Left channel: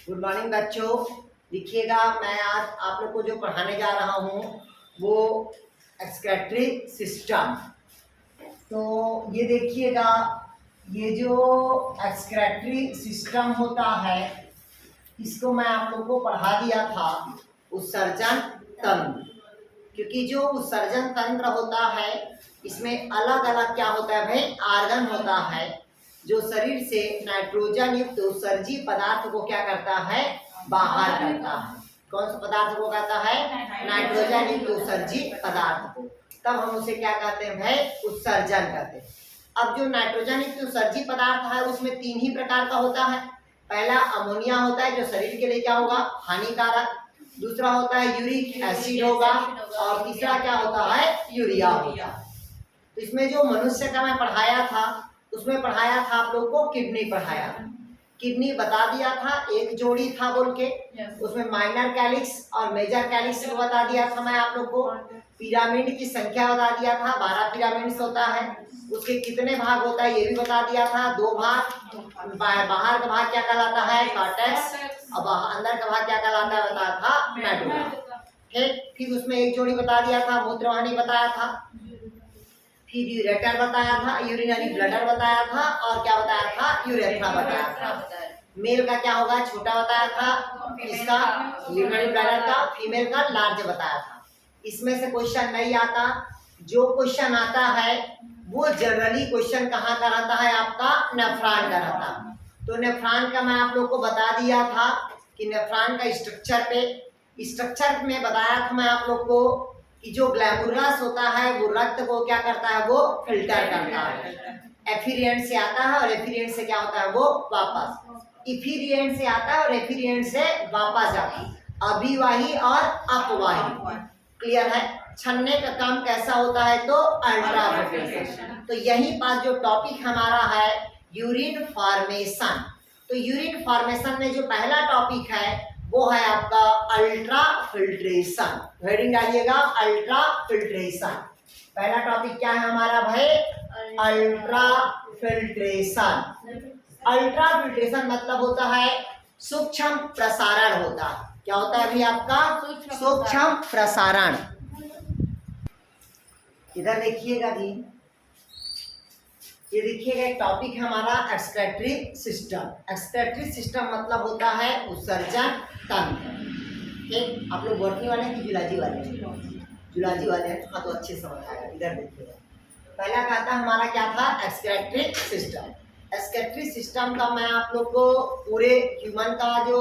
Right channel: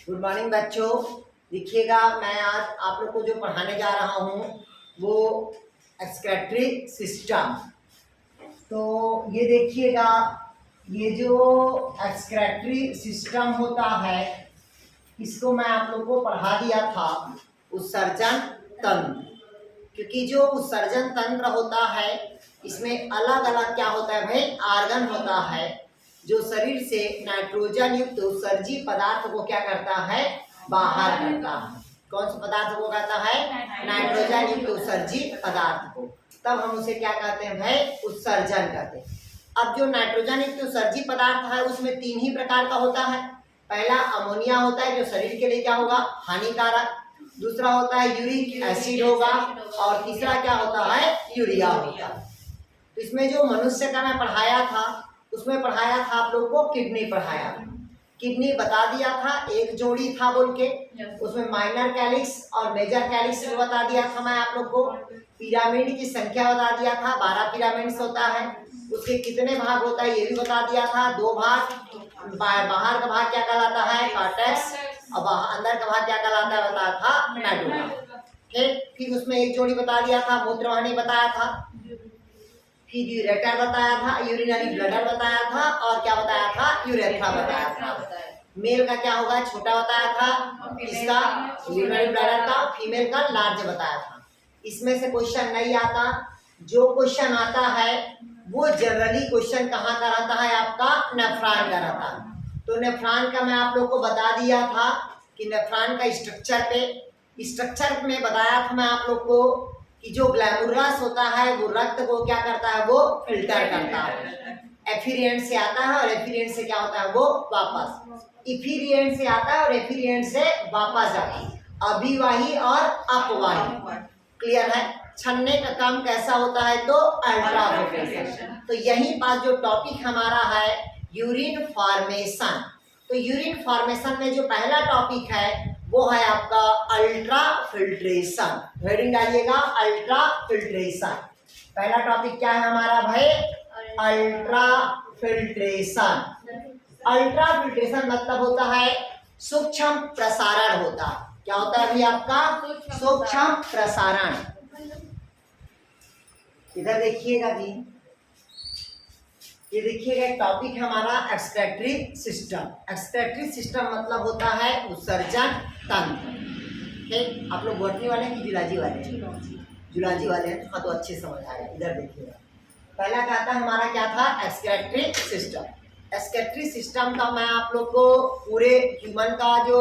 Good morning बच्चों। देखिएगा, मैं आज आप लोग को जो पढ़ाने जा रहा हूँ वो एक्सक्रीटरी सिस्टम। तो ये देखिएगा, ये जो एक्सक्रीटरी सिस्टम होता है इसको मैं आप लोग को पढ़ा दिया था उत्सर्जन तंत्र। क्योंकि जो उत्सर्जन तंत्र होता है इसमें अलग अलग क्या होता है भाई, आर्गन होता है जो शरीर से नाइट्रोजन युक्त उत्सर्जी पदार्थ को क्या करता है, बाहर करता है। कौन सा पदार्थ को कहता है, नाइट्रोजन युक्त उत्सर्जी पदार्थ को। तब हम उसे क्या कहते हैं भाई, उत्सर्जन कहते हैं। अब जो नाइट्रोजन युक्त उत्सर्जी पदार्थ है उसमें तीन ही प्रकार का होता है। पहला अमोनिया होता है जो शरीर के लिए क्या होगा, हानिकारक। दूसरा होता है यूरिक एसिड होगा और तीसरा क्या होता है, यूरिया होगा। तो इसमें जो मनुष्य का मैं पढ़ाया था उसमें पढ़ाया था आप लोग को किडनी पढ़ाया था। किडनी बता दिया था, एक जोड़ी था बोल के, उसमें माइनर कैलिक्स और मेजर कैलिक्स बता दिया था मैं आप लोग को। पिरामिड की संख्या बता दिया था, 12 पिरामिड्स होता है। उसके कितने भाग होता है ये भी बता दिया था, 2 भाग। बाहर का भाग क्या कहलाता है, कॉर्टेक्स, और अंदर का भाग क्या कहलाता है बताया था, मेडुला। ठीक, फिर उसमें एक जोड़ी बता दिया था, मूत्रवाहिनी बताया था, फिर यूरेटर बताया था, यूरिनरी ब्लडर बताया था, और क्या बताया था, यूरेथ्रा बताया था। मेल का क्या होगा, छोटा बताया था, इसका यूरिनरी ब्लडर का, फीमेल का लार्ज बताया था। इसमें से क्वेश्चन नहीं आता। जो क्वेश्चन आता है वो जनरली क्वेश्चन कहाँ का रहता है, आपका नेफ्रॉन का रहता है। तो नेफ्रॉन का मैं आप लोग को बता दिया था कि नेफ्रॉन का स्ट्रक्चर में बताया था मैं आप लोग को कि जो ग्लैमुरस होता है वो रक्त को क्या करता है, वो फिल्टर करता है। एफिरिएंट से आता है और एफिरिएंट से क्या होता है, वो वापस। इफिरिएंट से आता है और एफिरिएंट से वापस जाता है। अभिवाही और अपवाही, क्लियर है। छन्ने का काम कैसा होता है, तो अल्ट्राफिल्ट्रेशन। तो यही पास जो टॉपिक हमारा है यूरिन फॉर्मेशन। तो यूरिन फॉर्मेशन में जो पहला टॉपिक है वो है आपका अल्ट्रा फिल्ट्रेशन। हेडिंग डालिएगा, अल्ट्रा फिल्ट्रेशन। पहला टॉपिक क्या है हमारा भाई, अल्ट्रा फिल्ट्रेशन। अल्ट्रा फिल्ट्रेशन मतलब होता है सूक्ष्म प्रसारण होता है। क्या होता है अभी आपका, सूक्ष्म प्रसारण। इधर देखिएगा जी, ये देखिएगा एक टॉपिक हमारा एक्सक्रीटरी सिस्टम। एक्सक्रीटरी सिस्टम मतलब होता है उत्सर्जन तंत्र। ठीक, आप लोग बॉटनी वाले हैं कि जुलॉजी वाले हैं, जुलॉजी वाले हैं, हाँ तो अच्छे समझ आएगा। इधर देखिएगा, पहला कहता है हमारा क्या था, एक्सक्रीटरी सिस्टम। एक्सक्रीटरी सिस्टम का मैं आप लोग को पूरे ह्यूमन का जो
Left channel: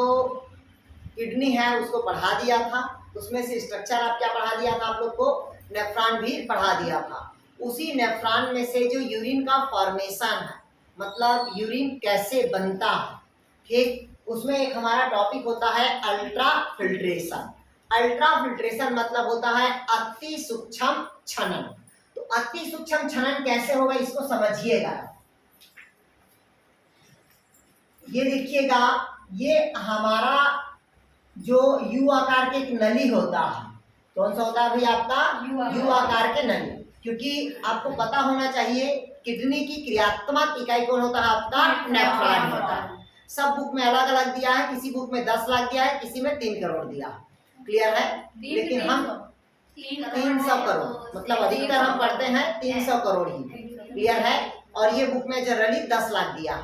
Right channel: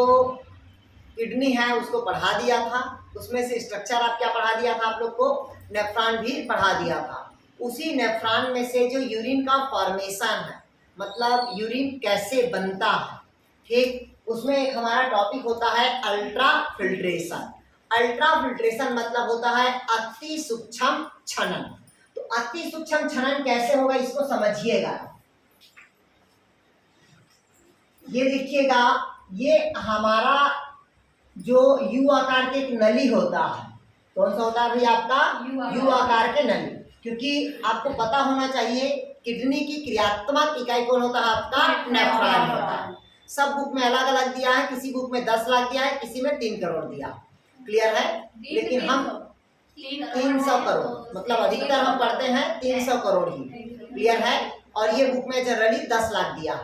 किडनी है उसको पढ़ा दिया था। उसमें से स्ट्रक्चर आप क्या पढ़ा दिया था आप लोग को, नेफ्रॉन भी पढ़ा दिया था। उसी नेफ्रॉन में से जो यूरिन का फॉर्मेशन है, मतलब यूरिन कैसे बनता है, ठीक, उसमें एक हमारा टॉपिक होता है अल्ट्रा फिल्ट्रेशन। अल्ट्रा फिल्ट्रेशन मतलब होता है अति सूक्ष्म छनन। तो अति सूक्ष्म छनन कैसे होगा इसको समझिएगा। ये देखिएगा, ये हमारा जो यू आकार के एक नली होता है। कौन सा होता है भाई आपका, यू आकार के नली। क्योंकि आपको पता होना चाहिए किडनी की क्रियात्मक इकाई कौन होता है, आपका नेफ्रॉन होता है। सब बुक में अलग अलग दिया है, किसी बुक में 10 लाख दिया है, किसी में 3 करोड़ दिया। क्लियर है, लेकिन हम 300 करोड़ मतलब अधिकतर हम पढ़ते हैं 300 करोड़ ही। क्लियर है, और ये बुक में जनरली 10 लाख दिया।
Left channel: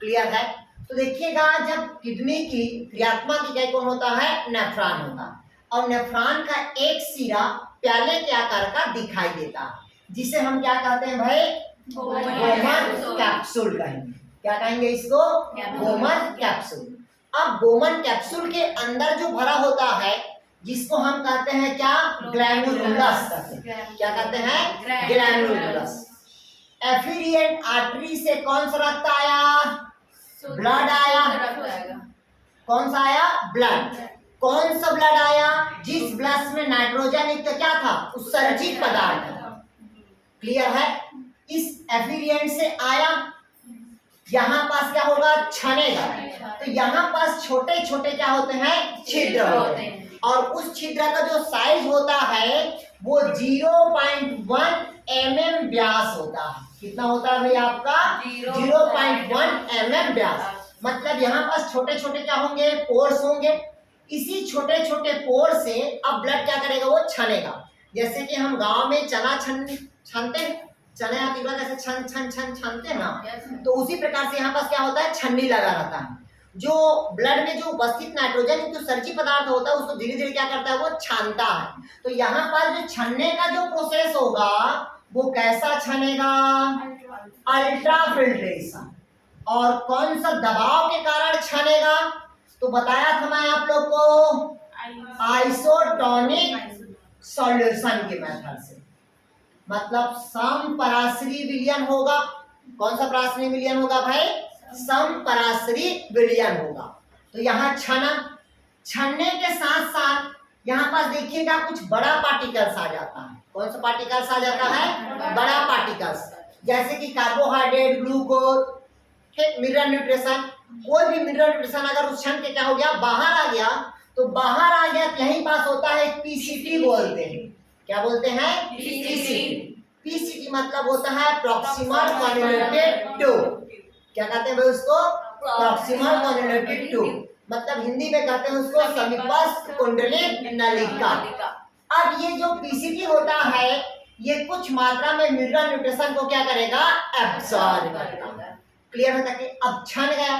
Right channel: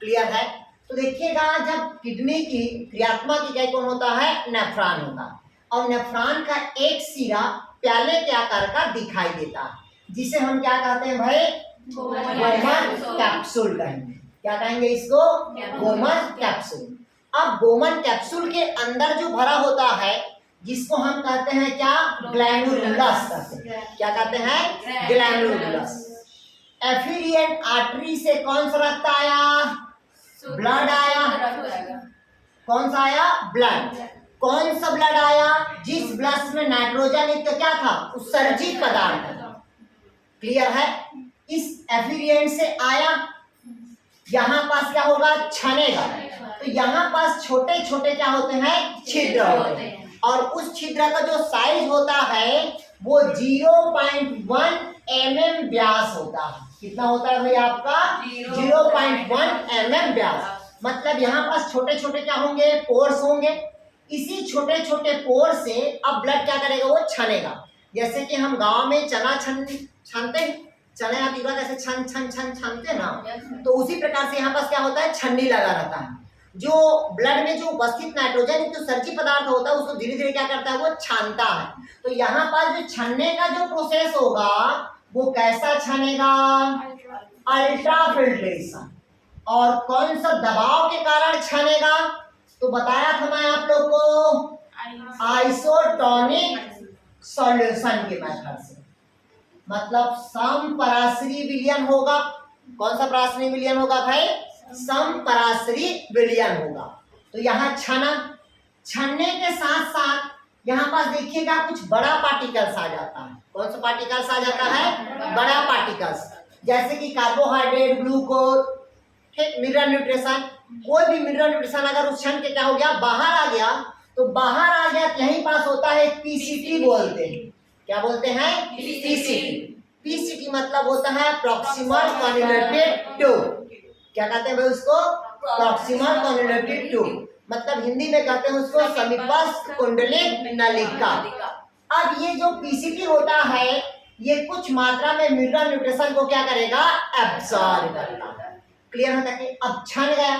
क्लियर है। तो देखिएगा, जब किडनी की क्रियात्मक इकाई कौन होता है, नेफ्रॉन होता है। और नेफ्रॉन का एक सिरा प्याले के आकार का दिखाई देता है, जिसे हम क्या कहते हैं भाई, गोमन कैप्सूल कहेंगे। क्या कहेंगे इसको, गोमन कैप्सूल। अब गोमन कैप्सूल के अंदर जो भरा होता है जिसको हम कहते हैं क्या, ग्लैनुलस कहते हैं। क्या कहते हैं, ग्लैनुलस। एफिरिएंट आर्टरी से कौन सा रक्त आया, ब्लड आया। कौन सा आया, ब्लड। कौन सा ब्लड आया, जिस ब्लड में नाइट्रोजन युक्त क्या था, उत्सर्जित पदार्थ था। क्लियर है। इस एफिरिएंट से आया, यहाँ पास क्या होगा, छनेगा। तो यहाँ पास छोटे छोटे क्या होते हैं, छिद्र होते हैं। और उस छिद्र का जो साइज होता है वो 0.1 mm व्यास होता है। कितना होता है भाई आपका, 0.1 mm व्यास। मतलब यहाँ पास छोटे छोटे क्या होंगे, पोर्स होंगे। इसी छोटे छोटे पोर से अब ब्लड क्या करेगा, वो छनेगा। जैसे कि हम गांव में चना छनते हैं, चने या तीवरा कैसे छन छन छन छनते हैं ना, तो उसी प्रकार से यहाँ पास क्या होता है, छन्नी लगा रहता है। जो ब्लड में जो उपस्थित नाइट्रोजन जो सर्जी पदार्थ होता है उसको धीरे धीरे क्या करता है, वो छानता है। तो यहाँ पर जो छनने का जो प्रोसेस होगा वो कैसा छनेगा, अल्ट्रा फिल्ट्रेशन। और कौन सा दबाव के कारण छनेगा, तो बताया था मैं आप लोग को, आइसोटोनिक सॉल्यूशन के मेथड से। मतलब समपराश्री विलयन होगा। कौन सा पराश्री विलयन होगा भाई, समपराश्री विलयन होगा। तो यहाँ छना, छनने के साथ साथ यहाँ पास देखिएगा कुछ बड़ा पार्टिकल्स आ जाता है। कौन सा पार्टिकल्स आ जाता है, बड़ा पार्टिकल्स, जैसे कि कार्बोहाइड्रेट, ग्लूकोज, मिनरल न्यूट्रिशन। कोई भी मिनरल न्यूट्रिशन अगर उस क्षण के क्या हो गया, बाहर आ गया, तो बाहर आ गया यहीं पास होता है पीसीटी बोलते हैं। क्या बोलते हैं, पीसीटी। पीसीटी मतलब होता है प्रॉक्सिमल कॉन्जुगेटेड ट्यूब। क्या कहते हैं भाई उसको, प्रॉक्सिमल कॉन्जुगेटेड ट्यूब। मतलब हिंदी में कहते हैं उसको समीपस्थ कुंडलिक नलिका। अब ये जो पीसीटी होता है ये कुछ मात्रा में मिनरल न्यूट्रिशन को क्या करेगा, एब्सॉर्ब करेगा। क्लियर है तक। अब छन गया,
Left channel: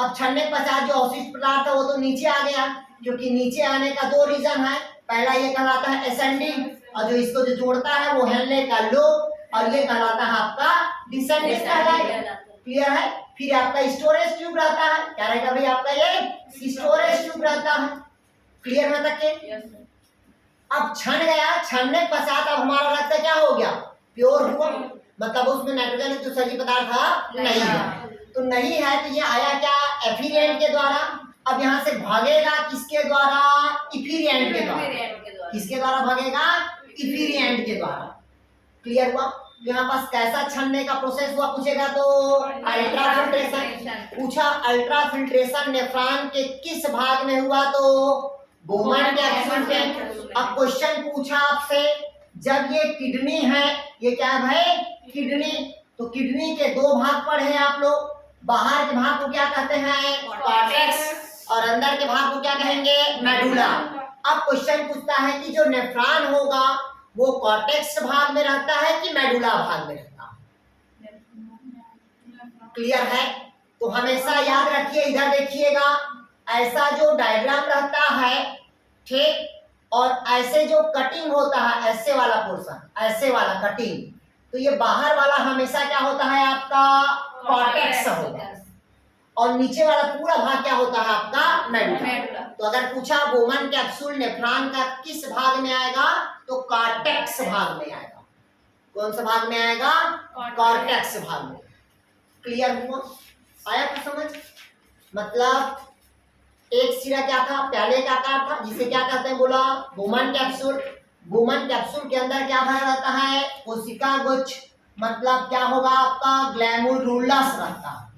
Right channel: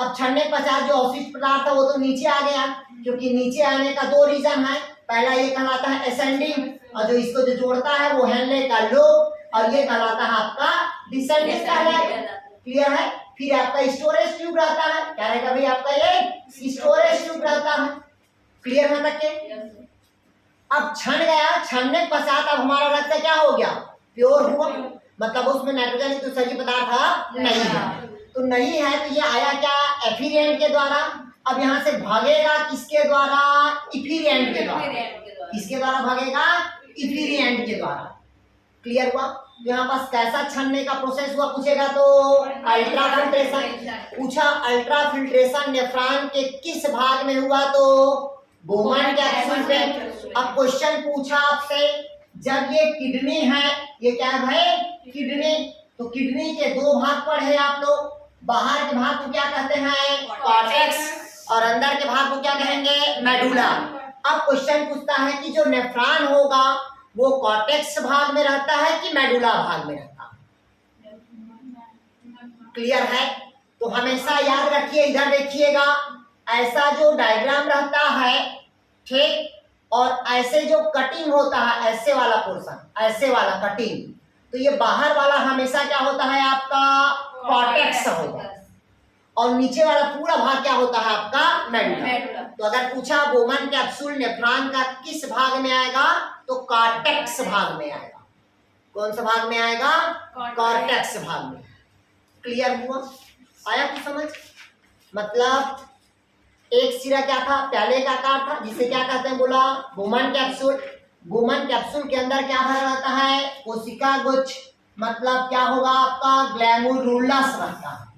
अब छनने के पश्चात जो अवशिष्ट पदार्थ है वो तो नीचे आ गया, क्योंकि नीचे आने का दो रीजन है। पहला ये कहलाता है असेंडिंग, और जो इसको जो जोड़ता है वो हेनले का लोब, और ये कहलाता है आपका डिसेंडिंग कहलाएगा। क्लियर है। फिर आपका स्टोरेज ट्यूब रहता है, क्या रहेगा भाई आपका, ये स्टोरेज ट्यूब रहता है। क्लियर है तक। अब छन गया, छनने के पश्चात अब हमारा रक्त क्या हो गया, प्योर हुआ। मतलब उसमें नाइट्रोजन तो सही पदार्थ नहीं है, तो नहीं है तो ये आया क्या, एफिरिएंट के द्वारा। अब यहाँ से भागेगा किसके द्वारा, इफिरिएंट के द्वारा। किसके द्वारा भागेगा, इफिरिएंट के द्वारा। क्लियर हुआ। यहाँ पास कैसा छनने का प्रोसेस हुआ पूछेगा तो अल्ट्रा फिल्ट्रेशन पूछा। अल्ट्रा फिल्ट्रेशन नेफ्रॉन के किस भाग में हुआ, तो बोमन कैप्सूल पे। अब क्वेश्चन पूछा आपसे, जब ये किडनी है, ये क्या है भाई, किडनी, तो किडनी के दो भाग पढ़े आप लोग। बाहर के भाग को क्या कहते हैं, कॉर्टेक्स, और अंदर के भाग को क्या कहेंगे, मेडुला। अब क्वेश्चन पूछता है कि जो नेफ्रॉन होगा वो कॉर्टेक्स भाग में रहता है कि मेडुला भाग में रहता है। क्लियर है। तो हमेशा याद रखिए, इधर देखिएगा, ऐसा जो डायग्राम रहता है, ठीक, और ऐसे जो कटिंग होता है, ऐसे वाला पोर्शन, ऐसे वाला कटिंग, तो ये बाहर वाला हमेशा क्या होता है आपका, कॉर्टेक्स होगा, और नीचे वाला पूरा भाग क्या होता है आपका, मेडुला। तो अगर पूछा बोमन कैप्सूल नेफ्रॉन का किस भाग में आएगा, तो कॉर्टेक्स भाग में आएगा। कौन सा भाग में आएगा, कॉर्टेक्स भाग में। क्लियर हुआ, आया कुछ समझ। मतलब एक सिरा क्या था, प्याले का आकार था, जिसे क्या कहते हैं, बोला बोमन कैप्सूल। बोमन कैप्सूल के अंदर क्या भरा रहता है, कोशिका गुच्छ, मतलब क्या होगा आपका, ग्लैमुरुलस रहता है।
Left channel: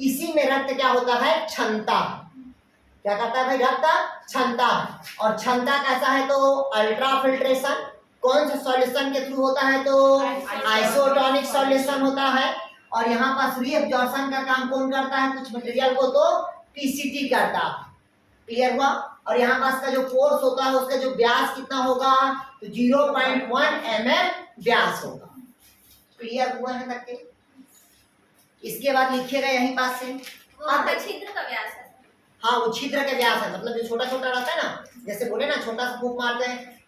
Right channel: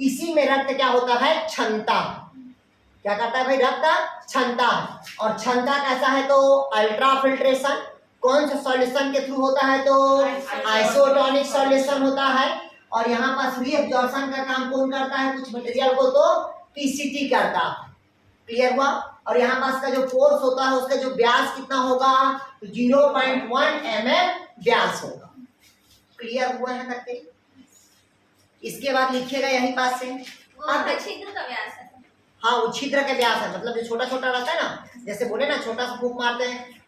इसी में रक्त क्या होता है, क्षमता। क्या कहता है भाई, रक्त क्षमता है। और क्षमता कैसा है, तो अल्ट्रा फिल्ट्रेशन। कौन से सॉल्यूशन के थ्रू होता है, तो आइसोटोनिक सॉल्यूशन होता है। और यहाँ पास रीअब्जॉर्प्शन का काम कौन करता है, कुछ मटेरियल को तो पीसीटी करता है। क्लियर हुआ। और यहाँ पास का जो फोर्स होता है उसका जो व्यास कितना होगा, तो 0.1 mm व्यास होगा। क्लियर हुआ है तक के। इसके बाद लिखिएगा यहीं पास से, छिद्र का व्यास है। हाँ वो छिद्र के व्यास है, मतलब जो छोटा छोटा रहता है ना, जैसे बोले ना छोटा सा फूंक मारते हैं,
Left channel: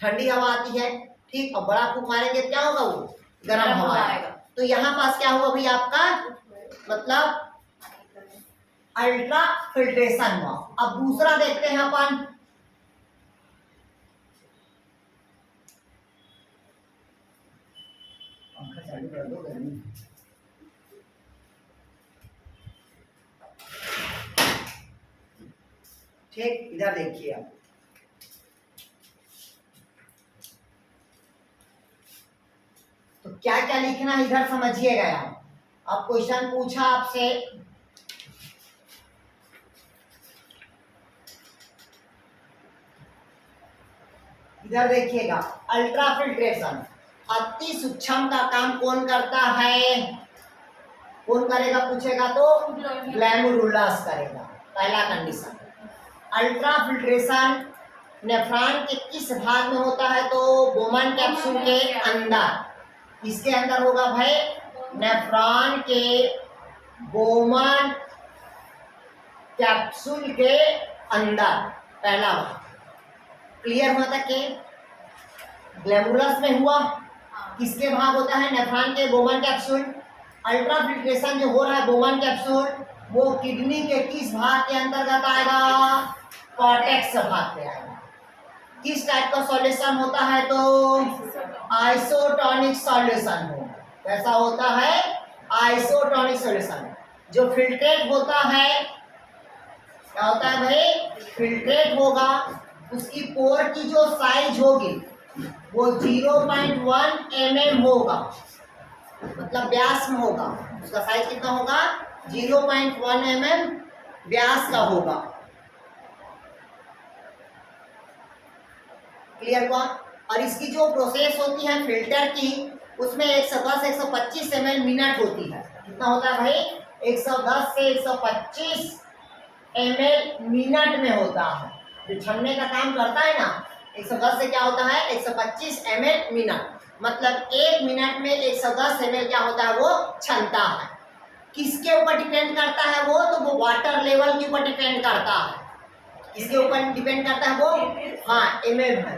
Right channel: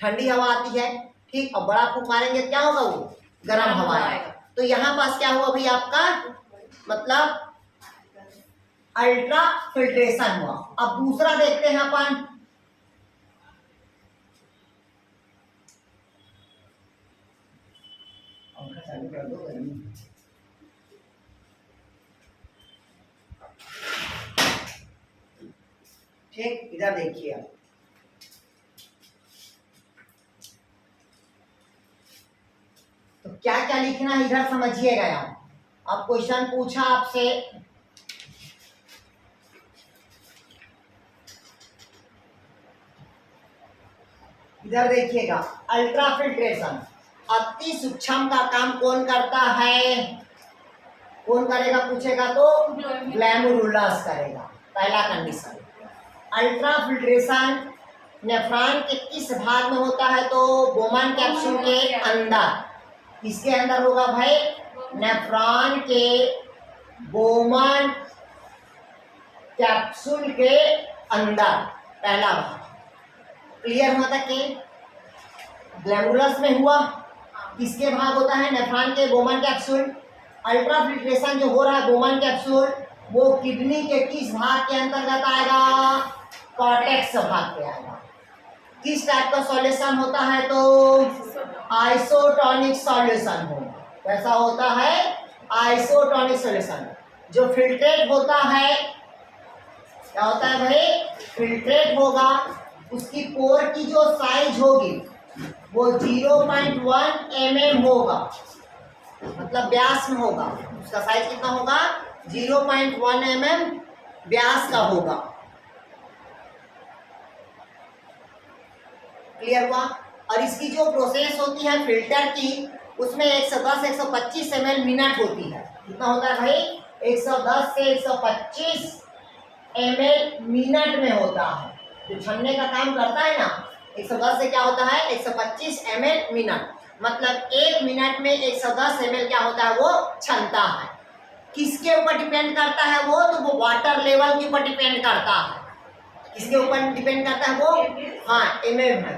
ठंडी हवा आती है, ठीक, और बड़ा फूंक मारेंगे क्या होगा, वो गर्म हवा आएगा। तो यहाँ पास क्या हुआ भाई आपका, मतलब अल्ट्रा फिल्ट्रेशन हुआ। अब दूसरा देखते हैं अपन, पंखा चालू कर दो, गर्मी। ठीक, इधर देखिए आप, तो क्या क्या लिखना है इधर समझिएगा। यहाँ अब क्वेश्चन पूछा आपसे, इधर देखिएगा, अल्ट्रा फिल्ट्रेशन, अति सूक्ष्म का काम कौन करता है, कौन करेगा पूछेगा तो ग्लैमरुलस करेगा, पहला कंडीशन। अल्ट्रा फिल्ट्रेशन नेफ्रॉन के किस भाग में होता है तो बोमन कैप्सूल के अंदर। इसके अंदर होगा भाई नेफ्रॉन के बोमन कैप्सूल के अंदर, पहला भाग। क्लियर हुआ था कि ग्लैमरुलस में हुआ, किसके भाग होता है नेफ्रॉन के बोमन कैप्सूल। अल्ट्रा फिल्ट्रेशन जो हो रहा है बोमन कैप्सूल वो किडनी के किस भाग के अंतर्गत आएगा, कॉर्टेक्स भाग पे आएगा। किस टाइप का सॉल्यूशन होता है तो आइसोटोनिक सॉल्यूशन होगा। कैसा होता है, आइसोटोनिक सॉल्यूशन। जो फिल्ट्रेट होता है क्या होता है भाई, फिल्ट्रेट होगा, उसकी पोर की जो साइज होगी वो 0.1 mm होगा, मतलब व्यास में होगा। उसका साइज कितना होगा, 0.1 mm व्यास का होगा। क्लियर हुआ। और इसकी जो प्रोसेस होती है फिल्टर की, उसमें 110 से 125 ml मिनट होती है। कितना होता है भाई, 110 से 125 ml मिनट में होता है। जो छन्ने का काम करता है ना, 110 से क्या होता है 125 ml मिनट, मतलब 1 मिनट में 110 ml क्या होता है वो छनता है। किसके ऊपर डिपेंड करता है वो, तो वो वाटर लेवल के ऊपर डिपेंड करता है। किसके ऊपर डिपेंड करता है वो, हाँ ml है,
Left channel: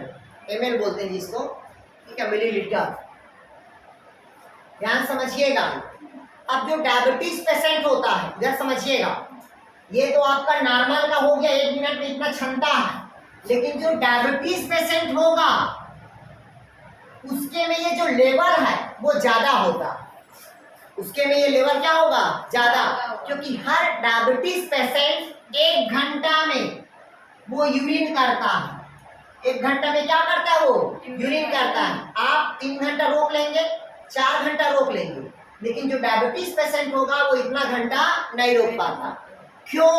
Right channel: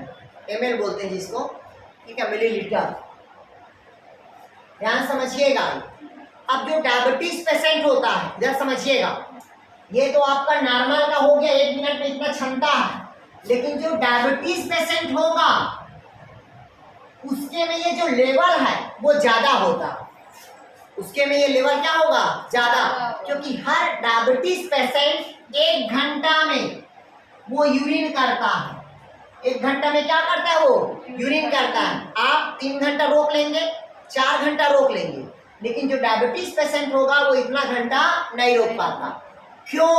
ml बोलते हैं जिसको, ठीक है, मिलीलीटर। ध्यान समझिएगा। अब जो डायबिटीज पेशेंट होता है, जरा समझिएगा, ये तो आपका नॉर्मल का हो गया, 1 मिनट में इतना क्षमता है, लेकिन जो डायबिटीज पेशेंट होगा उसके में ये जो लेवल है वो ज्यादा होगा। उसके में ये लेवल क्या होगा, ज्यादा, क्योंकि हर डायबिटीज पेशेंट 1 घंटा में वो यूरिन करता है। 1 घंटा में क्या करता है वो, यूरिन करता है। आप 3 घंटा रोक लेंगे, 4 घंटा रोक लेंगे, लेकिन जो डायबिटीज पेशेंट होगा वो इतना घंटा नहीं रोक पाता। क्यों,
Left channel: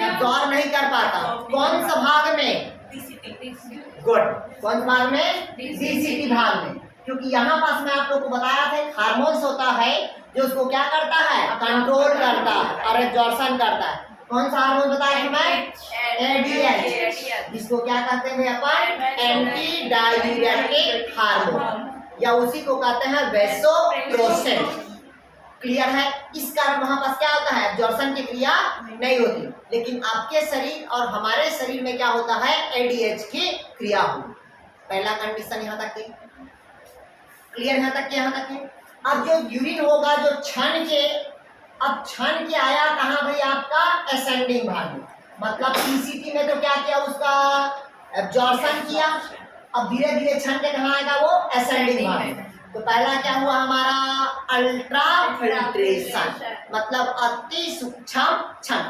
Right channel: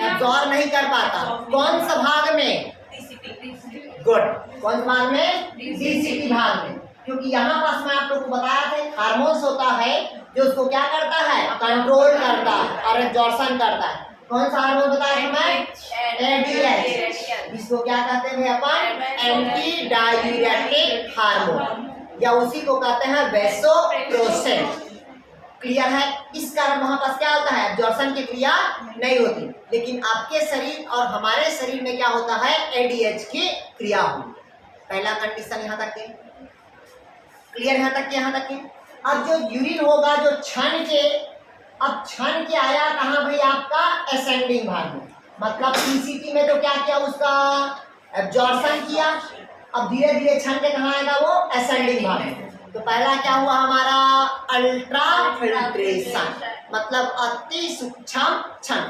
एब्जॉर्ब नहीं कर पाता। कौन सा भाग में, गुड, कौन भाग में, डीसीटी भाग में। क्योंकि यहाँ पास मैं आप लोग को बताया था हार्मोन्स होता है जो उसको क्या करता है, कंट्रोल करता है और एब्जॉर्प्शन करता है। कौन सा हार्मोन बताया था मैं, एडीएच। इसको क्या कहते हैं अपन, एंटी डाययूरेटिक हार्मोन, या उसी को कहते हैं वैसोप्रेसिन। क्लियर है। इस कारण वहां पास क्या होता है, एब्जॉर्प्शन की क्रिया नहीं होती, लेकिन आपके शरीर और हमारे शरीर में क्या होता है, एडीएच की क्रिया होती। पहला कंडीशन यहाँ तक के क्लियर, यहाँ तक के, यहाँ तक के। अब जो यूरिन होगा जो छन के, अब छन के आया कहाँ भाई, आपका असेंडिंग भाग में, मतलब पीसीटी में तो क्या किया, उसका एब्जॉर्प्शन किया। अब धीरे धीरे छन के कहाँ आएगा वो, असेंडिंग भाग में। तो पहला क्या हुआ हमारा, अल्ट्रा फिल्ट्रेशन, मतलब अति सूक्ष्म छन।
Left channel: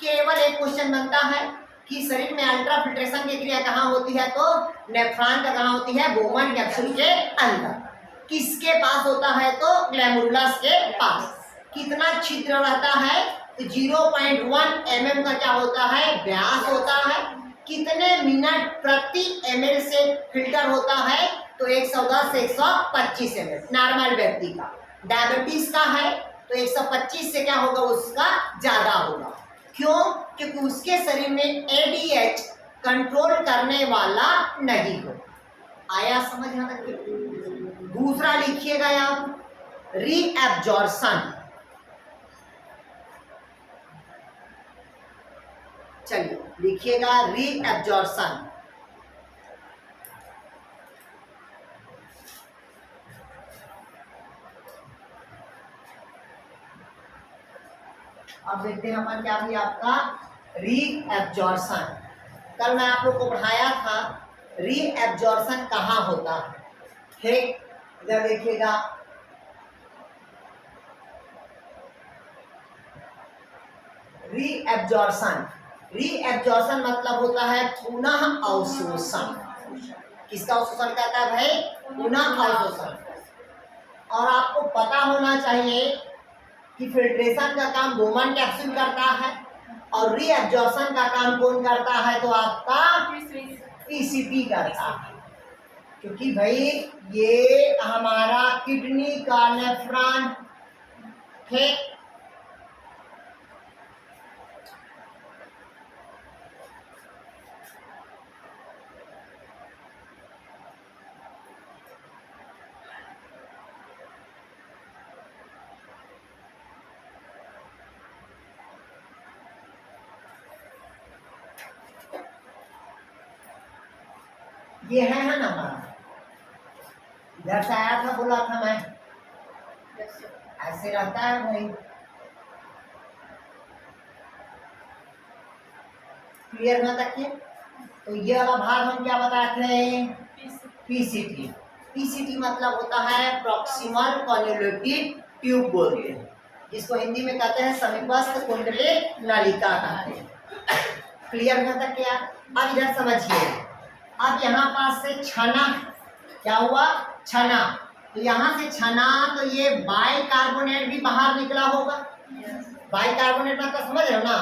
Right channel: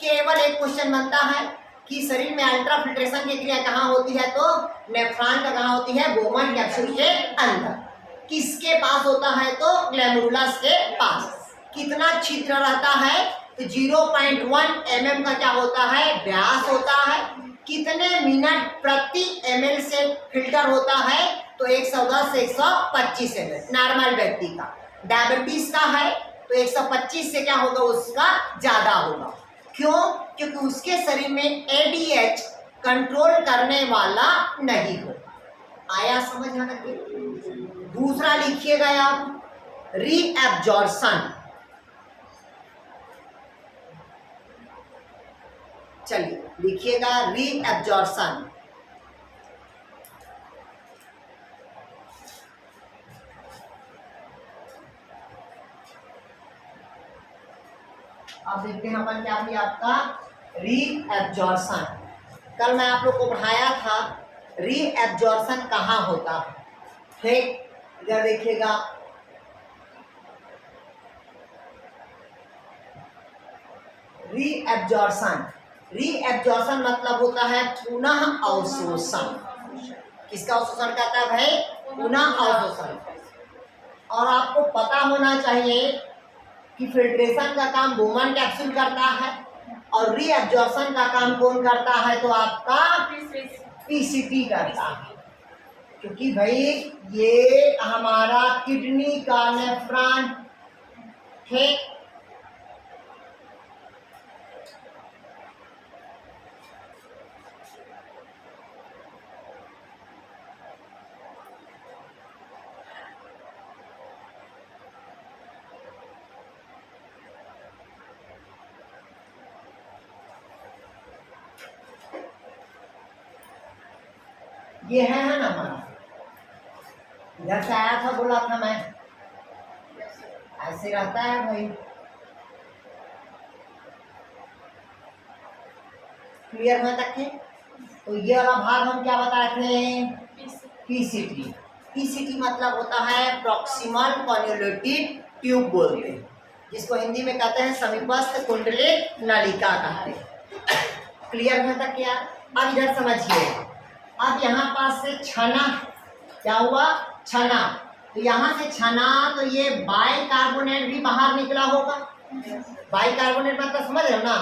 केवल एक क्वेश्चन बनता है कि शरीर में अल्ट्रा फिल्ट्रेशन की क्रिया कहाँ होती है, तो नेफ्रॉन का कहाँ होती है, बोमन कैप्सूल के अंदर। किसके पास होता है तो ग्लैमरुलस के पास। कितना छिद्र रहता है, तो 0.1 mm का क्या होता है, व्यास होता है। कितने मिनट प्रति ml से फिल्टर होता है, तो 110 से 125 ml नॉर्मल व्यक्ति का। डायबिटीज का है तो 125 से क्या होगा, उसका ज्यादा होगा। क्यों, क्योंकि उसके शरीर में एडीएच कंट्रोल करने वाला नहीं होगा। आया समझ यहाँ तक। दूसरा लिखिएगा आप, रीएब्जॉर्प्शन। चलिए लिखिएगा रीएब्जॉर्प्शन। अब देखते हैं अपन क्या भी आपका रीएब्जॉर्प्शन। कल मैं आप लोग को पढ़ाया था रीएब्जॉर्प्शन कहाँ होता है। ठीक, इधर देखिएगा, रीएब्जॉर्प्शन। रीएब्जॉर्प्शन मतलब होता है पुनः अवशोषण। किसका अवशोषण करता है भाई, पुनः अवशोषण। और आपको पता होना चाहिए कि फिल्ट्रेशन का काम बोमन कैप्सूल करता है और रीएब्जॉर्प्शन का काम कौन करता है, तो आपका पीसीटी करता है। क्योंकि भाई ये हमारा किडनी का नेफ्रॉन है। ये है ना हमारा, इधर से आया था, बोला था मैं, ऐसे रहता है भाई। क्लियर में तक है? तो ये वाला भाग हम क्या बताए थे? पीसीटी। पीसीटी मतलब होता है प्रॉक्सिमल कॉन्वोल्यूटिव ट्यूब बोलते हैं, जिसको हिंदी में कहते हैं समीपस्थ कुंडलित नलिका कहते हैं। क्लियर में तक क्या? अब इधर समझिए, अब यहाँ पास से छना, क्या हुआ? छना, तो यहाँ से छना, तो ये बाइकार्बोनेट भी बाहर निकला होगा। बाइकार्बोनेट मतलब समझ रहे हो ना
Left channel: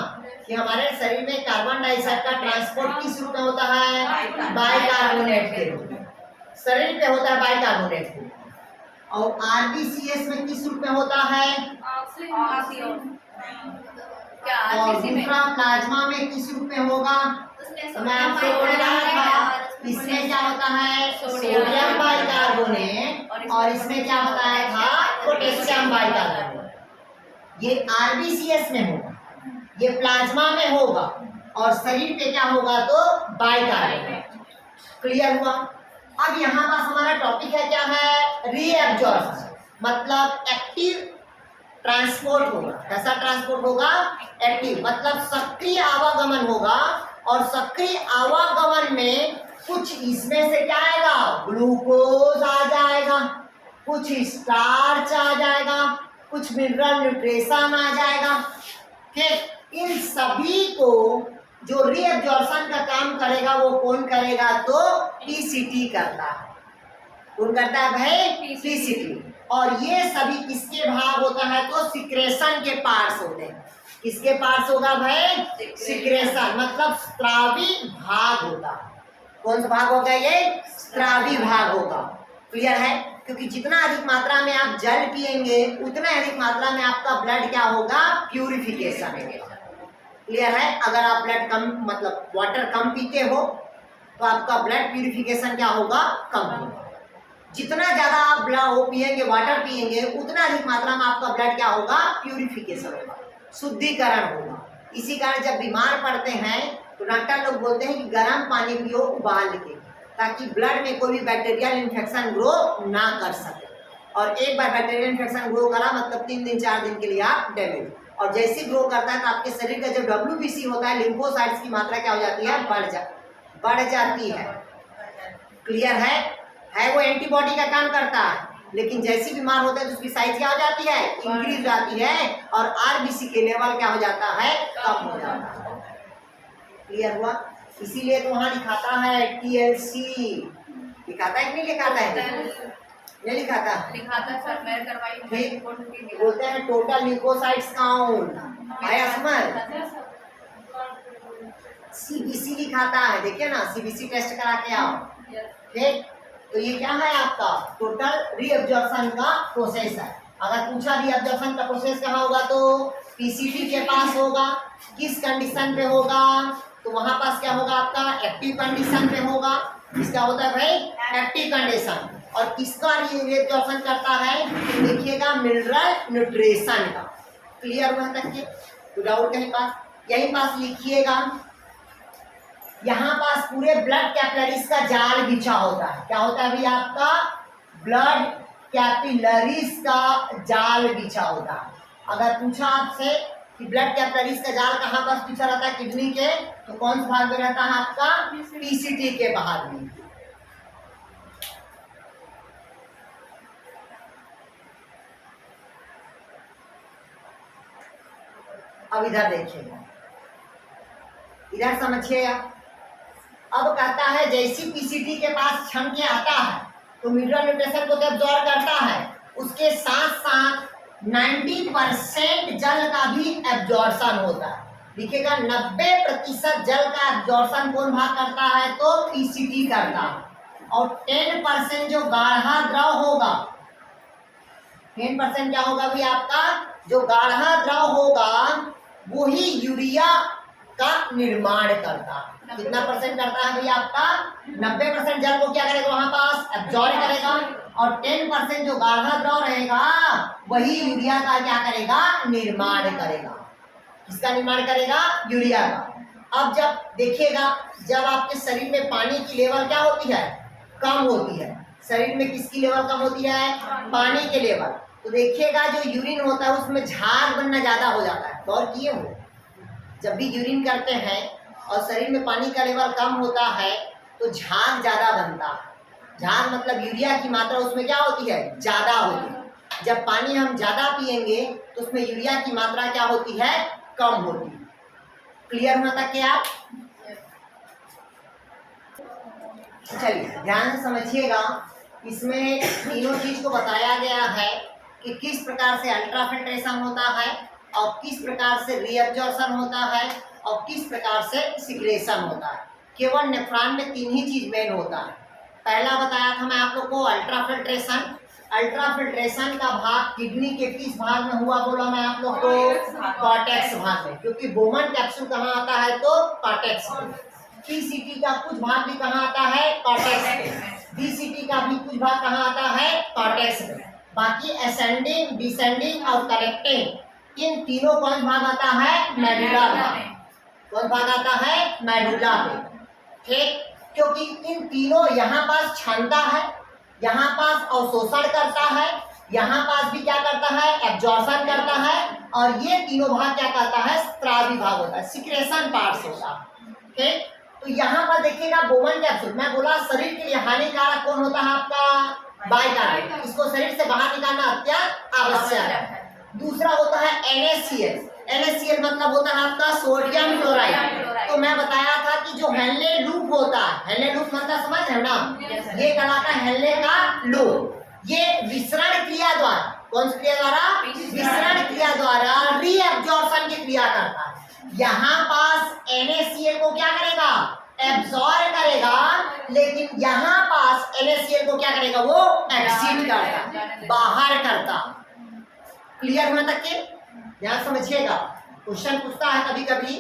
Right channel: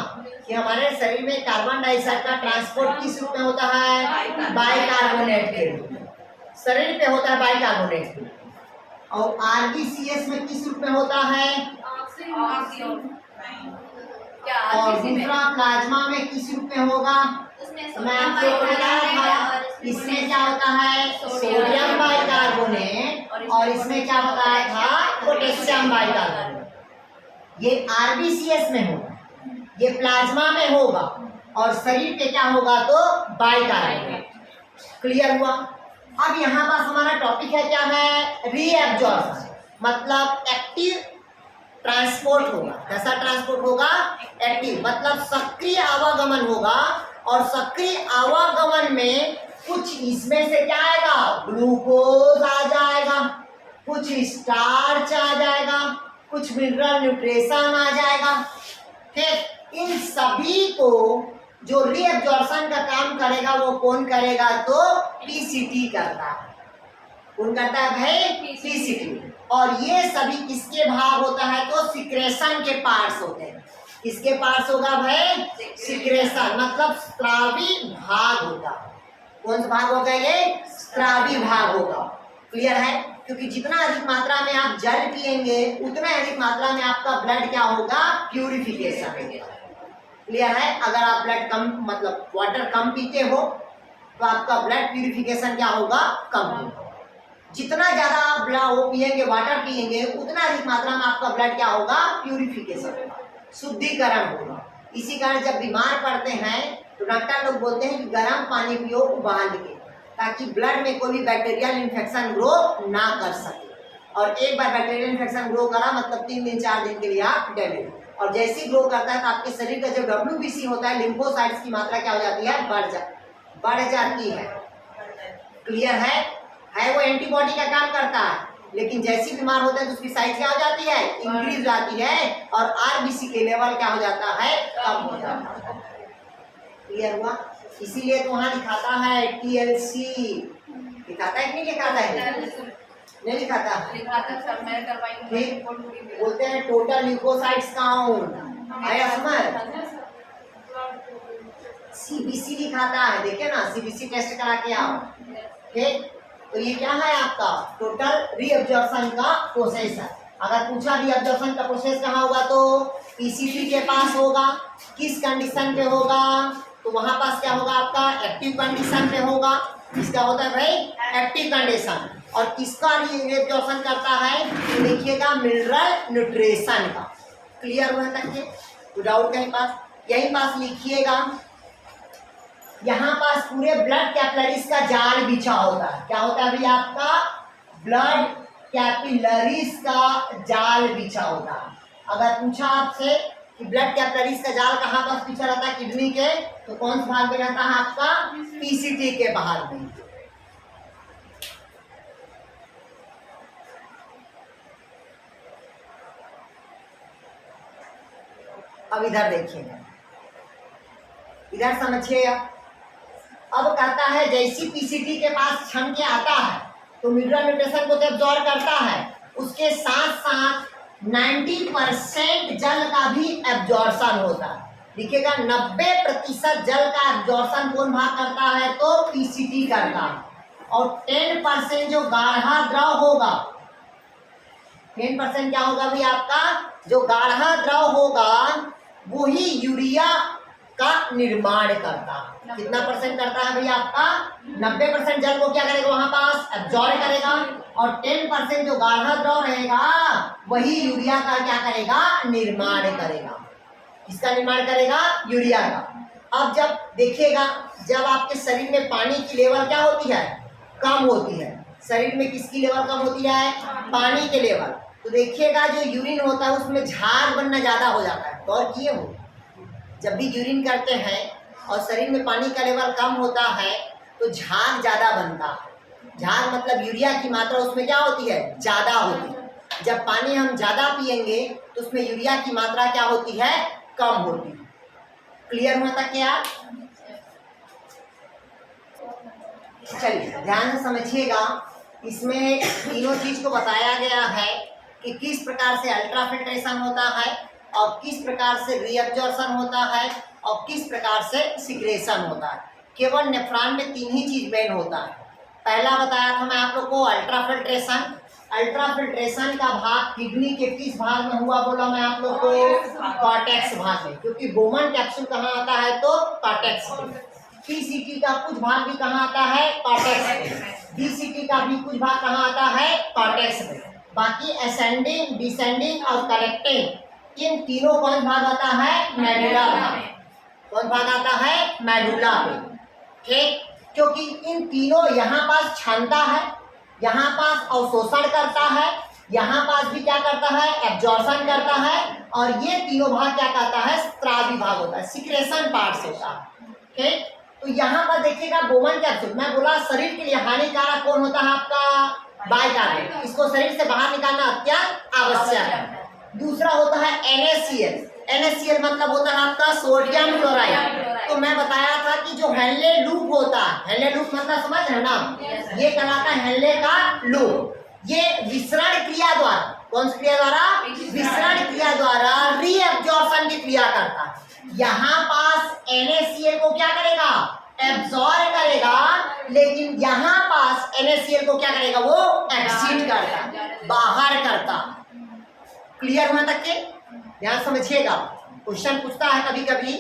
कि हमारे शरीर में कार्बन डाइऑक्साइड का ट्रांसपोर्ट किस रूप में होता है? बाइकार्बोनेट के रूप में शरीर पे होता है, बाइकार्बोनेट के। और आरबीसीएस में किस रूप में होता है? और दूसरा प्लाज्मा में किस रूप में होगा? मैं आपको बताया था, इसमें क्या होता है? सोडियम बाइकार्बोनेट, और इसमें क्या बताया था? Potassium bicarbonate. ये आरबीसीएस में होगा, ये प्लाज्मा में होगा, और शरीर पे क्या होगा? तो बाइकार्बोनेट। क्लियर हुआ? अब यहाँ पास हमारा टॉपिक है, क्या है? रीएब्जॉर्प्शन, मतलब एक्टिव ट्रांसपोर्ट होगा। कैसा ट्रांसपोर्ट होगा? एक्टिव, मतलब सक्रिय आवागमन होगा। और सक्रिय आवागमन में कुछ इसमें से क्या आएगा? ग्लूकोज आ जाएगा, कुछ स्टार्च आ जाएगा, कुछ मिनरल न्यूट्रिशन आ जाएगा। ठीक, इन सभी को जो रीएब्जॉर्प्शन का काम करेगा वो कौन करेगा? तो पीसीटी करता है। कौन करता है भाई? पीसीटी। और ये सभी किसके भाग होता है? तो सिक्रेशन के पार्ट्स होते हैं। किसके पार्ट्स होगा भाई? सिक्रेशन, मतलब स्त्रावी भाग होगा। कौन सा भाग होगा? ये स्त्रावी भाग होगा। क्लियर है? क्योंकि जितना अधिक मात्रा में आप जल पिएंगे उतना अधिक मात्रा में आपका ब्लड क्या होगा? प्यूरिफिकेशन होगा। क्लियर है? अगर आप ब्लड कम, मतलब वाटर कम पीते हो तो आपका ब्लड प्यूरिफिकेशन क्या होगा? कम होगा। जितना ज्यादा आप ब्लड वो पिएंगे, वाटर पिएंगे, उतना अधिक मात्रा में आपका ब्लड क्या होगा? प्यूरिफिकेशन होगा, शुद्धिकरण होगा। इसी कारण जब बीमार पड़ते हैं तो डॉक्टर लोग बोलते हैं कि गर्म पानी पियो उबाल के, ताकि ब्लड में कोई भी बैक्टीरियल इन्फेक्शन ग्रो ना कर सके। और एक बार बैक्टीरियल इन्फेक्शन ग्रो करा मतलब 3 दिन 4 दिन के लिए आप डैमेज। और जैसे ही ग्रो करता है तो आपके शरीर का जो WBC होता है, लिम्फोसाइट्स की मात्रा क्या हो जाती है? बढ़ जाती है। क्लियर है वो एंटीबॉडी का काम करता है, लेकिन जैसी बीमार होता है तो उसकी साइज क्या हो जाती है? इंक्रीज हो जाती है, और आरबीसी के लेवल क्या हो जाता है? कम हो जाता है। क्लियर हुआ? इसीलिए तो वहां लिखाता है TLC। लिखाता है कि नहीं लिखाता है? नहीं लिखाता। ठीक, बोलते हैं टोटल ल्यूकोसाइट्स काउंट। आया समझ? CBC लिखाता है, देखिए ना, CBC टेस्ट करा के आओ। ठीक, तो ये क्या है आपका? टोटल रीअब्जॉर्प्शन का प्रोसेस है। अगर पूछा रीअब्जॉर्प्शन का प्रोसेस कहाँ होगा तो पीसीटी के पास होगा। किस कंडीशन पे होगा? तो वहां पास क्या होगा आपका? एक्टिव कंडीशन पे होगा। इसका होता है भाई एक्टिव कंडीशन। और किसका रीअब्जॉर्प्शन करता है? तो देखिएगा मिनरल न्यूट्रिशन का। क्लियर हुआ तक के? तो डाउट कहीं पास? यही पास लिखिएगा, यहाँ पास पूरे ब्लड कैपिलरीज का जाल बिछा होता है। क्या होता है अभी आपका? ब्लड कैपिलरीज का जाल बिछा होता है। अगर पूछा आपसे कि ब्लड कैपिलरीज का जाल कहाँ पास बिछा रहता है किडनी के, तो कौन सा भाग में रहता है आपका? पीसीटी के भाग में। अब इधर देखिएगा, इधर समझिएगा। अब कहता है जैसी पीसीटी के पास छन के आता है तो मिनरल न्यूट्रिशन को तो एब्जॉर्ब करता है, उसके साथ साथ 90% जल का भी एब्जॉर्प्शन होता है। देखिएगा 90% जल का एब्जॉर्प्शन कौन भाग करता है? तो पीसीटी करता है। और 10% जो गाढ़ा द्रव होगा, 10% क्या होगा भाई आपका, जो गाढ़ा द्रव होगा वही यूरिया का निर्माण करता है। कितना परसेंट करता है भाई आपका, 90% जल को क्या करेगा वहां पास एब्जॉर्ब करेगा, और 10% जो गाढ़ा द्रव रहेगा वही यूरिया का क्या करेगा, निर्माण करेगा। किसका निर्माण करेगा, यूरिया का। अब जब देखिएगा, जब आपके शरीर में पानी की लेवल क्या होती है, कम होती है, शरीर में किसकी लेवल कम होती है, पानी के लेवल, तो देखिएगा जो यूरिन होता है उसमें झाग बनना ज्यादा हो जाता है। गौर किए हो, जब भी यूरिन करते हैं और शरीर में पानी का लेवल कम होता है तो झाग ज्यादा बनता है। झाग मतलब यूरिया की मात्रा उसमें क्या होती है, ज्यादा होती है। जब पानी हम ज्यादा पिएंगे तो उसमें यूरिया की मात्रा क्या होती है, कम होती है। क्लियर हुआ तक क्या, चलिए ध्यान से समझिएगा। इसमें तीनों चीज को बताया गया है कि किस प्रकार से अल्ट्राफिल्ट्रेशन होता है और किस प्रकार से रीअब्जॉर्प्शन होता है और किस प्रकार से सिक्रेशन होता है। केवल नेफ्रॉन में तीन ही चीज मेन होता है। पहला बताया था मैं आप लोग को अल्ट्राफिल्ट्रेशन। अल्ट्राफिल्ट्रेशन का भाग किडनी के किस भाग में हुआ बोला मैं आप लोग को, कॉर्टेक्स भाग में, क्योंकि बोमन कैप्सूल कहाँ आता है तो कॉर्टेक्स में। पीसीटी का कुछ भाग भी कहाँ आता है, कॉर्टेक्स में। डीसीटी का भी कुछ भाग कहाँ आता है, कॉर्टेक्स में। बाकी असेंडिंग, डिसेंडिंग और कलेक्टिंग, इन तीनों कौन भाग आता है, मेडुला भाग। कौन भाग आता है, मेडुला में। ठीक, क्योंकि इन तीनों यहाँ पास क्षमता है, यहाँ पास अवशोषण करता है, यहाँ पास भी क्या करता है, एब्जॉर्प्शन करता है, और ये तीनों भाग क्या करता है, स्त्रावी भाग होता है, सिक्रेशन पार्ट्स होता है। ठीक, तो यहाँ पर देखिएगा बोमन कैप्सूल, मैं बोला शरीर के लिए हानिकारक कौन होता है आपका, बाइकार्बोनेट, इसको शरीर से बाहर निकालना अत्यंत आवश्यक है। दूसरा होता है NaCl। NaCl मतलब होता है आपका सोडियम क्लोराइड। तो मैं बताया था कि जो हेनले लूप होता है, हेनले लूप मतलब समझ रहे ना, ये कहलाता है हेनले का लूप। ये विसरण क्रिया द्वारा, कौन सी क्रिया द्वारा, विसरण क्रिया द्वारा रीअब्जॉर्प्शन की क्रिया करता है। यहाँ पास NaCl को क्या करेगा, एब्जॉर्ब करेगा, लेकिन यहाँ पास NaCl को क्या करेगा, वो एक्सिट करता, बाहर करता। क्लियर हुआ तक के, ध्यान समझिएगा। क्वेश्चन पूछता है कभी कभी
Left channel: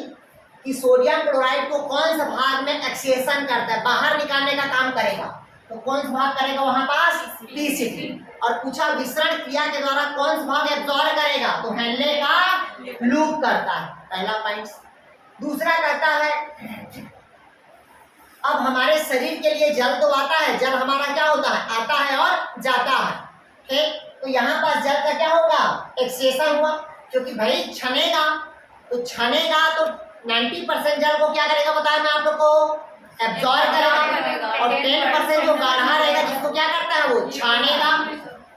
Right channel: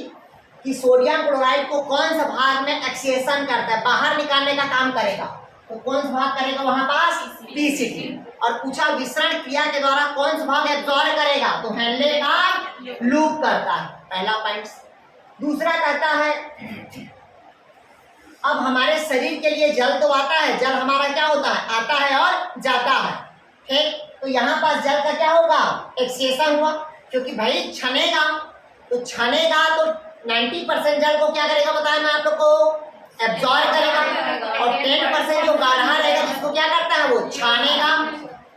कि सोडियम क्लोराइड को कौन सा भाग में एक्सेशन करता है, बाहर निकालने का काम करेगा, तो कौन सा भाग करेगा वहां पास, पीसीटी। और पूछा विसरण क्रिया के द्वारा कौन सा भाग एब्जॉर्ब करेगा, तो हेनले का लूप करता है, पहला पॉइंट। दूसरा कहता है अब हमारे शरीर के लिए जल तो आता है, जल हमारा क्या होता है, आता है और जाता है। ठीक, तो यहाँ पास जल का क्या होगा, एक्सेशन हुआ, क्योंकि भाई छनेगा, तो छनेगा तो 90% जल को क्या करेगा बताया मैं आप लोग को, एब्जॉर्ब करेगा, और 10% जो गाढ़ा रहेगा जिसको क्या करता है, वो छानेगा।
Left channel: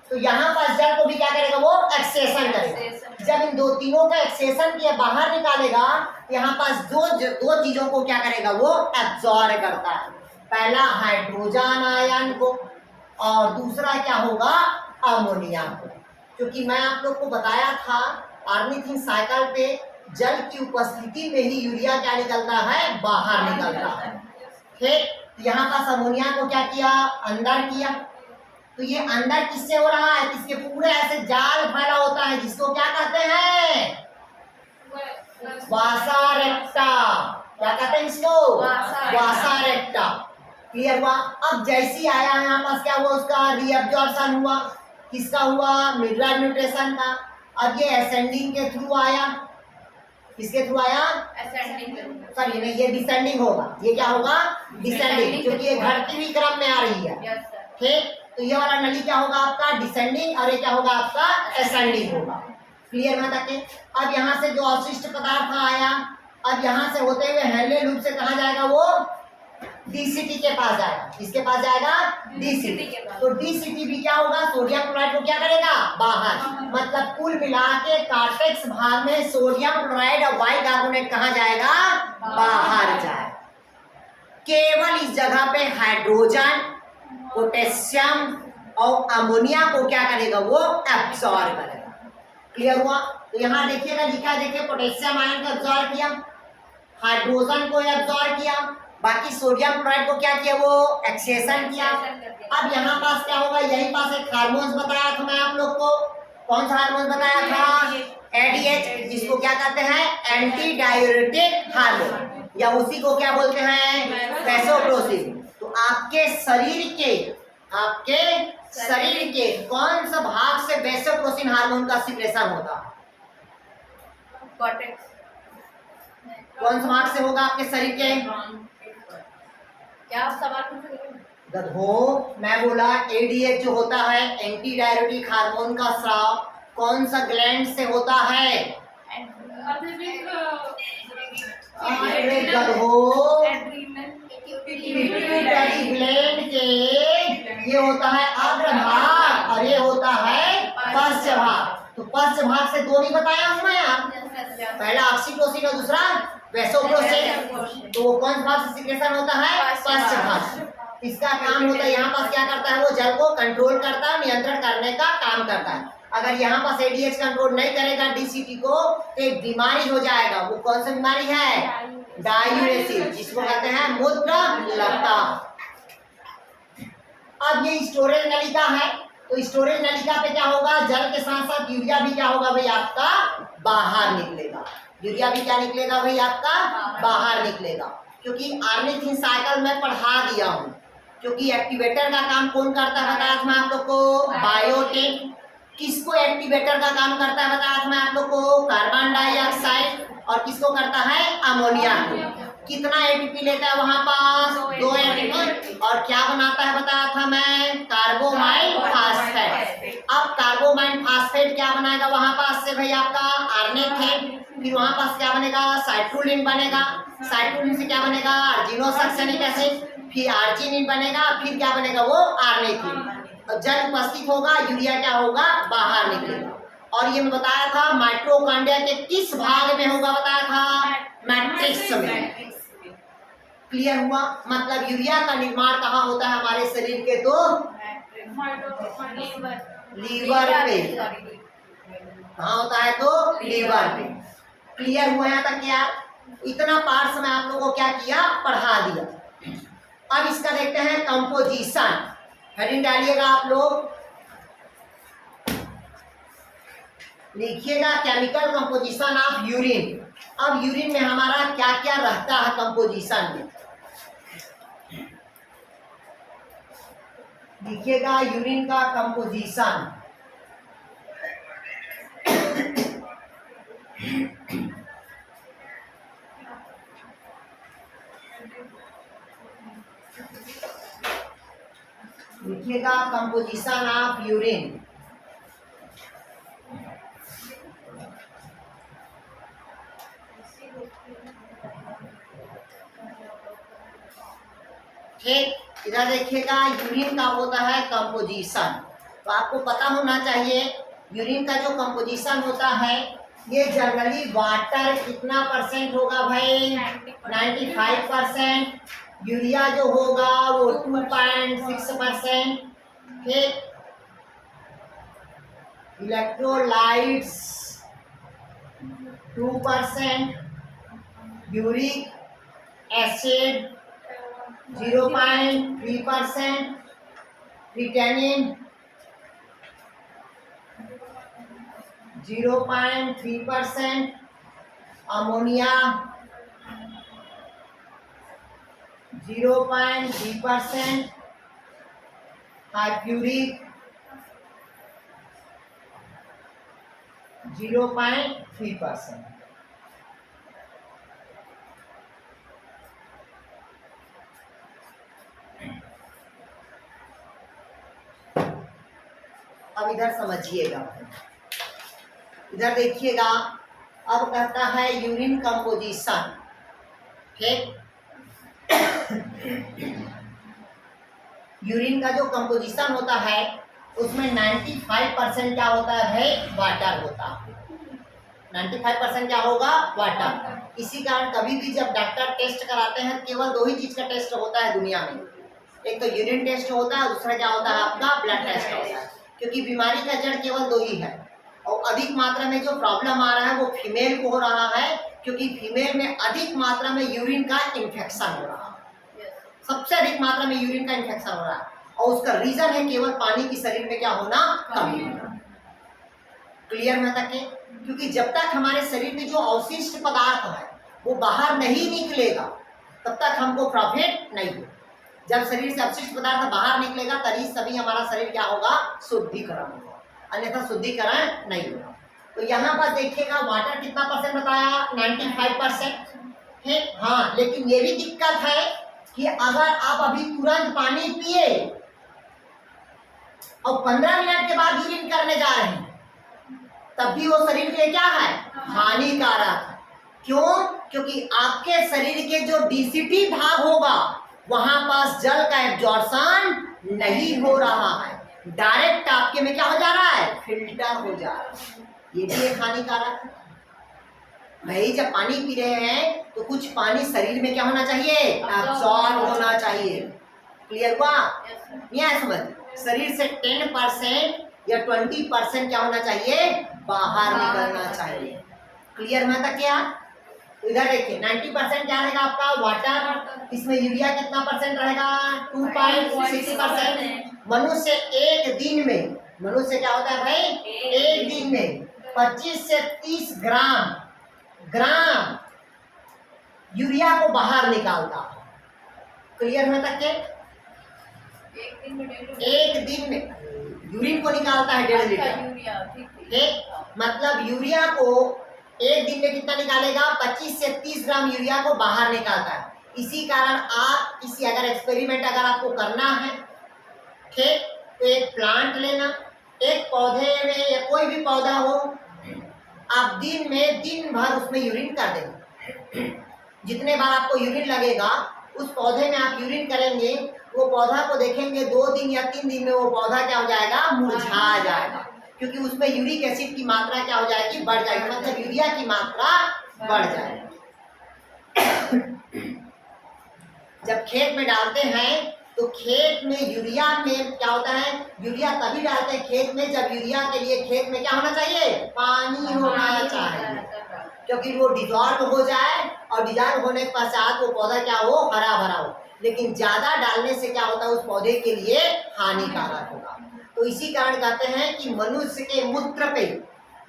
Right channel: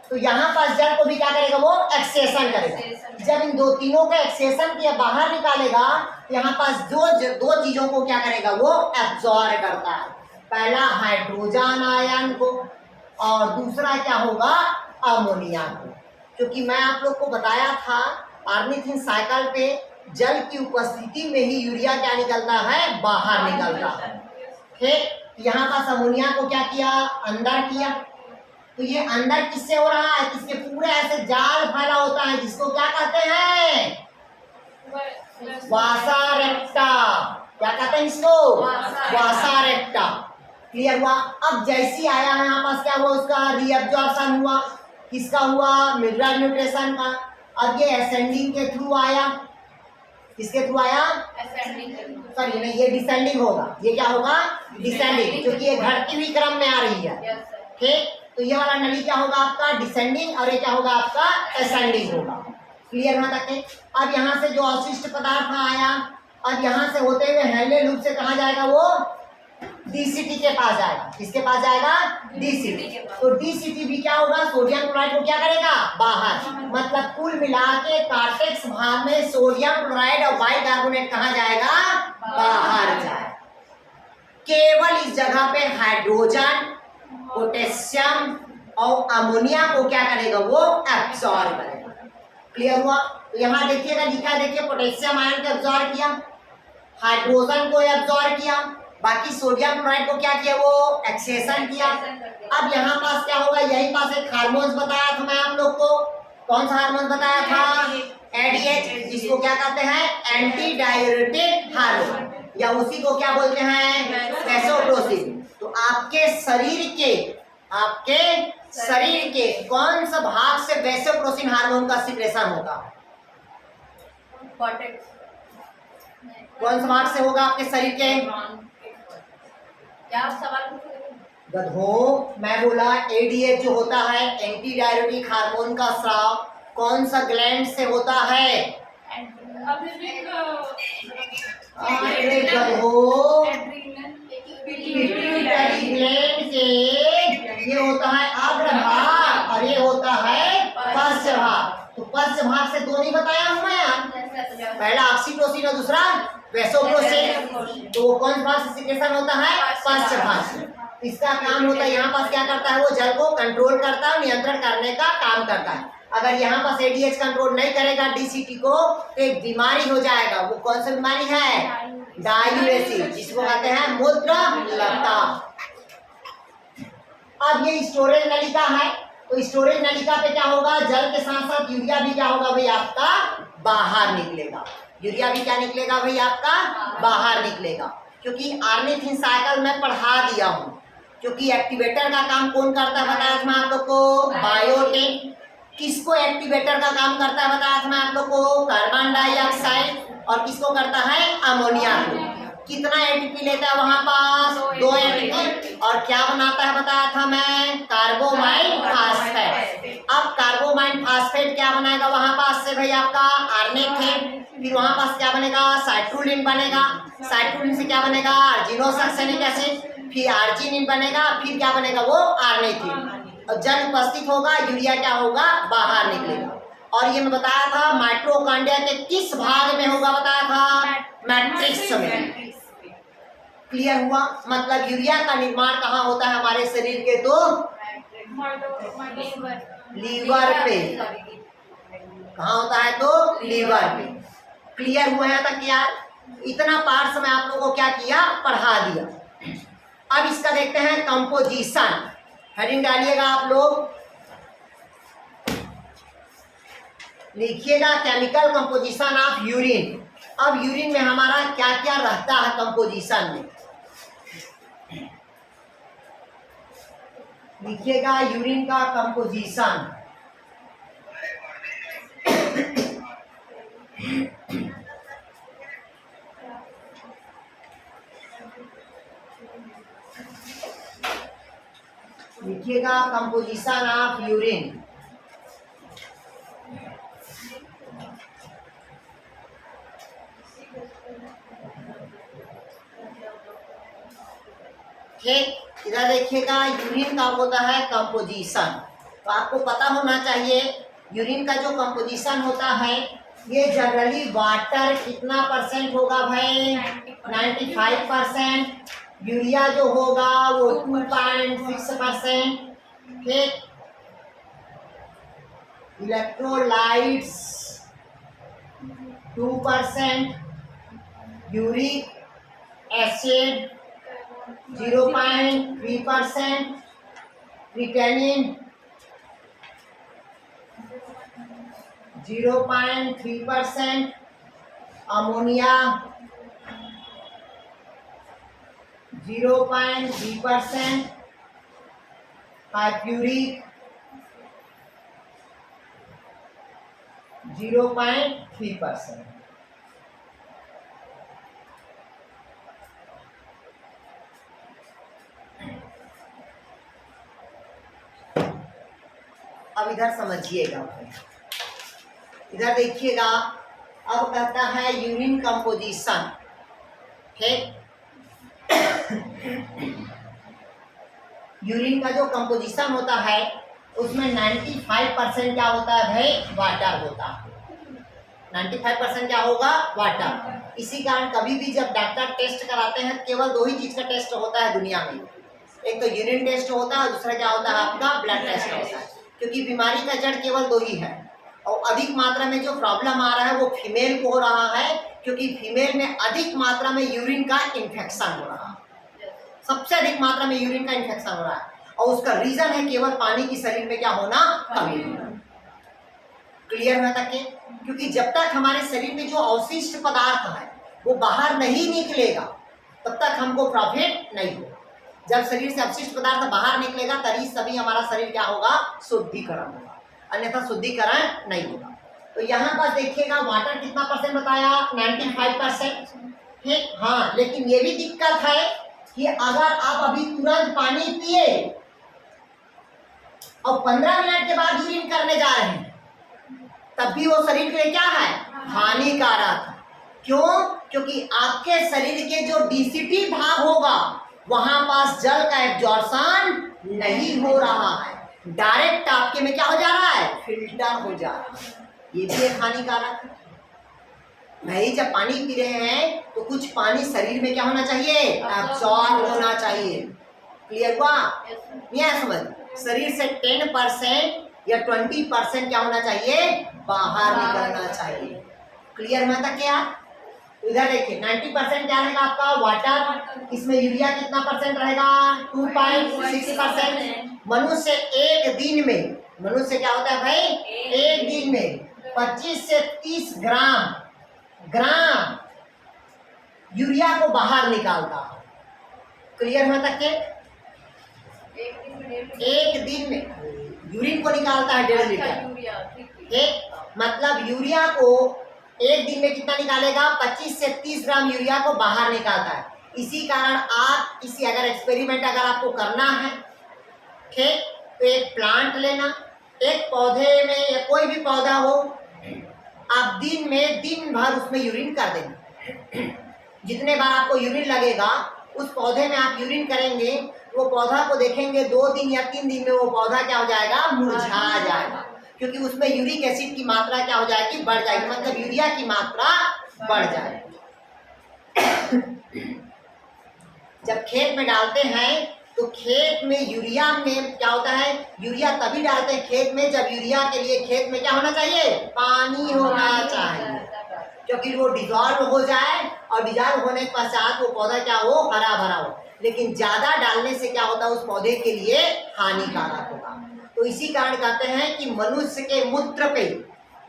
तो यहाँ पास जल को भी क्या करेगा, वो एक्सेशन करेगा। जब इन दो तीनों का एक्सेशन किया बाहर निकालेगा, यहाँ पास दो चीजों को क्या करेगा, वो एब्जॉर्ब करता है। पहला हाइड्रोजन आयन को, और दूसरा क्या होगा, अमोनिया को। क्योंकि मैं आप लोग को बताया था ऑर्निथिन साइकिल पे जल की उपस्थिति में ही यूरिया क्या निकलता है, बाहर निकलता है। ठीक, यहाँ पास अमोनिया को क्या किया, अंदर किया। तो ये अंदर किससे हो रहा है, किसके पूरे ऐसे जाल फैला होता है जिसको क्या कहते हैं, वासा रेक्टा। क्या कहते हैं इसको, वासा रेक्टा। क्लियर हुआ। अब जैसी आया है यहाँ पास क्या हुआ, उसका रीअब्जॉर्प्शन हुआ, किसका हुआ, मिडरल न्यूट्रिशन का। अब ये असेंडिंग के थ्रू आया, किसके थ्रू आया, सॉरी नहीं, ये डिसेंडिंग होगा। ये क्या होगा, डिसेंडिंग, क्योंकि ये घटती हुई क्रम में आ रही है। ठीक, तो ये वाला नली क्या होगा आपका, डिसेंडिंग, और ये क्या होगा आपका, असेंडिंग होगा। क्लियर हुआ तक। अब यहाँ से जो अवशिष्ट पदार्थ आया, अब यहाँ से होते हुए हेनले लूप से कहाँ जाएगा, वो डीसीटी के पास जाएगा। किसके पास जाएगा, डीसीटी। तो डीसीटी भी क्या होगा, सोडियम क्लोराइड को क्या करेगा, बाहर। मतलब कुल मिला के कॉर्टेक्स भाग में सोडियम क्लोराइड और बाइकार्बोनेट कहाँ जाएगा, बाहर जाएगा। केवल इस जगह पे हाइड्रोजन, पोटेशियम और अमोनिया को क्या करेगा, वो एब्सॉर्ब करेगा। क्लियर हुआ। तो यहाँ देखिएगा लिखा है, देखिए पोटेशियम आयन को एब्सॉर्ब किया, हाइड्रोजन को एब्सॉर्ब किया, बाकी सोडियम क्लोराइड को क्या किया, वो एक्सेशन किया। अब यहाँ पास क्या होगा, यही पास एक हार्मोन्स बताया था मैं आप लोग को। कौन सा हार्मोन बताया था, एडीएच, जिसको क्या कहते हैं, एंटी डाययूरेटिक हार्मोन, या उसी को क्या बोलते हैं, वैसोप्रेसिन। तो आपके शरीर के कौन सा भाग से वैसोप्रेसिन हार्मोन का सिक्रेशन होता है, कौन सा भाग से होगा आपके शरीर के, क्या आप सवाल पूछ रहे हैं? गधो, मैं बोला एडीएच जो होता है एंटी डाययूरेटिक हार्मोन का स्राव कौन सा ग्लैंड से होता है, अरे गधो, पिट्यूटरी ग्लैंड के ये होता है अग्रभाग और ये होता है पश्च भाग। तो पश्च भाग से दो नहीं बताया हूं मैं यार, पहला ऑक्सीटोसिन और दूसरा वैसोप्रेसिन। तो वो कौन सा भाग से सिक्रेशन होता है, पश्च भाग से। इसका काम होता है, यहाँ पास क्या करता है, वो जल को कंट्रोल करता है, नियंत्रण करने का काम करता है। अगर यहाँ पास एडीएच कंट्रोल नहीं करेगा डीसीटी को तो एक बीमारी हो जाएगा। वो कौन सी बीमारी है, डाययूरेसिस, जिसको कहते हैं मूत्र लता। अब ये स्टोरेज नलिका है, तो स्टोरेज नलिका पे क्या होगा, जल के साथ साथ यूरिया भी क्या होगा भाई आपका बाहर निकलेगा, यूरिया भी क्या निकलेगा भाई आपका बाहर निकलेगा। क्योंकि ऑर्निथिन साइकिल में पढ़ा दिया हूं, क्योंकि एक्टिवेटर का काम कौन करता है बताया था मैं आप लोग को, बायोटिन। किसको एक्टिवेटर का काम करता है बताया था मैं आप लोग को, कार्बन डाइऑक्साइड, और किसको करता है, अमोनिया को। कितना एटीपी लेता है वहां पास, 2 एटीपी, और क्या बनाता है बताया था मैं, कार्बोमाइन फास्फेट। अब कार्बोमाइन फास्फेट क्या बनाएगा वहां पास से भाई आपका ऑर्निथिन, फिर वहां पास क्या बनेगा, साइट्रोलिन बनेगा, साइट्रोलिन से क्या बनेगा, अर्जिनोसक्सेनिक एसिड, फिर आर्जिनिन बनेगा, फिर क्या बनेगा वो ऑर्निथिन। और जल उपस्थित होगा, यूरिया क्या होगा बाहर निकलेगा। और ये मैं बताया था माइटोकॉन्ड्रिया के किस भाग में होगा बताया था, मैट्रिक्स में। क्लियर हुआ, मतलब यूरिया का निर्माण कहाँ होता है हमारे शरीर के, तो लीवर पे, कहाँ होता है, तो लीवर पे। क्लियर हुआ यहाँ तक यार, इतना पार्ट्स में आप लोगों को क्या किया, पढ़ा दिया। अब इसका देखते हैं कंपोजिशन, हेडिंग डालिएगा आप लोग, लिखिएगा केमिकल कंपोजिशन ऑफ यूरिन। अब यूरिन में हमारा क्या क्या रहता है कंपोजिशन में, लिखिएगा यूरिन का कंपोजिशन। लिखिएगा कंपोजिशन ऑफ यूरिन। ठीक, इधर देखिएगा यूरिन का होता है कंपोजिशन। तो आपको पता होना चाहिए यूरिन का जो कंपोजिशन होता है ये जनरली वाटर कितना परसेंट होगा भाई, 95%। यूरिया जो होगा वो 2.6%। ठीक, electrolytes 2%, uric acid 0.3%, creatinine 0.3%, ammonia 0.3%, हाइप्यूरिक 0.3%। अब इधर समझिएगा, इधर देखिएगा, अब कहता है यूरिन कंपोजिशन। ठीक, यूरिन का जो कंपोजिशन होता है उसमें 95% क्या होता है भाई, वाटर होता है। 95% क्या होगा, वाटर। इसी कारण कभी भी जब डॉक्टर टेस्ट कराते हैं केवल 2 ही चीज का टेस्ट होता है दुनिया में, एक तो यूरिन टेस्ट होता है, दूसरा क्या होता है आपका ब्लड टेस्ट होता है। क्योंकि बीमारी का जड़ केवल 2 ही है, और अधिक मात्रा में जो प्रॉब्लम आ रहा है वो फीमेल को हो रहा है, क्योंकि फीमेल में अधिक मात्रा में यूरिन का इन्फेक्शन हो रहा है। सबसे अधिक मात्रा में यूरिन का इन्फेक्शन हो रहा है, और उसका रीजन है केवल पानी की शरीर में क्या होना, कमी होना। क्लियर है तक के? क्योंकि जब तक हमारे शरीर में जो अवशिष्ट पदार्थ है वो बाहर नहीं निकलेगा तब तक हमको प्रॉफिट नहीं होगा। जब शरीर से अपशिष्ट पदार्थ बाहर निकलेगा तभी हमारा शरीर क्या होगा, शुद्धिकरण होगा, अन्यथा शुद्धिकरण नहीं होगा। तो यहाँ पर देखिएगा वाटर कितना परसेंट बताया, 95%। ठीक, हाँ, लेकिन ये भी दिक्कत है कि अगर आप अभी तुरंत पानी पिए और 15 मिनट के बाद यूरिन करने जा रहे हैं तब भी वो शरीर के लिए क्या है, हानिकारक है। क्यों? क्योंकि आपके शरीर के जो डीसीटी भाग होगा वहां पास जल का एब्जॉर्प्शन नहीं हो रहा है, डायरेक्ट आपके में क्या हो जा रहा है, फिल्टर हो जा रहा है। ये भी एक हानिकारक है। भाई जब पानी पी रहे हैं तो कुछ पानी शरीर में क्या होना चाहिए, एब्जॉर्ब होना चाहिए। क्लियर हुआ? नहीं आया समझ? शरीर से 10% या 20% क्या होना चाहिए, बाहर निकलना चाहिए। क्लियर हुआ था क्या? इधर देखिए 90% क्या रहेगा आपका वाटर, इसमें यूरिया कितना परसेंट रहेगा, 2.6%। मनुष्य एक दिन में, मनुष्य क्या होता है भाई, एक दिन में 25 से 30 ग्राम यूरिया को बाहर निकालता है। क्लियर हुआ तक के? एक दिन में यूरिन को निकालता है 1.5 लीटर। ठीक, मतलब यूरिया को एक दिन में कितना निकालेगा, 25 से 30 ग्राम यूरिया को बाहर निकालता है। इसी कारण आप किसी अगर एक्सपेरिमेंट अगर आपको करना है, ठीक, तो एक प्लांट लेना, एक पौधे में या कोई भी पौधा हो, आप दिन भर उसमें यूरिन कर देंगे। जितने बार आपको यूरिन लगेगा उस पौधे में आप यूरिन करेंगे, वो पौधा को देखेंगे 2 दिन या 3 दिन में वो पौधा क्या हो जाएगा, मुरझा जाएगा, क्योंकि उसमें यूरिक एसिड की मात्रा क्या हो जाएगी, बढ़ जाएगी, मतलब यूरिया की मात्रा बढ़ जाएगी। जब खेत में डालते हैं तो खेत में यूरिया में क्या होता है, यूरिया तभी डालते हैं खेत में जब यूरिया के लिए खेत में क्या होना चाहिए, पानी होना चाहिए, क्योंकि वो डिजॉल्व हो जाए और डिजॉल्व होने के पश्चात वो पौधा क्या हो, हरा भरा हो। लेकिन ज्यादा डालने से क्या होता है, उस पौधे के लिए हानिकारक होगा। तो इसी कारण कहते हैं कि मनुष्य के मूत्र पे,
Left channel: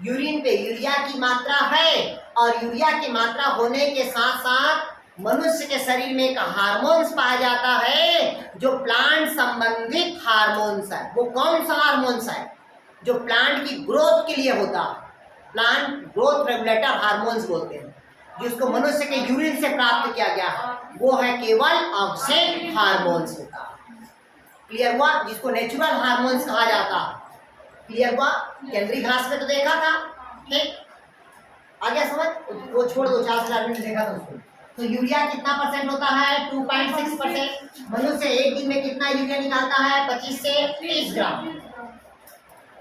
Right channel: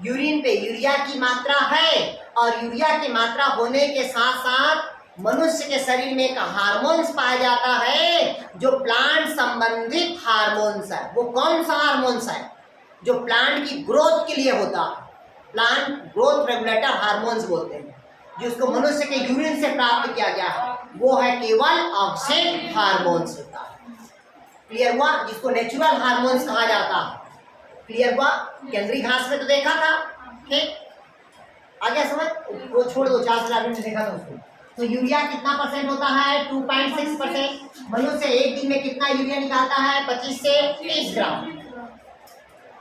यूरिन पे यूरिया की मात्रा है, और यूरिया की मात्रा होने के साथ साथ मनुष्य के शरीर में एक हार्मोन्स पाया जाता है जो प्लांट संबंधित हार्मोन्स है। वो कौन सा हार्मोन्स है, जो प्लांट की ग्रोथ के लिए होता है, प्लांट ग्रोथ रेगुलेटर हार्मोन्स बोलते हैं, जिसको मनुष्य के यूरिन से प्राप्त किया गया है, वो है केवल ऑक्सिन हार्मोन्स होता है। क्लियर हुआ? जिसको नेचुरल हार्मोन्स कहा जाता है। क्लियर हुआ? केंद्रीय घास में तो देखा था, ठीक, आगे समझ, वो छोड़ दो, 4,000 मिनट देखा था उसको। तो यूरिया कितना परसेंट होता है, 2.6%। मनुष्य एक दिन में कितना यूरिया निकालता है, 25 से 30 ग्राम।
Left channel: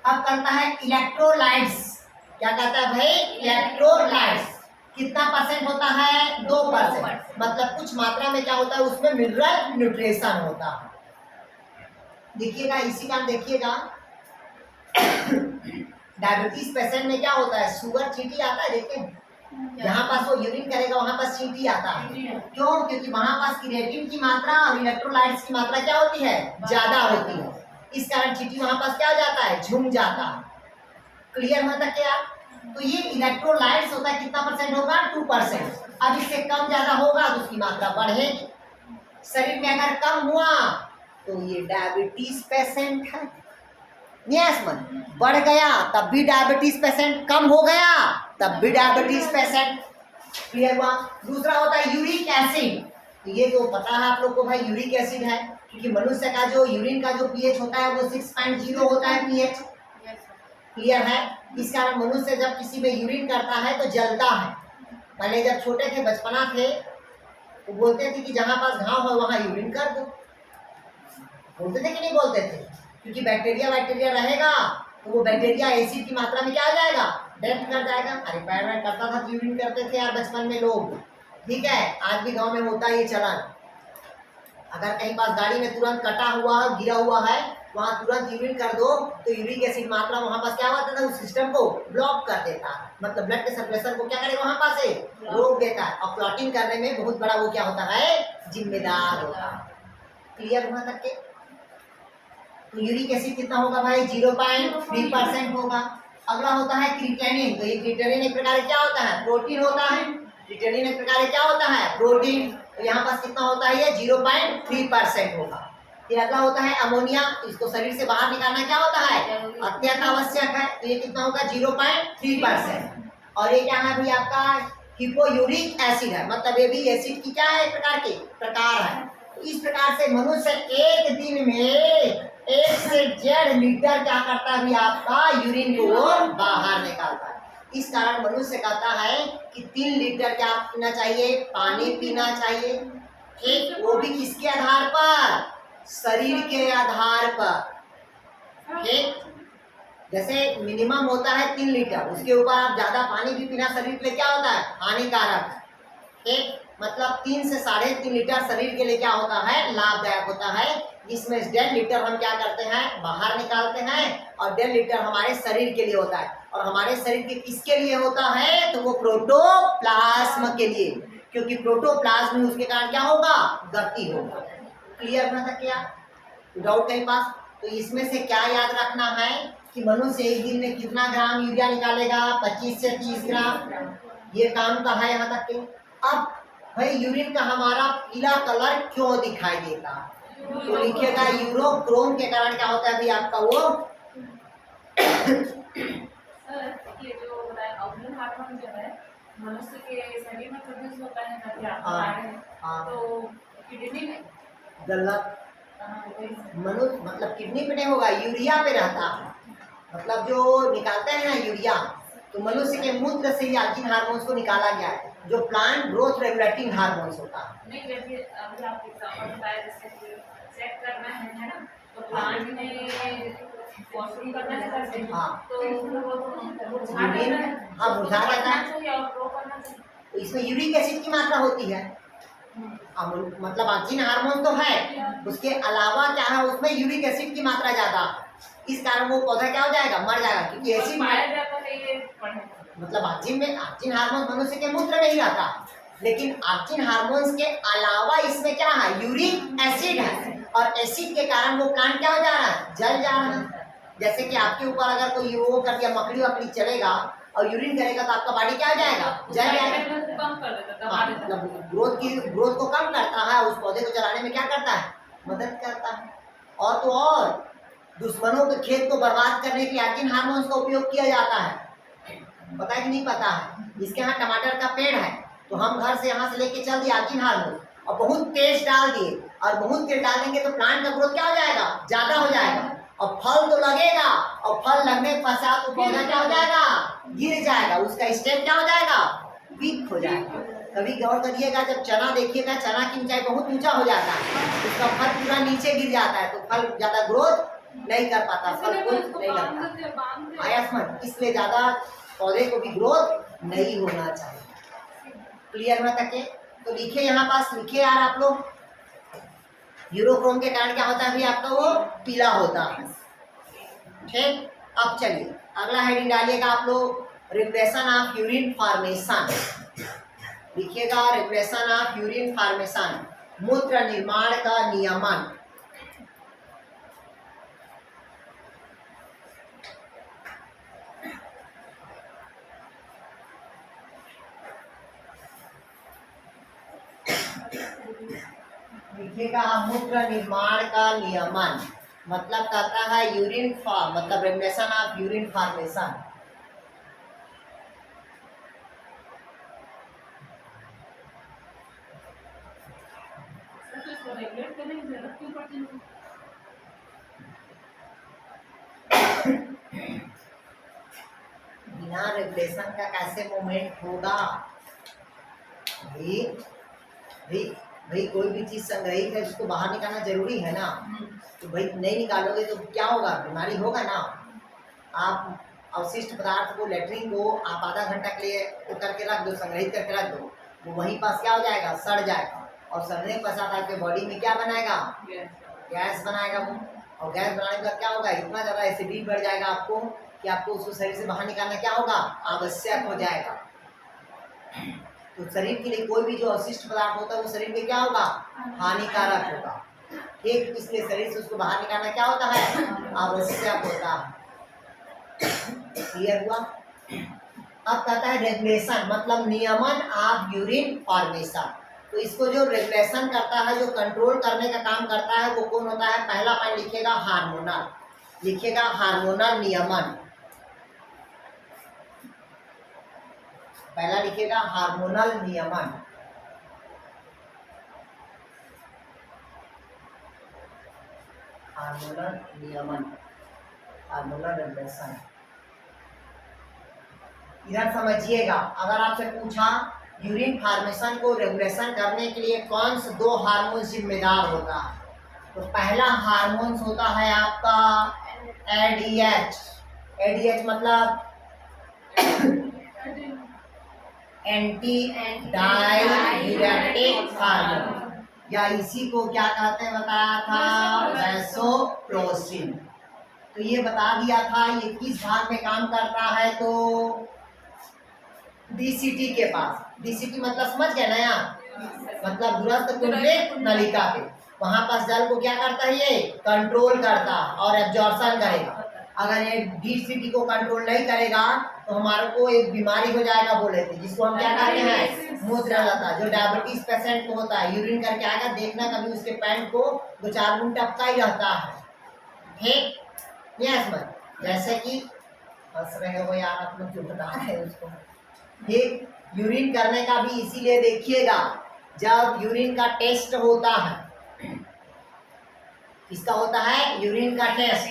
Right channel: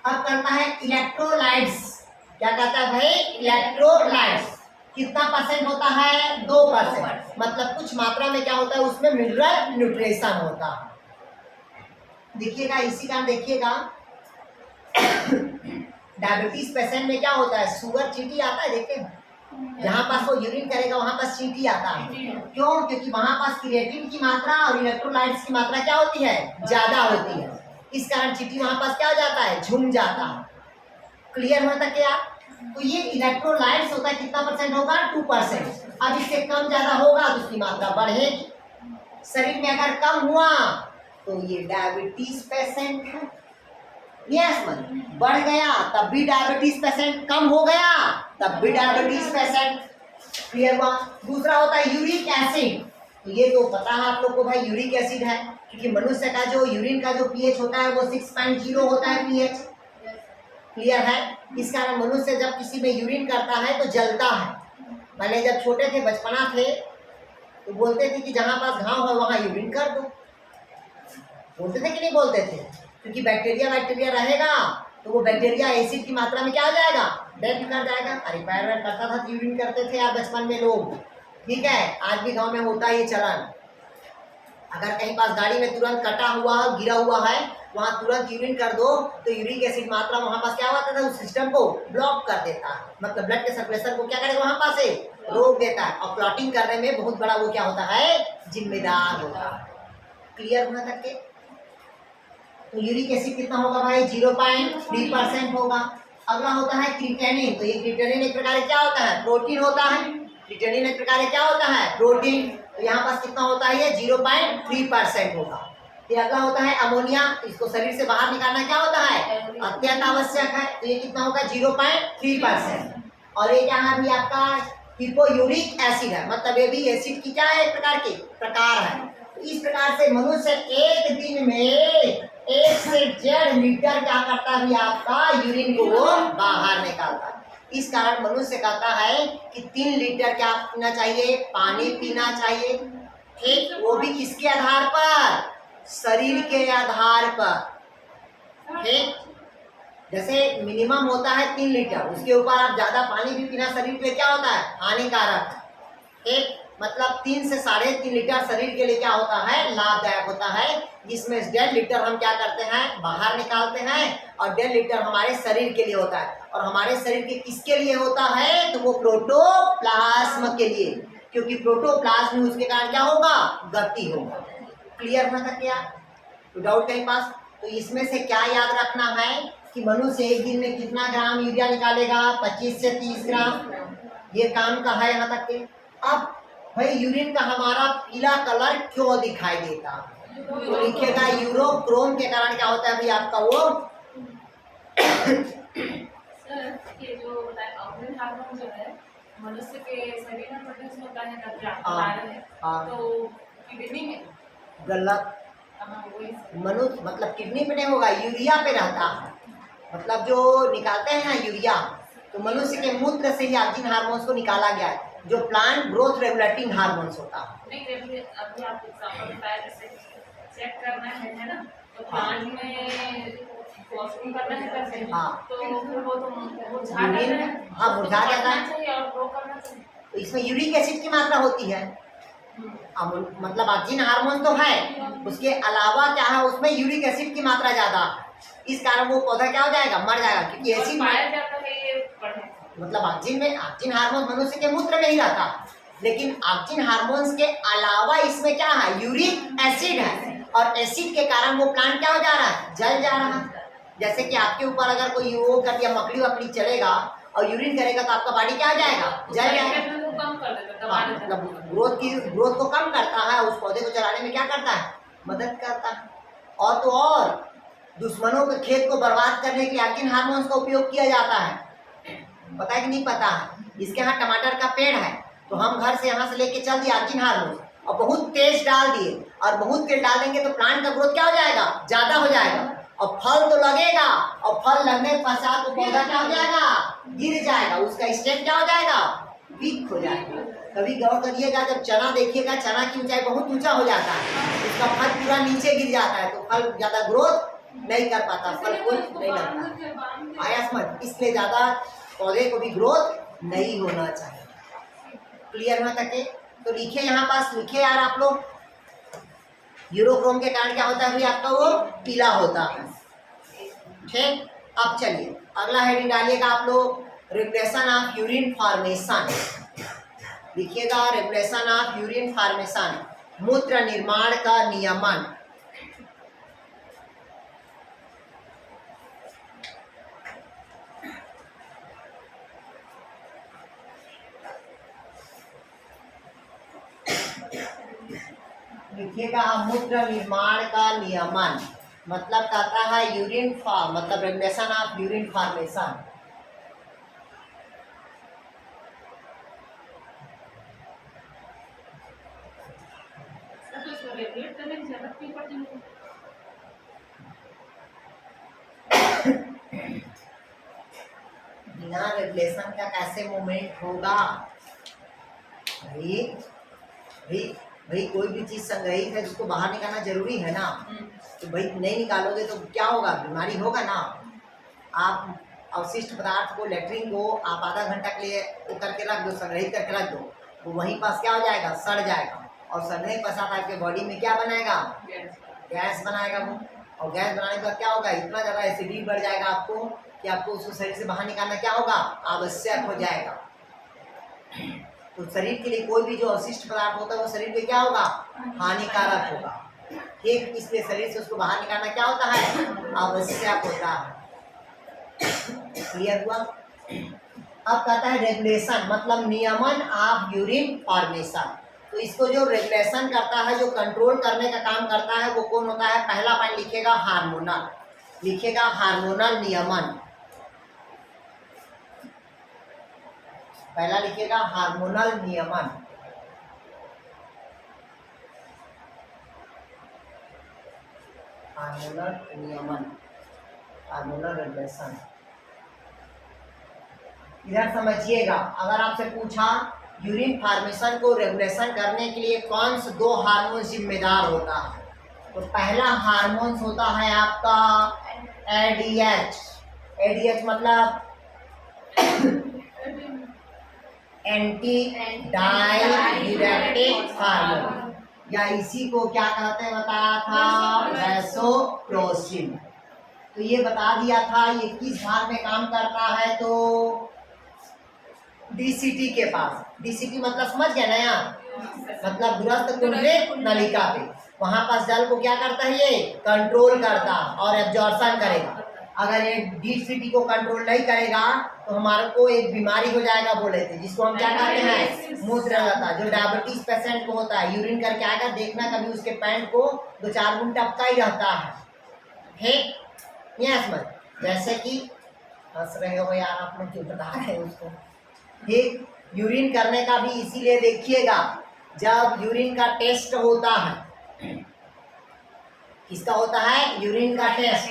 अब करता है इलेक्ट्रोलाइट्स, क्या कहता है भाई, इलेक्ट्रोलाइट्स कितना परसेंट होता है, 2%। मतलब कुछ मात्रा में क्या होता है, उसमें मिनरल न्यूट्रिशन होता है। देखिएगा इसी का देखिएगा डायबिटीज पेशेंट में क्या होता है, शुगर चींटी आता है, देखते हैं जहाँ पास वो यूरिन करेगा वहाँ पास चींटी आता है। क्यों? क्योंकि वहाँ पास क्रिएटिन की मात्रा और इलेक्ट्रोलाइट्स की मात्रा क्या होती है, ज्यादा होती है। इस कारण चींटी वहाँ पास क्या हो जाता है, झूम जाता है। क्लियर होता है क्या? तो ये इलेक्ट्रोलाइट्स होता है, कितना परसेंट होगा, 2%। अब इससे कम ज्यादा होगा तो उसकी मात्रा बढ़ेगी। शरीर में अगर कम हुआ तो ये डायबिटीज पेशेंट है। यस मन, बढ़ गया तब भी डायबिटीज पेशेंट, कम हो गया तब भी डायबिटीज पेशेंट। क्लियर हुआ? दूसरा होता है यूरिक एसिड। ये तो पता है आप लोग को भाई, यूरिक एसिड है, क्योंकि मनुष्य का जो यूरिन का जो पीएच होता है वो 6.0 होता है पीएच। क्लियर है? इस कारण मनुष्य जब किसी में यूरिन करता है तो जलता है। पहले जब छोटे थे, बचपना थे, तो बोलते थे कि जहाँ पास घाव हो वहाँ यूरिन कर दो, बोलते थे कि नहीं बोलते थे? क्योंकि बैक्टीरिया रहेगा तो वो बैक्टीरिया एसिड की मात्रा में क्या हो जाएगा, डेथ कर जाएगा। अरे पैर में करता था, यूरिन करते थे यार बचपन में लोग, ठीक है, आज भी गांव में होता है ये चलन। अगर कहीं पास गाड़ी में तुरंत कटा हुआ गिरा हुआ है, वहां तुरंत यूरिन कर दो तो यूरिक एसिड मात्रा वहां पास क्या होता है, उस सिस्टम को ब्लॉक कर देता है, मतलब ब्लड के सर्कुलेशन को क्या करेगा, वहां पास से रोक देता है, और क्लॉटिंग करने में बहुत बड़ा वो क्या होता है, जिम्मेदार होता है। क्लियर हुआ तक के? तो यूरिक एसिड कितना होगा भाई? 0.3% होगा। अगला होता है क्रिटेनिन। तो ये क्रिटेनिन एक प्रकार क्या होता है? प्रोटीन होता है। क्रिटेनिन एक प्रकार क्या होता है? प्रोटीन। तो यहाँ पास कितना होता है? ये 0.3% होगा। फिर अगला होता है अमोनिया। इसको शरीर से बाहर निकालना क्या होता है? अत्यंत आवश्यक है। तो ये कितना होगा? 0.3%। और ये क्या है भी आपका? हिपोयूरिक एसिड है। मतलब ये भी एसिड की क्या है? एक प्रकार के प्रकार है। तो इस प्रकार से मनुष्य एक दिन में 1 से 1.5 लीटर क्या करता है भी आपका? यूरिन को वो बाहर निकालता है। इस कारण मनुष्य कहता है कि 3 लीटर क्या पीना चाहिए? पानी पीना चाहिए। ठीक, वो भी किसके आधार पर? शरीर के आधार पर। ठीक, जैसे मिनिमम होता है 3 लीटर, उसके ऊपर आप ज्यादा पानी भी पीना शरीर के लिए क्या होता है? हानिकारक है। ठीक, मतलब 3 से 3.5 लीटर शरीर के लिए क्या होता है? लाभदायक होता है। जिसमें 1.5 लीटर हम क्या करते हैं? बाहर निकालते हैं और 1.5 लीटर हमारे शरीर के लिए होता है। और हमारे शरीर के किसके लिए होता है? तो वो प्रोटोप्लाज्म के लिए, क्योंकि प्रोटोप्लाज्म में उसके कारण क्या होगा? गति होगा। क्लियर हुआ था क्या? तो डाउट कहीं पास? तो इसमें से क्या याद रखना है कि मनुष्य एक दिन में कितना ग्राम यूरिया निकालेगा? 25 से 30 ग्राम। ये काम का है यहाँ तक के। अब भाई यूरिन का हमारा पीला कलर क्यों दिखाई देता? तो लिखिएगा यूरोक्रोम के कारण क्या होता है भी आपका वो सर, ये जो बताया ऑर्गन हार्मोन जो है मनुष्य के शरीर में प्रोड्यूस होता है तब क्या बता रहे हैं? तो किडनी में? गलत। वही सर। मनुष्य मतलब किडनी पे नहीं होगा, यूरिया पे रहता है। मतलब जो निकालते हैं ना यूरिया, तो मनुष्य के मूत्र से ही ऑक्सिन हार्मोन्स को निकाला गया है, जो प्लांट ग्रोथ रेगुलेटिंग हार्मोन्स होता है। नहीं, अभी आप एग्जांपल बताया जैसे कि चेक करना है ना, तो प्लांट में वॉशरूम करना है करते हैं। हाँ। तो फिर वो तो मुरझा जाता यूरिन, है। हाँ, मुरझा उसको जाता है। काटना चाहिए और ग्रो करना चाहिए। तो इसमें यूरिक एसिड की मात्रा होती है। मतलब ऑक्सिन हार्मोन तो है, उसके अलावा क्या है? उसमें यूरिक एसिड की मात्रा ज्यादा। इस कारण वो पौधा क्या हो जाएगा? मर जाएगा, क्योंकि एसिड पाया जाता है ये पढ़े। मतलब ऑक्सिन हार्मोन मनुष्य के मूत्र में ही रहता, लेकिन ऑक्सिन हार्मोन्स के अलावा इसमें क्या है? यूरिक एसिड है। और एसिड के कारण वो प्लांट क्या हो जा रहा है? जल जा रहा है। जैसे कि आपके ऊपर अगर कोई वो कर दिया, मकड़ी वकड़ी चलेगा और यूरिन करेगा तो आपका बॉडी क्या हो जाएगा? जल जाएगा। कम कर देता है, हाँ, मतलब ग्रोथ को कम करता है, उस पौधे को चलाने में क्या करता है? मदद करता है। और तो और दुश्मनों के खेत को बर्बाद करने के लिए ऑक्सिन हार्मोन्स का उपयोग किया जाता है। पता है कि नहीं पता है? इसके यहाँ टमाटर का पेड़ है, तो हम घर से यहाँ से लेके चल दिए ऑक्सिन हार्मोन और बहुत तेज डाल दिए, और बहुत तेज डाल देंगे तो प्लांट का ग्रोथ क्या हो जाएगा? ज्यादा हो जाएगा, और फल तो लगेगा, और फल लगने के पश्चात तो पौधा क्या हो जाएगा? गिर जाएगा, उसका स्टेम क्या हो जाएगा? वीक हो जाएगा। कभी गौर करिएगा, जब चना देखिएगा, चना की ऊंचाई बहुत ऊंचा हो जाता है, उसका फल पूरा नीचे गिर जाता है, तो फल ज्यादा ग्रोथ नहीं कर पाता, फल फूल नहीं लगता। आया समझ? इसलिए ज्यादा पौधे को भी ग्रोथ नहीं होना चाहिए। क्लियर हुआ तक के? तो लिखिए यहाँ पास, लिखिए यार आप लोग, यूरोक्रोम के कारण क्या होता है भी आपका? वो पीला होता है। ठीक, अब चलिए अगला हेडिंग डालिएगा आप लोग, रिप्रेशन ऑफ यूरिन फॉर्मेशन। लिखिएगा रेगुलेशन ऑफ यूरिन फॉर्मेशन, मूत्र निर्माण का नियमन। लिखिएगा मूत्र निर्माण का नियमन, मतलब कहता है यूरिन मतलब regulation of urine formation. Regulate करने की जरूरत क्यों पड़ती है? बिना रेगुलेशन का कैसे मूवमेंट होगा भाई? भाई भाई कोई भी चीज संग्रहित है उसको बाहर निकालना जरूरी है ना। तो भाई नहीं निकालोगे तो क्या होगा? बीमारी होगा ना। आप अवशिष्ट पदार्थ को, लेटरिन को आप आधा घंटा के लिए वो करके रख दो, संग्रहित करके रख दो, वो वहीं पास क्या हो जाएगा? सड़ जाएगा, और सड़ने के पश्चात आपके बॉडी में क्या बनाएगा? गैस बनाएगा वो, और गैस बनाने के बाद क्या होगा? इतना ज़्यादा एसिडिटी बढ़ जाएगा आपको कि आपको उसको शरीर से बाहर निकालना क्या होगा? आवश्यक हो जाएगा। तो शरीर के लिए कोई भी जो अवशिष्ट पदार्थ होता है वो शरीर में क्या होगा? हानिकारक होगा। ठीक, इसलिए शरीर से उसको बाहर निकालना क्या होता है, आवश्यक होता है। क्लियर हुआ। अब कहता है रेगुलेशन, मतलब नियमन ऑफ यूरिन फॉर्मेशन। तो इसको जो रेगुलेशन करता है, जो कंट्रोल करने का काम करता है, वो कौन होता है? पहला पॉइंट लिखेगा हार्मोनल, लिखेगा हार्मोनल नियमन। पहला लिखेगा हार्मोनल नियमन। हार्मोनल नियमन, हार्मोनल रेगुलेशन। इधर समझिएगा, अगर आपसे पूछा यूरिन फॉर्मेशन को रेगुलेशन करने के लिए कौन से दो हार्मोन जिम्मेदार होता है, तो पहला हार्मोन होता है आपका एडीएच। एडीएच मतलब एंटी डाययूरेटिक हार्मोन, या इसी को क्या कहते हैं बताया था, वैसोप्रेसिन। तो ये बता दिया था ये किस भाग में काम करता है, तो डीसीटी के पास। डीसीटी मतलब समझ गए ना यार, मतलब दूरस्थ कुंडलिक नलिका पे, वहां पास जल को क्या करता है, ये कंट्रोल करता और एब्जॉर्प्शन करेगा। अगर ये डीसीटी को कंट्रोल नहीं करेगा तो हमारे को एक बीमारी हो जाएगा, बोले थे, जिसको हम क्या कहते हैं, मूत्रलता। जो डायबिटीज पेशेंट को होता है, यूरिन करके आएगा, देखना कभी उसके पैंट को 2-4 गुण टपका ही रहता है, ठीक। ये समझ, जैसे कि हंस रहे हो यार आप लोग, क्यों बता रहे हो उसको, ठीक। यूरिन करने का भी इसीलिए देखिएगा, जब यूरिन का टेस्ट होता है, किसका होता है, यूरिन का टेस्ट।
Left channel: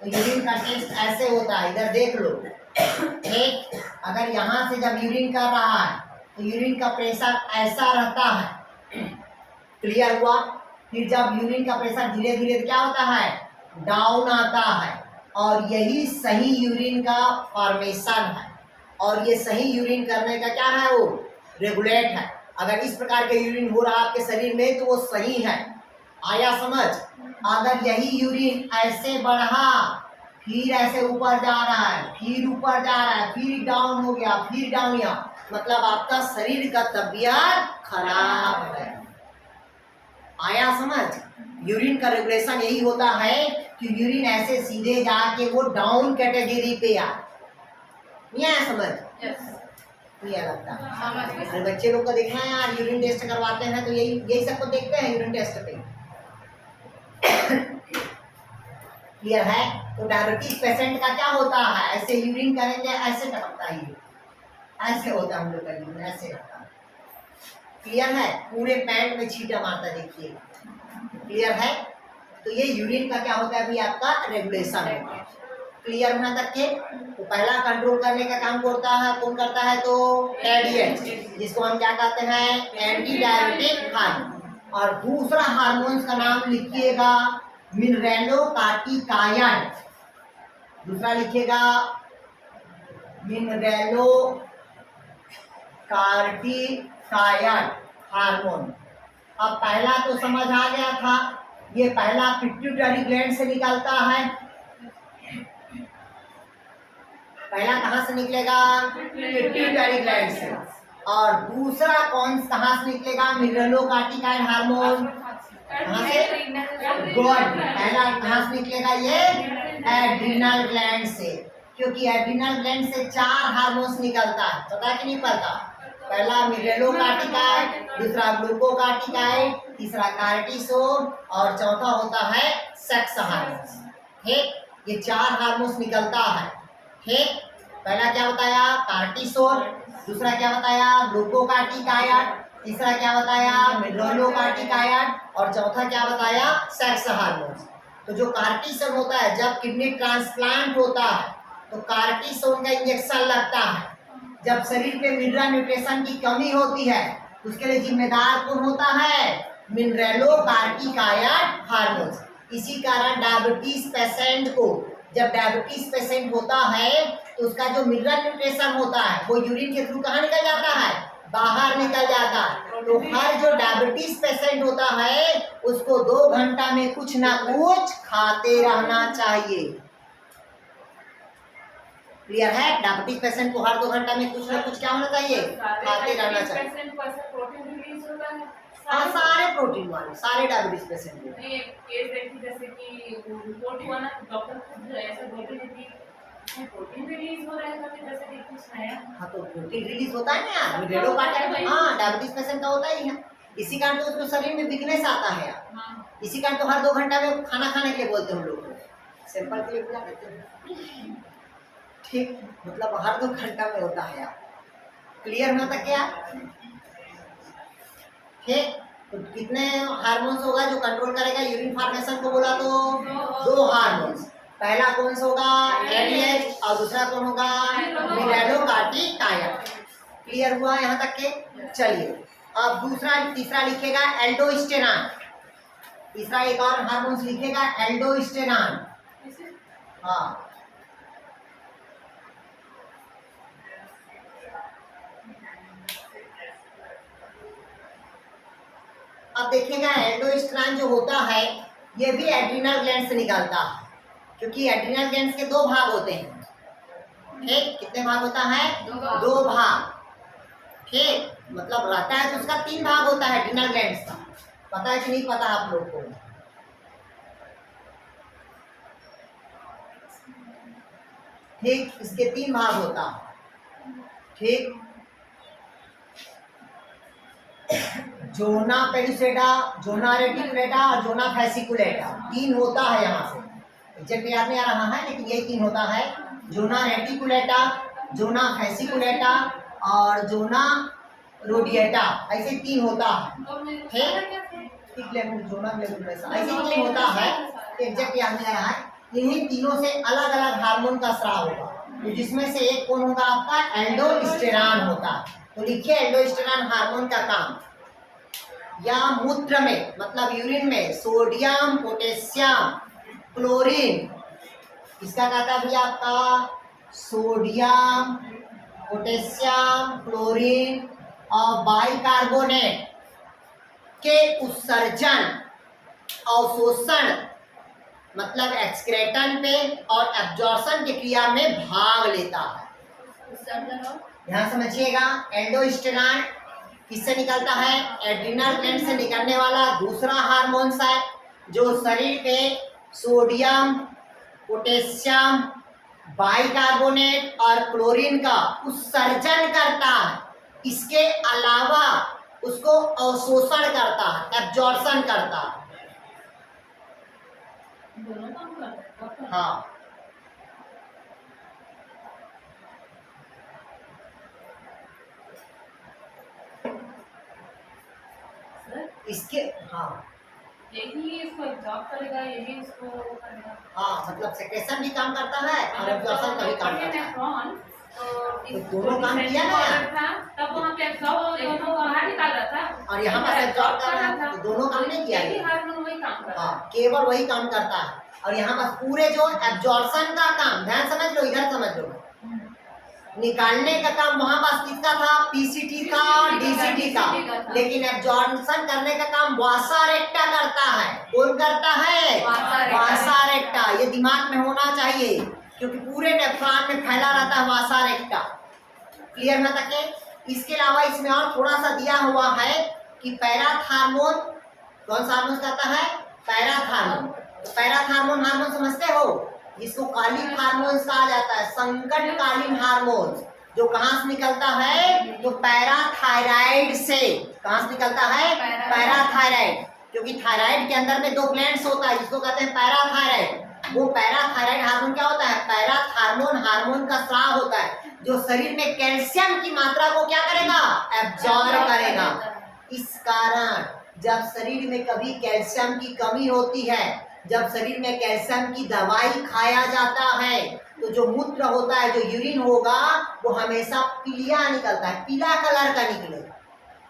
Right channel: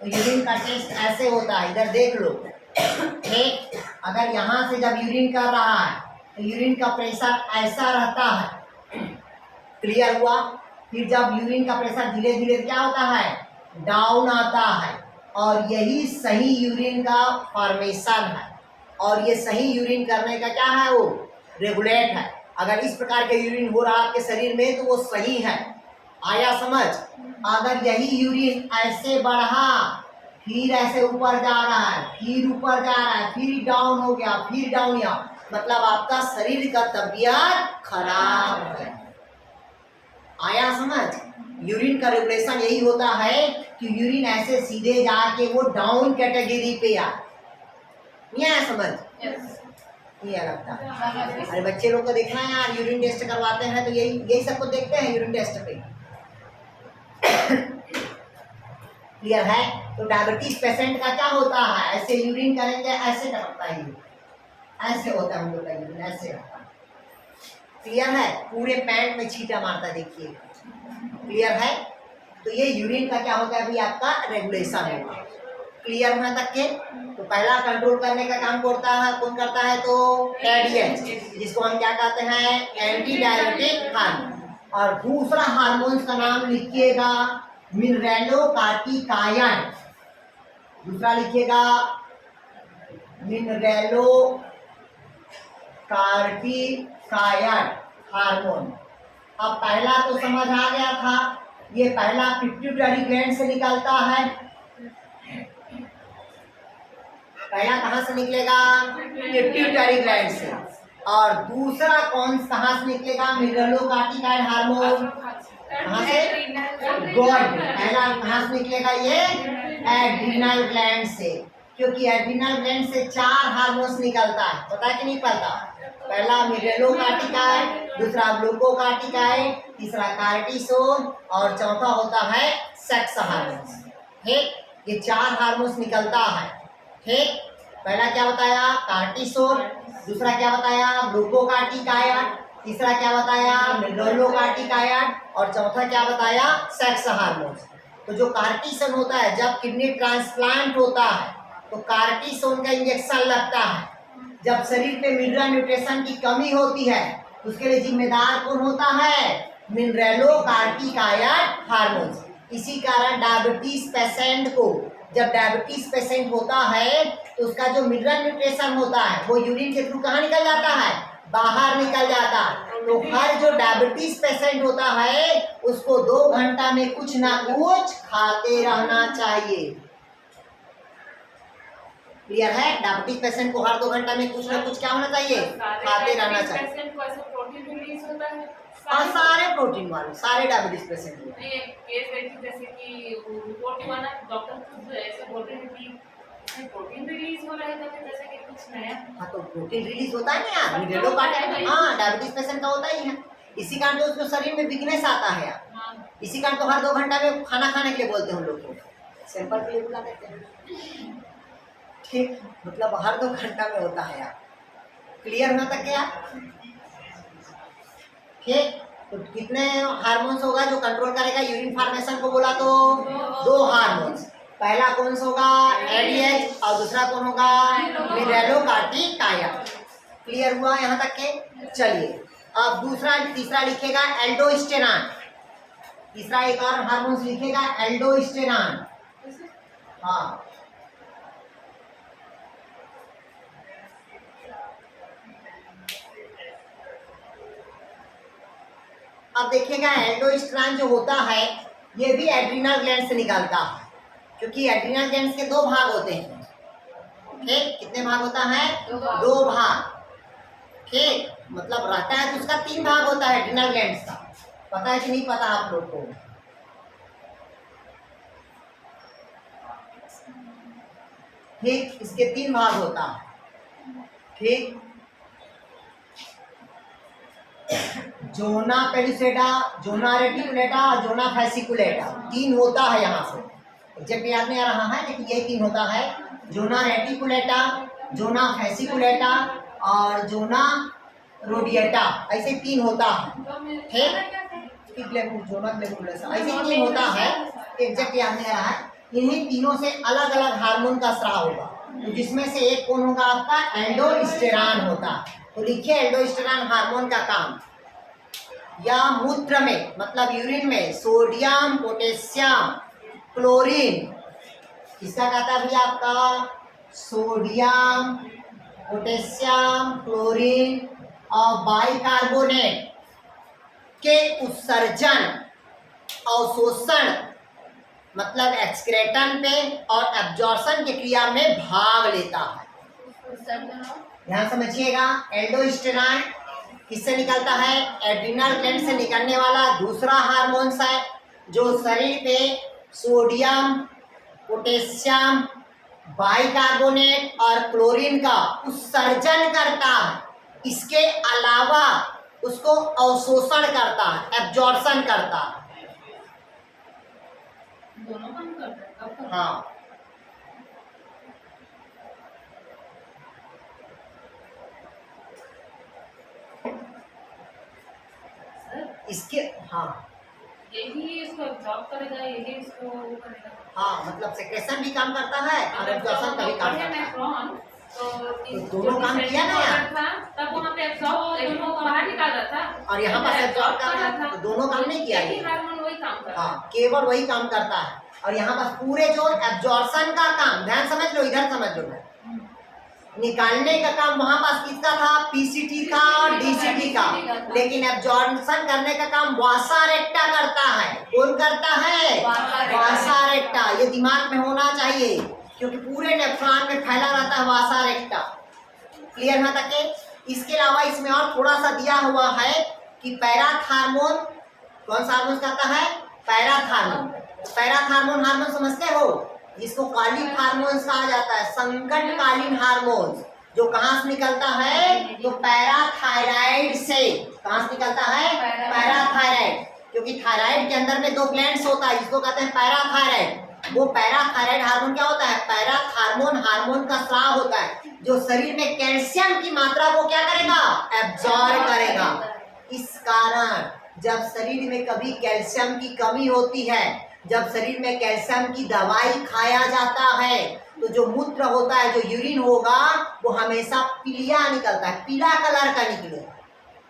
तो यूरिन का टेस्ट ऐसे होता है, इधर देख लो, ठीक। अगर यहाँ से जब यूरिन कर रहा है तो यूरिन का प्रेशर ऐसा रहता है, क्लियर हुआ। फिर जब यूरिन का प्रेशर धीरे धीरे क्या होता है, डाउन आता है, और यही सही यूरिन का फॉर्मेशन है, और ये सही यूरिन करने का क्या है, वो रेगुलेट है। अगर इस प्रकार के यूरिन हो रहा है आपके शरीर में तो वो सही है, आया समझ। अगर यही यूरिन ऐसे बढ़ा, फिर ऐसे ऊपर जा रहा है, फिर ऊपर जा रहा है, फिर डाउन हो गया, फिर डाउन या, मतलब आपका शरीर का तबीयत खराब है, आया समझ। यूरिन का रेगुलेशन यही होता है कि यूरिन ऐसे सीधे जाके वो डाउन कैटेगरी पे आ, नहीं आया समझ, ये लगता है। अरे बच्चे लोग को देखना है यार, यूरिन टेस्ट करवाते हैं तो यही सबको देखते हैं यूरिन टेस्ट पे, क्लियर है। तो डायबिटीज पेशेंट का क्या होता है, ऐसे यूरिन करेंगे ऐसे टपकता है, ऐसे होता है हम लोग का यूरिन, ऐसे होता है, क्लियर है। पूरे पैंट में छींटा मारता देखिए, क्लियर है। तो ये यूरिन का क्या होता है अभी आपका रेगुलेशन होगा, क्लियर होने तक के। तो पहला कंट्रोल करने का काम करता है, कौन करता है, तो एडीएच, जिसको हम क्या कहते हैं, एंटी डाययूरेटिक हार्मोन। और दूसरा हार्मोन का नाम लिखिएगा मिनरेलोकार्टिकायन, दूसरा लिखिएगा मिनरेलोकार्टिकायन हार्मोन। अब पहला तो समझ आ गया था, ये पहला पिट्यूटरी ग्लैंड से निकलता है, पहला कहाँ से निकलेगा, पिट्यूटरी ग्लैंड से। और दूसरा कहाँ से निकलेगा, मिनरेलोकार्टिकायन हार्मोन, कहाँ से, गुड। पहला कहाँ से निकलेगा, ये एड्रिनल ग्लैंड से, क्योंकि एड्रिनल ग्लैंड से 4 हार्मोन्स निकलता है, पता है कि नहीं पता। पहला मिनरेलोकार्टिकायन, दूसरा ग्लूकोकार्टिकायन, तीसरा कार्टिसोल, और चौथा होता है सेक्स हार्मोन्स, ठीक। ये 4 हार्मोन्स निकलता है, ठीक। पहला क्या बताया, कार्टिसोल, दूसरा क्या बताया, ग्लूकोकार्टिकायन, तीसरा क्या बताया, मिनरेलोकार्टिकायन, और चौथा क्या बताया, सेक्स हार्मोन्स। तो जो कार्टिसोन होता है, जब किडनी ट्रांसप्लांट होता है तो कार्टिसोन का इंजेक्शन लगता है। जब शरीर पे मिनरल न्यूट्रिशन की कमी होती है तो उसके लिए जिम्मेदार कौन होता है, मिनरेलोकार्टिकायन हार्मोन्स। इसी कारण डायबिटीज पेशेंट को, जब डायबिटीज पेशेंट होता है तो उसका जो मिनरल न्यूट्रिशन होता है वो यूरिन के थ्रू कहाँ निकल जाता है, बाहर निकल जाता है। तो हर जो डायबिटीज पेशेंट होता है उसको 2 घंटा में कुछ ना कुछ खाते रहना चाहिए, क्लियर है। डायबिटीज पेशेंट को हर 2 घंटा में कुछ ना कुछ क्या होना चाहिए, खाते रहना चाहिए। हाँ सारे प्रोटीन वाले, सारे डायबिटीज पेशेंट हुए। नहीं, एक केस देखी जैसे कि वो रिपोर्ट हुआ ना, डॉक्टर खुद ऐसे बोलते हैं कि इसमें प्रोटीन रिलीज हो रहा है कभी, जैसे कि कुछ नया। हाँ तो प्रोटीन रिलीज होता है ना यार, मिनरलों का हाँ डायबिटीज पेशेंट का होता ही है। इसी कारण तो उसको शरीर में वीकनेस आता है यार। हाँ। इसी कारण तो हर 2 घंटा में खाना खाने के लिए बोलते हैं हम लोग को, सैंपल के लिए बुला करते हैं। ठीक, मतलब हर 2 घंटा में होता है यार। क्लियर होना तक क्या? ठीक, तो कितने हार्मोन्स होगा जो कंट्रोल करेगा यूरिन फॉर्मेशन को? बोला तो 2 हार्मोन्स। पहला कौन सा होगा? एडीएच, और दूसरा कौन होगा? मिनरलोकार्टिकाइन। क्लियर हुआ यहाँ तक के? चलिए अब दूसरा तीसरा लिखेगा एल्डोस्टेरॉन। तीसरा एक और हार्मोन्स लिखेगा एल्डोस्टेरॉन। हाँ अब देखिएगा एल्डोस्टेरॉन जो होता है ये भी एड्रिनल ग्लैंड से निकलता है, क्योंकि एड्रिनल ग्लैंड के 2 भाग होते हैं। ठीक, कितने भाग होता है? 2 भाग। ठीक, मतलब रहता है तो उसका 3 भाग होता है एड्रिनल ग्लैंड का। पता है कि नहीं पता आप लोग को? ठीक, इसके 3 भाग होता है। ठीक, जोना पेलिसेटा, जोना रेटिकुलेटा और जोना फैसिकुलेटा, 3 होता है यहाँ से। एग्जैक्ट याद नहीं आ रहा है लेकिन यही 3 होता है। जोना रेटिकुलेटा, जोना फैसिकुलेटा और जोना रोडिएटा, ऐसे 3 होता है। ठीक, जोना ग्लैंडुलेसा ऐसे 3 होता है। एग्जैक्ट याद नहीं आ रहा है। इन्हीं तीनों से अलग अलग हार्मोन का स्राव होगा, तो जिसमें से एक कौन होगा? आपका एल्डोस्टेरॉन होता। तो लिखिए एल्डोस्टेरॉन हार्मोन का काम या मूत्र में मतलब यूरिन में सोडियम, पोटेशियम, क्लोरीन, किसका कहता है भैया? आपका सोडियम, पोटेशियम, क्लोरीन और बाइकार्बोनेट के उत्सर्जन, अवशोषण मतलब एक्सक्रेटन पे और एब्जॉर्प्शन की क्रिया में भाग लेता है। ध्यान समझिएगा, एल्डोस्टेरॉन किससे निकलता है? एड्रिनल ग्लैंड से निकलने वाला दूसरा हार्मोन्स है जो शरीर पे सोडियम, पोटेशियम, बाइकार्बोनेट और क्लोरीन का उत्सर्जन करता है। इसके अलावा उसको अवशोषण करता है, एब्जॉर्प्शन करता है। दोनों काम करता है। हाँ इसके हाँ यही इसको एब्जॉर्ब करेगा, यही इसको वो करेगा। हाँ मतलब सेक्रेशन भी काम करता है और एब्जॉर्प्शन का भी काम करता है। तो दोनों काम किया ना यार। तब वहाँ पे एब्जॉर्ब दोनों को बाहर निकाला था और यहाँ पर एब्जॉर्ब कर रहा है, तो दोनों काम नहीं किया यही हार्मोन वही काम करता है। हाँ केवल वही काम करता है। और यहाँ पर पूरे जो एब्जॉर्प्शन का काम, ध्यान समझ लो, इधर समझ लो, निकालने का काम वहां पास किसका था? पीसीटी था, डीसीटी का। लेकिन एब्जॉर्प्शन करने का काम वासा रेक्टा करता है। कौन करता है? वासा रेक्टा। ये दिमाग में होना चाहिए क्योंकि पूरे नेफ्रॉन में फैला रहता है वासा रेक्टा। क्लियर ना तक? इसके अलावा इसमें और थोड़ा सा दिया हुआ है कि पैराथार्मोन, कौन सा हार्मोन कहता है? पैराथार्मोन। पैराथार्मोन हार्मोन समझते हो? जिसको कालिक हार्मोन्स कहा जाता है, संकटकालीन हार्मोन्स, जो कहाँ से निकलता है? तो पैराथायराइड से। कहाँ से निकलता है? पैराथायराइड। क्योंकि थायराइड के अंदर में 2 ग्लैंड्स होता है जिसको कहते हैं पैराथायराइड। वो पैराथायराइड हार्मोन क्या होता है? पैराथार्मोन हार्मोन का स्राव होता है जो शरीर में कैल्शियम की मात्रा को क्या करेगा? एब्जॉर्ब करेगा। इस कारण जब शरीर में कभी कैल्शियम की कमी होती है, जब शरीर में कैल्शियम की दवाई खाया जाता है, तो जो मूत्र होता है, जो यूरिन होगा, वो हमेशा पीलिया निकलता है, पीला कलर का निकलेगा।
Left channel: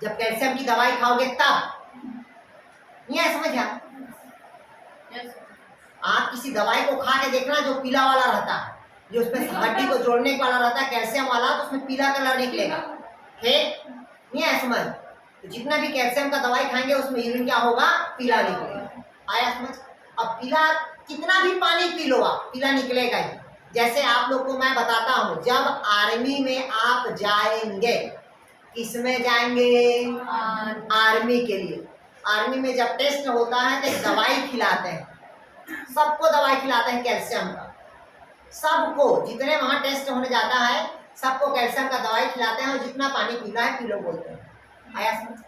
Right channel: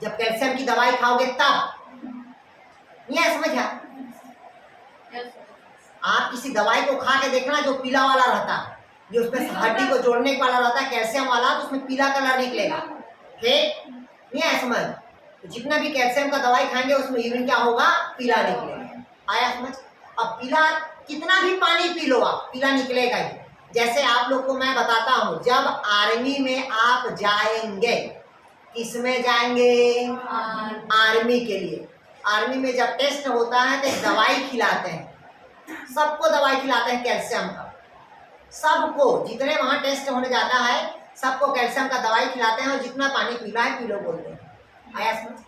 जब कैल्शियम की दवाई खाओगे तब। ये समझा? आप किसी दवाई को खा के देखना जो पीला वाला रहता है, जो उसमें हड्डी को जोड़ने वाला रहता है, कैल्शियम वाला, तो उसमें पीला कलर निकलेगा। ठीक नहीं है? समझ? तो जितना भी कैल्शियम का दवाई खाएंगे उसमें यूरिन क्या होगा? पीला निकलेगा। आया समझ? अब पीला कितना भी पानी पी लो आप, पीला निकलेगा ही। जैसे आप लोग को मैं बताता हूँ, जब आर्मी में आप जाएंगे, इसमें जाएंगे आर्मी के लिए। आर्मी में जब टेस्ट होता है तो एक दवाई खिलाते हैं, सबको दवाई खिलाते हैं कैल्शियम का, सबको जितने वहाँ टेस्ट होने जाता है सबको कैल्शियम का दवाई खिलाते हैं और जितना पानी पीना है पी लो बोलते हैं। आया समझ?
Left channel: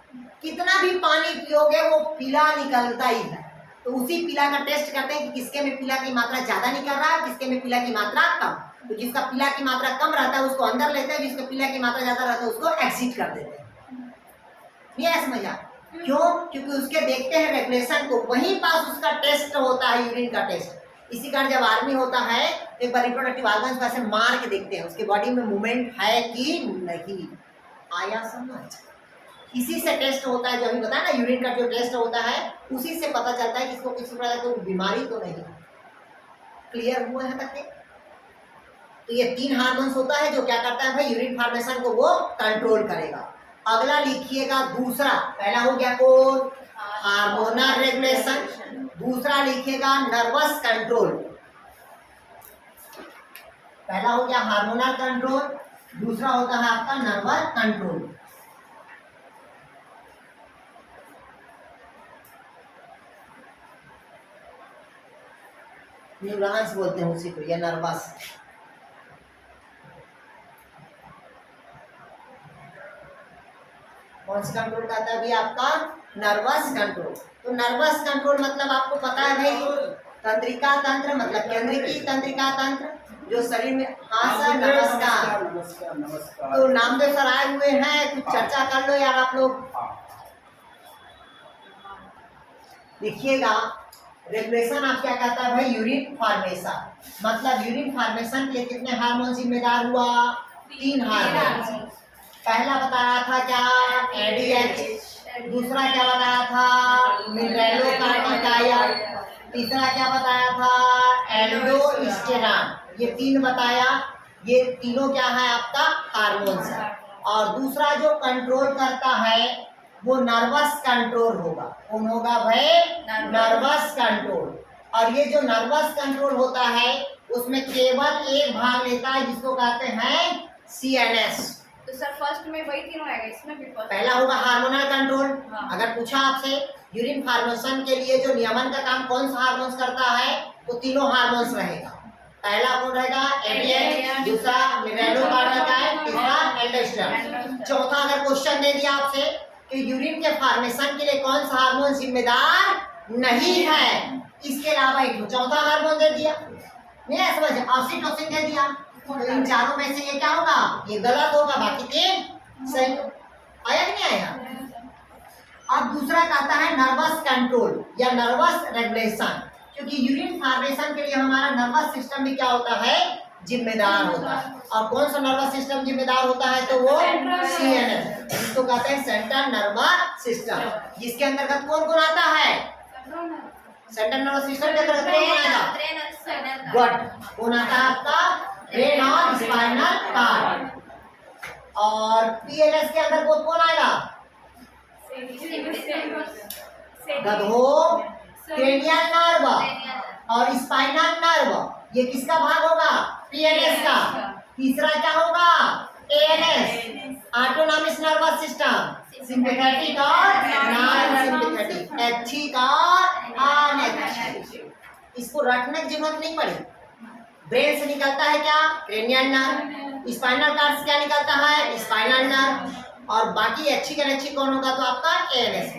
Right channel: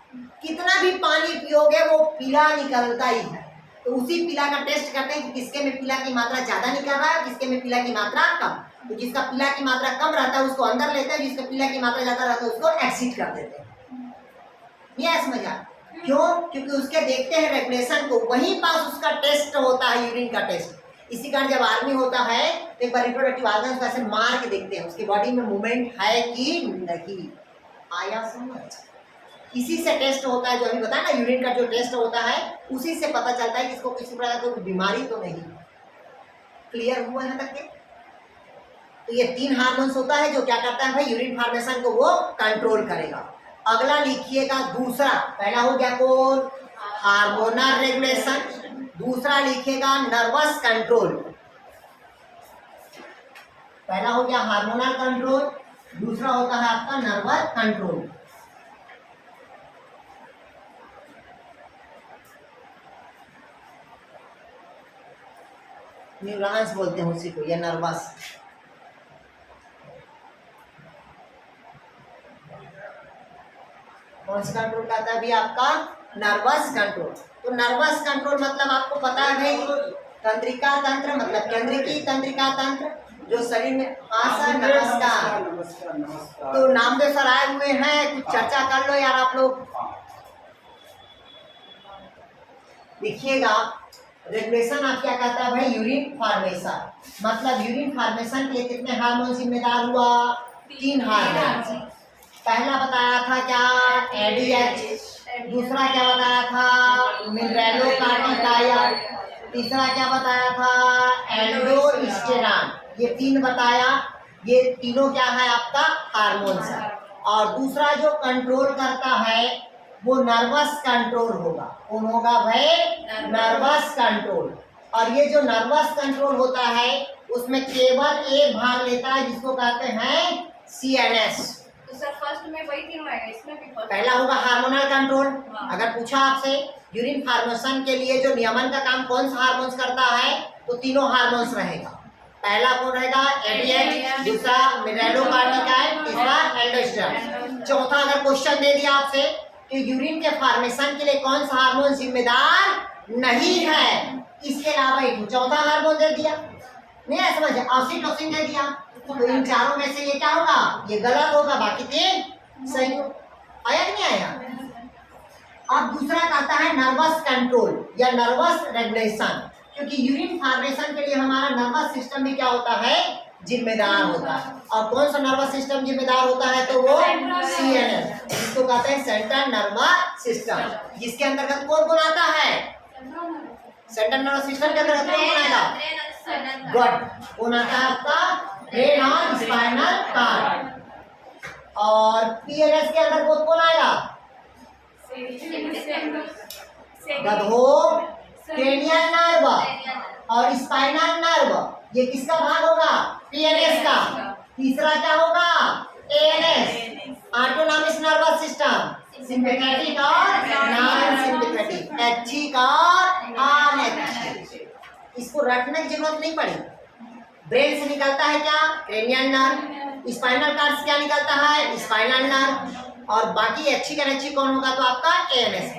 कितना भी पानी पियोगे वो पीला निकलता ही है। तो उसी पीला का टेस्ट करते हैं कि किसके में पीला की मात्रा ज्यादा निकल रहा है, किसके में पीला की मात्रा कम। तो जिसका पीला की मात्रा कम रहता है उसको अंदर लेते हैं, जिसका पीला की मात्रा ज्यादा रहता है उसको एग्जिट कर देते हैं। ये समझ आ? क्यों? क्योंकि उसके देखते हैं रेगुलेशन को, वहीं पास उसका टेस्ट होता है, यूरिन का टेस्ट। इसी कारण जब आर्मी होता है तो एक बार रिप्रोडक्टिव ऑर्गन्स को ऐसे मार के देखते हैं उसके बॉडी में मूवमेंट है कि नहीं। आया समझ? इसी से टेस्ट होता है, जो अभी बताया ना यूरिन का जो टेस्ट होता है उसी से पता चलता है कि इसको किसी प्रकार की बीमारी तो नहीं। क्लियर हुआ है तक के? तो ये 3 हार्मोन्स होता है जो क्या करता है भाई, यूरिन फॉर्मेशन को वो कंट्रोल करेगा। अगला लिखिएगा दूसरा, पहला हो गया कौन? Hormonal regulation. दूसरा लिखिएगा नर्वस कंट्रोल। पहला हो गया हार्मोनल कंट्रोल, दूसरा होता है आपका नर्वस कंट्रोल। न्यूरॉन्स बोलते हैं उसी को, या नर्वस। कौन सा कंट्रोल करता है अभी आपका? Nervous control. तो नर्वस कंट्रोल मतलब आपको पता है भाई, तंत्रिका तंत्र मतलब केंद्रीय तंत्रिका तंत्र जो शरीर में। हाँ सर नमस्कार। नमस्कार। तो नामदेव सर आए हुए हैं, कुछ चर्चा कर लो यार आप लोग। देखिएगा रेगुलेशन आप क्या कहता है भाई, यूरिन फॉर्मेशन। मतलब यूरिन फॉर्मेशन के लिए कितने हार्मोन जिम्मेदार हुआ? 3 हार्मोन। पहला बताया था क्या? एडीएच। दूसरा क्या बताया था? मिनरेलोकार्टिकाइन। तीसरा क्या बताया था? एल्डोस्टेरॉन। ये 3 बताया। ये तीनों क्या है आपका? हार्मोन्स है। और दूसरा जो कंट्रोल करता है वो नर्वस कंट्रोल होगा। कौन होगा भाई? Nervous control. और ये जो नर्वस कंट्रोल होता है उसमें केवल एक भाग लेता है जिसको कहते हैं CNS। तो सर फर्स्ट में वही तीनों आएगा, इसमें भी फर्स्ट। पहला होगा हार्मोनल कंट्रोल। हाँ। अगर पूछा आपसे यूरिन फॉर्मेशन के लिए जो नियमन का काम कौन सा हार्मोन्स करता है तो तीनों हार्मोन्स रहेगा। पहला कौन रहेगा? एडीएच, दूसरा मिनरेलोकार्टिकाइन, तीसरा एल्डोस्टेरॉन। चौथा अगर क्वेश्चन दे दिया आपसे तो यूरिन के फॉर्मेशन के लिए कौन सा हार्मोन जिम्मेदार नहीं है, इसके अलावा एक चौथा हार्मोन दे दिया, नहीं है समझ? ऑक्सीटोसिन दे दिया। तो इन चारों में से ये क्या होगा? ये गलत होगा, बाकी 3 सही हो। आया कि नहीं आया? अब दूसरा कहता है नर्वस कंट्रोल या नर्वस रेगुलेशन, क्योंकि यूरिन फॉर्मेशन के लिए हमारा नर्वस सिस्टम भी क्या होता है? जिम्मेदार होता है। और कौन सा नर्वस सिस्टम जिम्मेदार होता है तो वो CNS, जिसको कहते हैं सेंट्रल नर्वस सिस्टम, जिसके अंतर्गत कौन कौन आता है? सेंट्रल नर्वस सिस्टम के अंतर्गत कौन आएगा? गुड। कौन आता है आपका? ब्रेन और स्पाइनल कॉर्ड। और PNS के अंदर कौन आएगा? गधो, क्रेनियल नर्व और स्पाइनल नर्व। ये किसका भाग होगा? PNS का। तीसरा क्या होगा? ANS, autonomic nervous system, sympathetic और नॉन सिंपैथेटिक, ऐच्छिक और अनैच्छिक। इसको रखने की जरूरत नहीं पड़ी। ब्रेन से निकलता है क्या? Cranial nerve. स्पाइनल कॉर्ड से क्या निकलता है? Spinal nerve. और बाकी ऐच्छिक अनैच्छिक कौन होगा तो आपका ANS।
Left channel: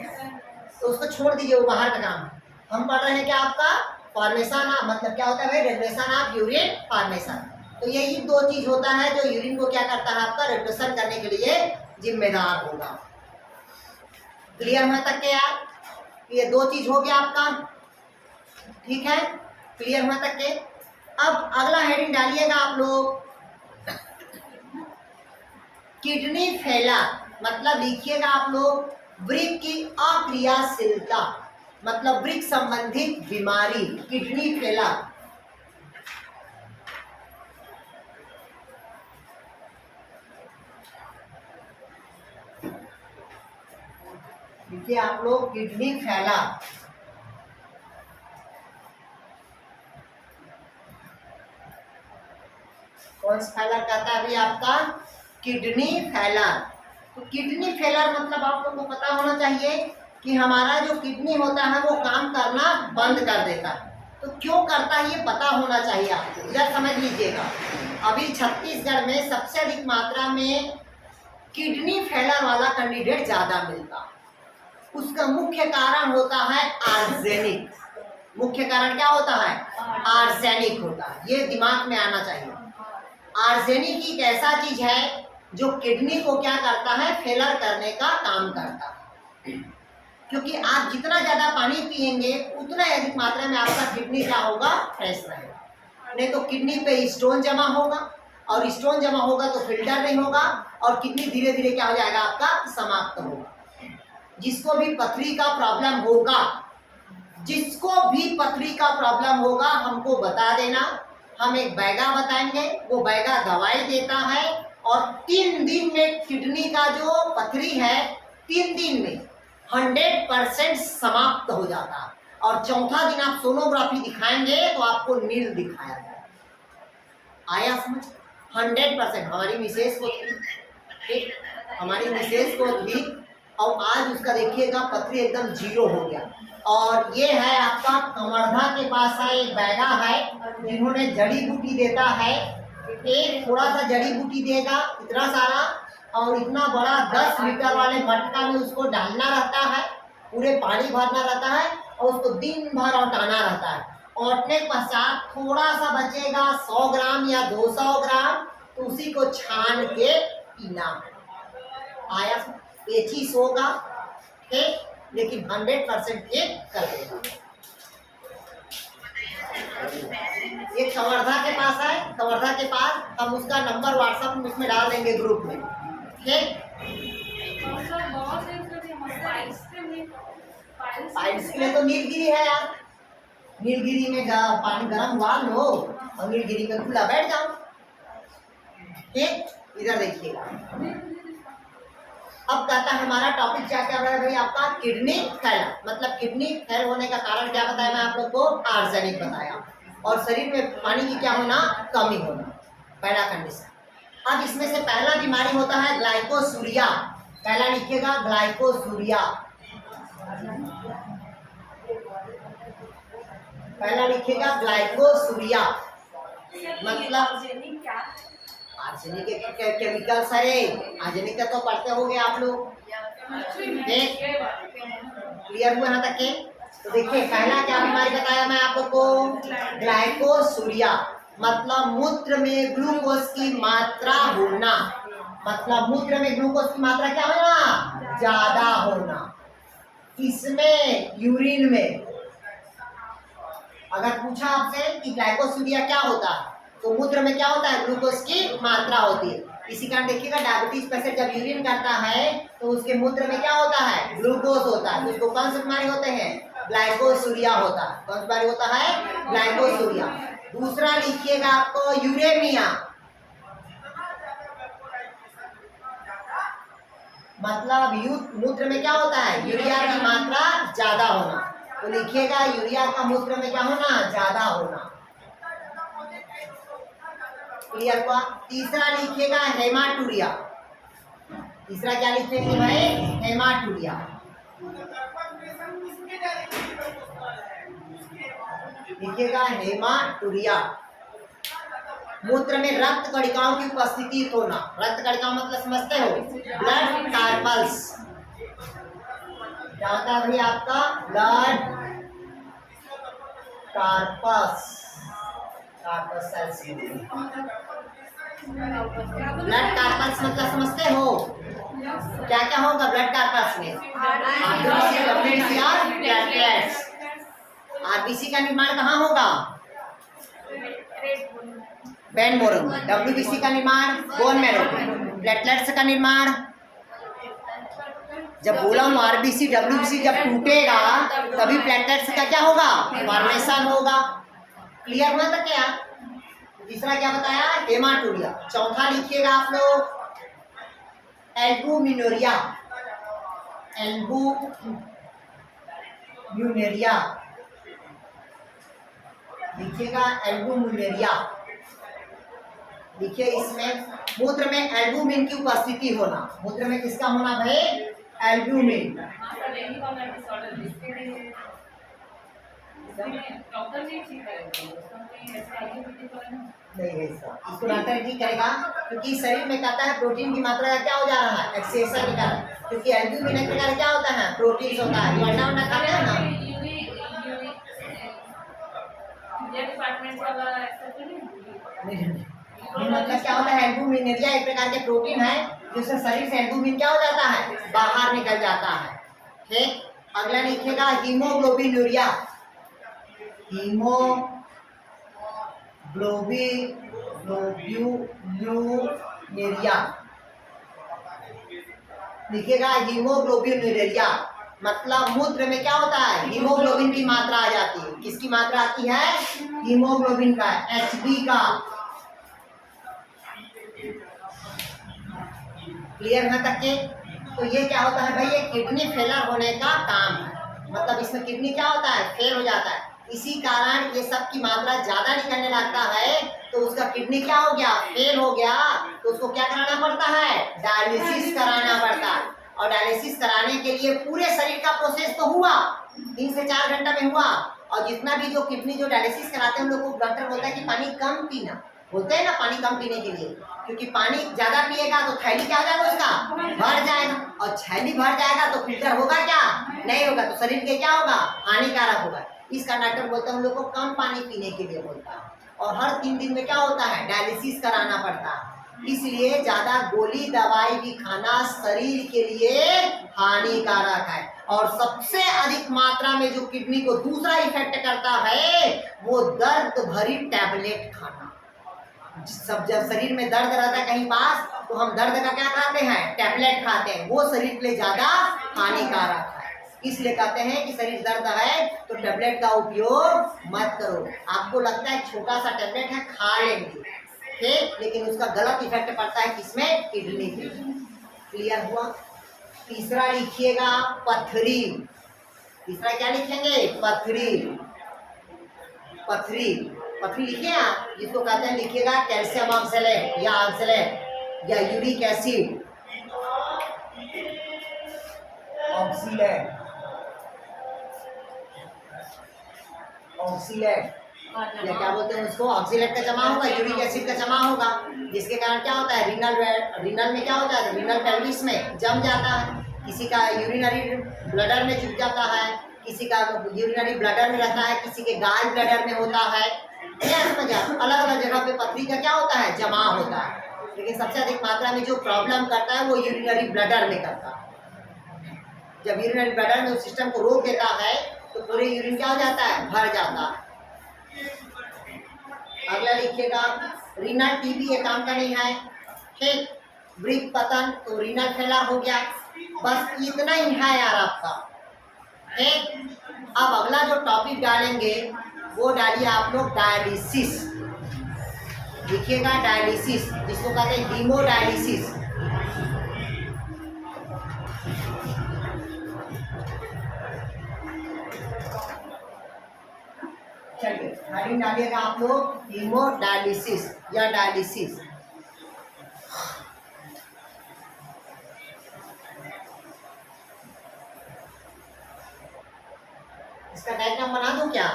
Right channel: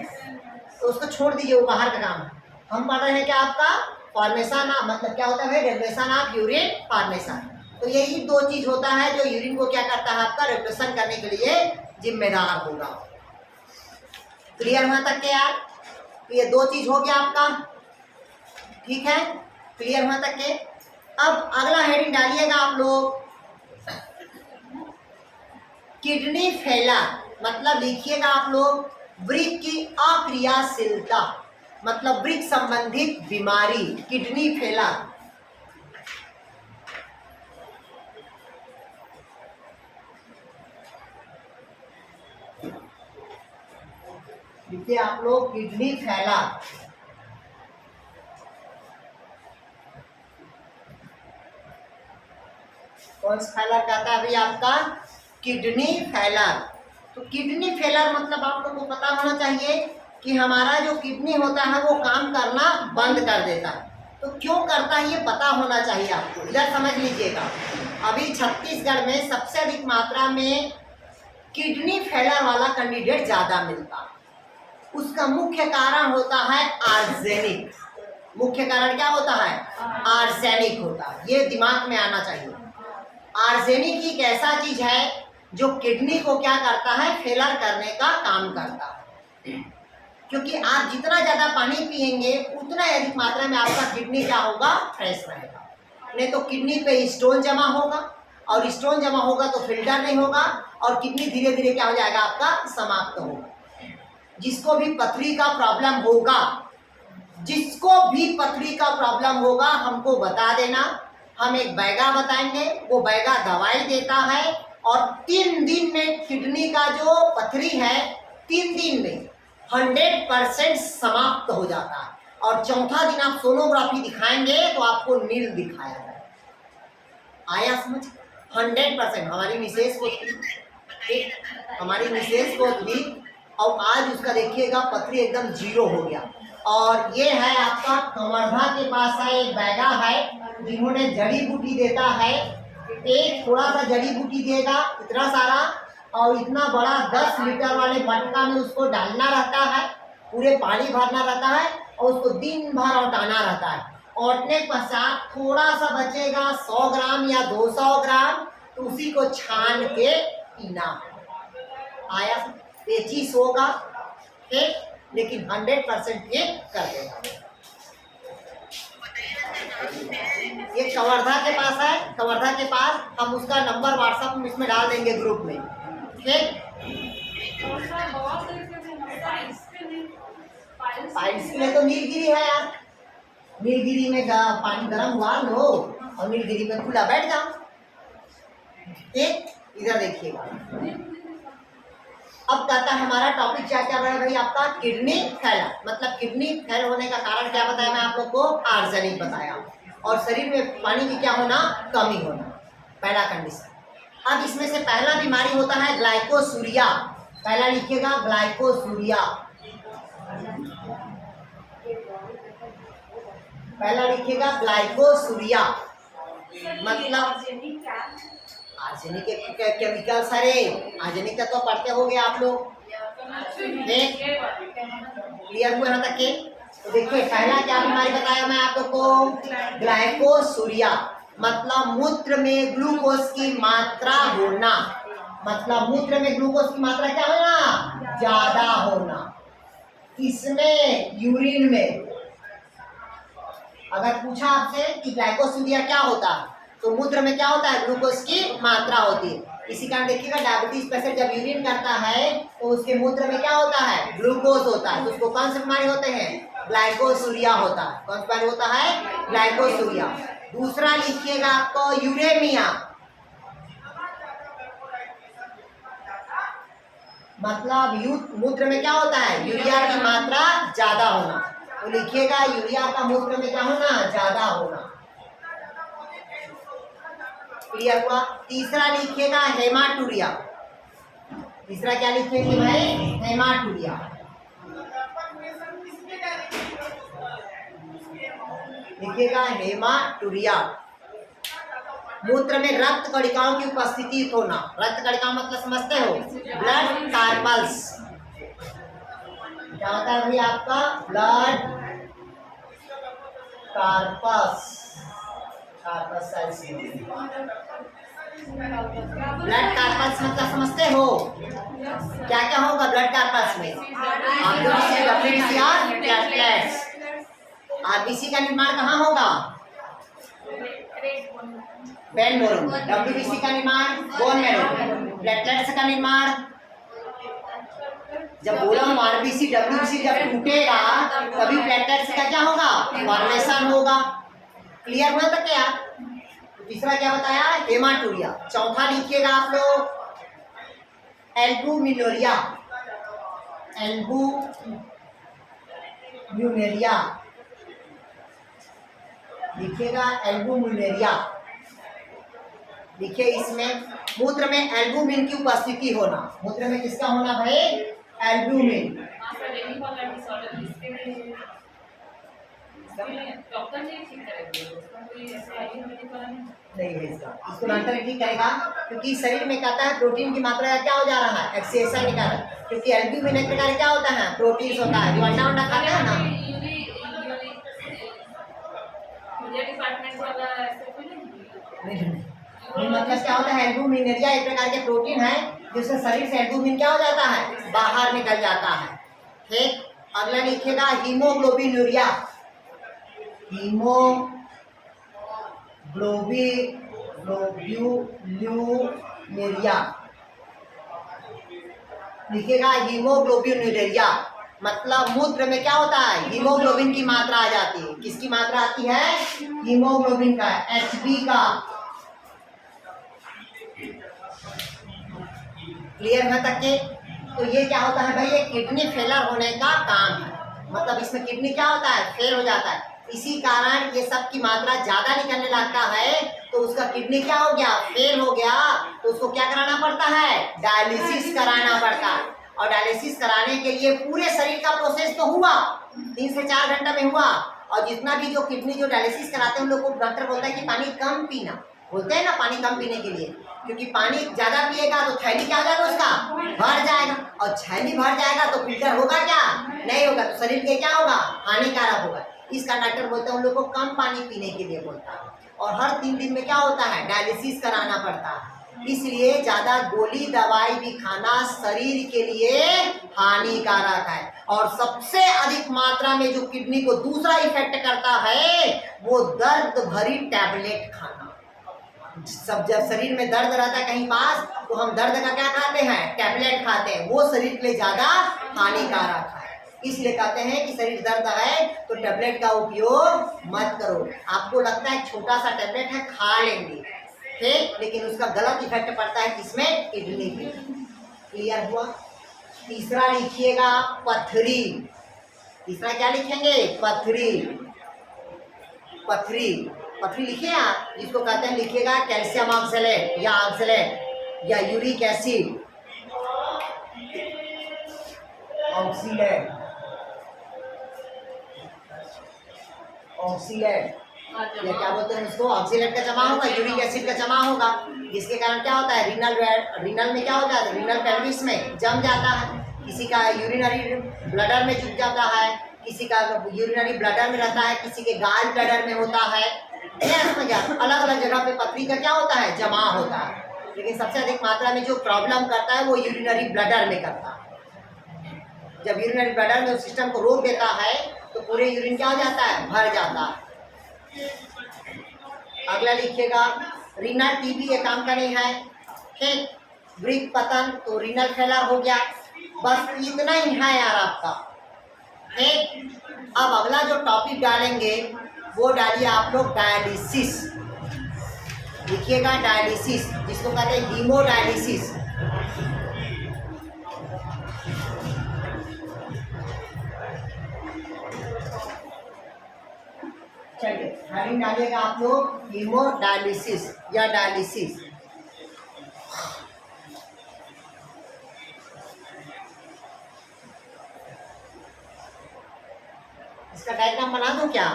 तो उसको छोड़ दीजिए, वो बाहर का काम है। हम पढ़ रहे हैं क्या आपका? फॉर्मेशन, मतलब क्या होता है? Regulation of urine formation. तो यही 2 चीज होता है जो यूरिन को क्या करता है आपका? रेगुलेशन करने के लिए जिम्मेदार होगा। क्लियर हुआ तक के यार? तो ये 2 चीज हो गया आपका, ठीक है? क्लियर हुआ तक के? अब अगला हेडिंग डालिएगा आप लोग, किडनी फेलर। मतलब लिखिएगा आप लोग वृक्क की अक्रियाशीलता, मतलब वृक्क संबंधित बीमारी, किडनी फेलर। लिखिए आप लोग किडनी फेलर। कौन सा फेलर कहता है अभी आपका? Kidney failure. तो किडनी फेलर मतलब आप लोग को पता होना चाहिए कि हमारा जो किडनी होता है वो काम करना बंद कर देता है। तो क्यों करता है ये पता होना चाहिए आपको। इधर समझ लीजिएगा, अभी छत्तीसगढ़ में सबसे अधिक मात्रा में किडनी फेलर वाला कैंडिडेट ज़्यादा मिलता है। उसका मुख्य कारण होता है आर्सेनिक। मुख्य कारण क्या होता है? आर्सेनिक होता है। ये दिमाग में आना चाहिए। आर्सेनिक एक ऐसा चीज है जो किडनी को क्या करता है? फेलर करने का काम करता है। क्योंकि आप जितना ज़्यादा पानी पिएंगे उतना अधिक मात्रा में आपका किडनी क्या होगा? फ्रेश रहेगा। नहीं तो किडनी पे स्टोन जमा होगा, और स्टोन जमा होगा तो फिल्टर नहीं होगा, और किडनी धीरे धीरे क्या हो जाएगा? आपका समाप्त होगा। जिसको भी पथरी का प्रॉब्लम होगा, जिसको भी पथरी का प्रॉब्लम होगा हमको बता देना, हम एक बैगा बताएंगे। वो बैगा दवाई देता है और 3 दिन में किडनी का जो पथरी है 3 दिन में 100% समाप्त हो जाता है। और चौथा दिन आप सोनोग्राफी दिखाएंगे तो आपको नील दिखाया जाएगा। आया समझ? 100%। हमारी मिसेज को थी, हमारी मिसेज को थी, और आज उसका देखिएगा पथरी एकदम 0 हो गया। और ये है आपका कमरधा के पास है एक बैगा है, जिन्होंने जड़ी बूटी देता है। एक थोड़ा सा जड़ी बूटी देगा इतना सारा, और इतना बड़ा 10 लीटर वाले मटका में उसको डालना रहता है, पूरे पानी भरना रहता है, और उसको दिन भर औटाना रहता है। औटने पश्चात थोड़ा सा बचेगा 100 ग्राम या 200 ग्राम, तो उसी को छान के पीना। आया? ये चीज होगा ठीक, लेकिन 100% ठीक कर देगा। ये कवर्धा के पास है, कवर्धा के पास। हम उसका नंबर व्हाट्सएप में इसमें डाल देंगे ग्रुप में, ठीक। पाइल्स के लिए तो नीलगिरी है यार। नीलगिरी में पानी गर्म हुआ लो, और नीलगिरी में खुला बैठ जाओ, ठीक। इधर देखिएगा, अब कहता है हमारा टॉपिक क्या क्या रहा है भाई? आपका किडनी फेल। मतलब किडनी फेल होने का कारण क्या बताया मैं आप लोग को? आर्सेनिक बताया। और शरीर में पानी की क्या होना? कमी होना, पहला कंडीशन। अब इसमें से पहला बीमारी होता है ग्लाइकोसूरिया। पहला लिखिएगा ग्लाइकोसूरिया। पहला लिखिएगा ग्लाइकोसूरिया। मतलब आर्सेनिक के केमिकल सारे, आर्सेनिक का तो पढ़ते होंगे आप लोग, क्लियर हुआ यहाँ तक के? तो देखिए पहला क्या बीमारी बताया मैं आप लोग को? ग्लाइकोसूरिया। मतलब मूत्र में ग्लूकोज की मात्रा होना। मतलब मूत्र में ग्लूकोज की मात्रा क्या होना? ज्यादा होना। किसमें? यूरिन में। अगर पूछा आपसे कि ग्लाइकोसूरिया क्या होता है, तो मूत्र में क्या होता है? ग्लूकोज की मात्रा होती है। इसी कारण देखिएगा डायबिटीज पेशेंट जब यूरिन करता है तो उसके मूत्र में क्या होता है? ग्लूकोज होता है। तो उसको कौन से बीमारी होते हैं? ग्लाइकोसूरिया होता है। कौन सी बीमारी होता है? ग्लाइकोसूरिया। दूसरा लिखिएगा आपको यूरेमिया। मतलब मूत्र में क्या होता है? यूरिया की मात्रा ज्यादा होना। तो लिखिएगा यूरिया का मूत्र में क्या होना? ज्यादा होना। क्लियर हुआ? तीसरा लिखिएगा हेमाटूरिया। तीसरा क्या लिखेंगे भाई? हेमाटूरिया। लिखिएगा हेमाटूरिया। मूत्र में रक्त कणिकाओं की उपस्थिति होना। रक्त कणिका मतलब समझते हो? Blood corpuscles. क्या होता है भाई आपका? Blood corpus. Corpuscles. Blood corpus मतलब समझते हो? क्या क्या होगा ब्लड कार्पस में? आरबीसी, डब्ल्यूबीसी और प्लेटलेट्स। आरबीसी का निर्माण कहाँ होगा? Bone marrow. डब्ल्यूबीसी का निर्माण बोन मैरो। प्लेटलेट्स का निर्माण, जब बोला हूँ आरबीसी डब्ल्यूबीसी जब टूटेगा तभी प्लेटलेट्स का क्या होगा? फॉर्मेशन होगा। क्लियर हुआ था क्या? तीसरा क्या बताया? हेमाटूरिया। चौथा लिखिएगा आप लोग एल्बुमिनुरिया। एल्बुमिनुरिया लिखिएगा, एल्बुमिनुरिया। देखिए इसमें मूत्र में एल्बुमिन की उपस्थिति होना, मूत्र में किसका होना भाई? एल्बुमिन। हाँ सर, यही वाला डिसऑर्डर इसके लिए डॉक्टर ने ठीक करेंगे, उसका कोई ऐसे आयुर्वेदिक वाला नहीं है इसका, इसको डॉक्टर ठीक करेगा क्योंकि शरीर में कहता है प्रोटीन की मात्रा क्या हो जा रहा है, एक्सेसिव निकल रहा है, क्योंकि एल्बुमिन एक प्रकार क्या होता है, प्रोटीन होता है, जो अंडा अंडा खाते हैं ना। डिपार्टमेंट वाला ऐसा तो नहीं मतलब क्या होता है, एल्बुमिनेरिया एक प्रकार के प्रोटीन है जिससे शरीर से एल्बुमिन क्या हो जाता है, बाहर निकल जाता है। ठीक, अगला लिखिएगा हीमोग्लोबिनूरिया। हीमोग्लोबिनूरिया लिखिएगा, हीमोग्लोबिनूरिया मतलब मूत्र में क्या होता है, हीमोग्लोबिन की मात्रा आ जाती है। किसकी मात्रा आती है? हीमोग्लोबिन का, Hb का। क्लियर है तक के? तो ये क्या होता है भाई, ये किडनी फेलर होने का काम है, मतलब इसमें किडनी क्या होता है, फेल हो जाता है। इसी कारण ये सब की मात्रा ज्यादा निकलने लगता है, तो उसका किडनी क्या हो गया, फेल हो गया, तो उसको क्या कराना पड़ता है, डायलिसिस कराना पड़ता है। और डायलिसिस कराने के लिए पूरे शरीर का प्रोसेस तो हुआ, 3 से 4 घंटा में हुआ। और जितना भी जो किडनी जो डायलिसिस कराते हैं उन लोग को डॉक्टर बोलता है कि पानी कम पीना, बोलते हैं ना पानी कम पीने के लिए, क्योंकि पानी ज्यादा पिएगा तो थैली क्या हो जाएगा, उसका भर जाएगा, और थैली भर जाएगा तो फिल्टर होगा क्या, नहीं होगा, तो शरीर के क्या होगा, हानिकारक होगा। इस कारण डॉक्टर बोलते हैं उन लोग को कम पानी पीने के लिए बोलता है। और हर 3 दिन में क्या होता है, डायलिसिस कराना पड़ता है। इसलिए ज्यादा गोली दवाई भी खाना शरीर के लिए हानिकारक है। और सबसे अधिक मात्रा में जो किडनी को दूसरा इफेक्ट करता है वो दर्द भरी टैबलेट खाना। सब जब शरीर में दर्द रहता है कहीं पास, तो हम दर्द का क्या खाते हैं, टैबलेट खाते हैं, वो शरीर के लिए ज्यादा हानिकारक है। इसलिए कहते हैं कि शरीर दर्द है तो टैबलेट का उपयोग मत करो। आपको लगता है छोटा सा टैबलेट है, खा लेंगे, ठीक, लेकिन उसका गलत इफेक्ट पड़ता है किसमें, किडनी पे। क्लियर हुआ? तीसरा लिखिएगा पथरी। तीसरा क्या लिखेंगे, पथरी। पथरी, पथरी लिखिए आप, जिसको कहते हैं लिखिएगा कैल्शियम ऑक्सलेट या ऑक्सलेट या यूरिक एसिड ऑक्सीलेट, ऑक्सीलेट या क्या बोलते हैं उसको, ऑक्सीलेट का जमा होगा, यूरिक एसिड का जमा होगा, जिसके कारण क्या होता है, रीनल में क्या होता है, रीनल पेल्विस में जम जाता है। किसी का यूरिनरी ब्लडर में जुट जाता है, किसी का यूरिनरी ब्लडर में रहता है, किसी के गाल ब्लडर में होता है। अलग अलग जगह पे पथरी का क्या होता है, जमा होता है। लेकिन सबसे अधिक मात्रा में जो प्रॉब्लम करता है वो यूरिनरी ब्लडर में करता है। जब यूरिनरी ब्लडर में उस सिस्टम को रोक देता है तो पूरे यूरिन क्या हो जाता है, भर जाता है। अगला लिखिएगा रीनल टीबी, ये काम का नहीं है, ठीक। वृक्क पतन, तो रीनल फेलर हो गया। बस इतना ही है यार आपका, ठीक। अब अगला जो टॉपिक डालेंगे वो डालिए आप लोग डायलिसिस। लिखिएगा डायलिसिस, जिसको कहते हैं हीमोडायलिसिस। चलिए हेडिंग डालिएगा आप लोग हीमोडायलिसिस या डायलिसिस। इसका डायग्राम बना दूं क्या?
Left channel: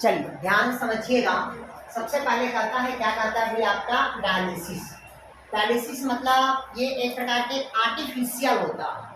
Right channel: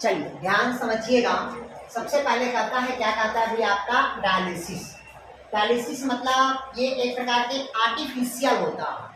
चलिए ध्यान समझिएगा। सबसे पहले कहता है, क्या कहता है भाई आपका, डायलिसिस। डायलिसिस मतलब ये एक प्रकार के आर्टिफिशियल होता है।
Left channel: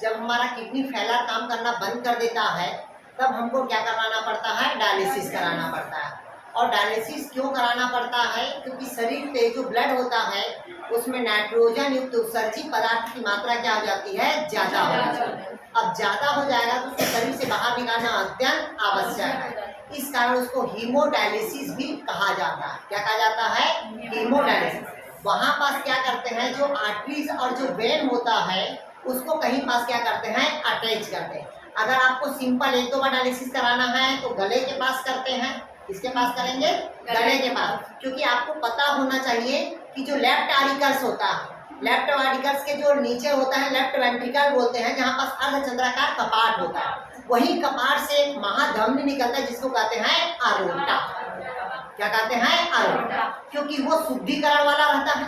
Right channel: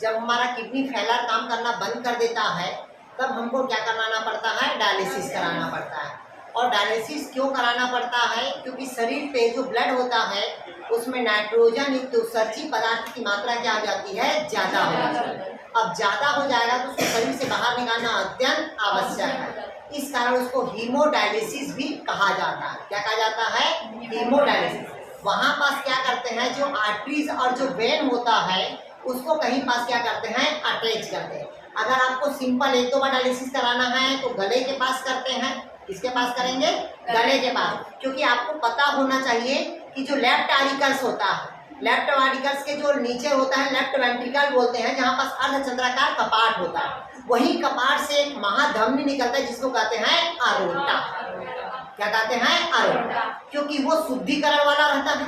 जब हमारा किडनी फेलर काम करना बंद कर देता है तब हमको क्या कराना पड़ता है, डायलिसिस कराना पड़ता है। और डायलिसिस क्यों कराना पड़ता है, क्योंकि शरीर पे जो ब्लड होता है उसमें नाइट्रोजन युक्त उत्सर्जी पदार्थ की मात्रा क्या हो जाती है, ज़्यादा हो जाती है। अब ज़्यादा हो जाएगा तो उसको शरीर से बाहर निकालना अत्यंत आवश्यक है। इस कारण उसको हीमोडायलिसिस भी कहा जाता है। क्या कहा जाता है, हीमोडायलिसिस। वहाँ पास क्या करते हैं, जो आर्टरीज और जो वेन होता है उसको कहीं पास क्या करते हैं, अटैच करते हैं। अगर आपको सिंपल 1-2 बार डायलिसिस कराना है तो गले के पास करते हैं। किसके पास करेंगे, गले के पास, क्योंकि आपको पता होना चाहिए कि जो लेफ्ट आरिकल्स होता है लेफ्ट वेंट्रिकल्स के जो नीचे होता है लेफ्ट वेंट्रिकल बोलते हैं, जहाँ पास अर्धचंद्राकार कपाट होता है, वही कपाट से एक महाधमनी निकलता है जिसको कहते हैं अरोटा। क्या कहते हैं? अरोटा। क्योंकि वो शुद्धिकरण वाला रहता है,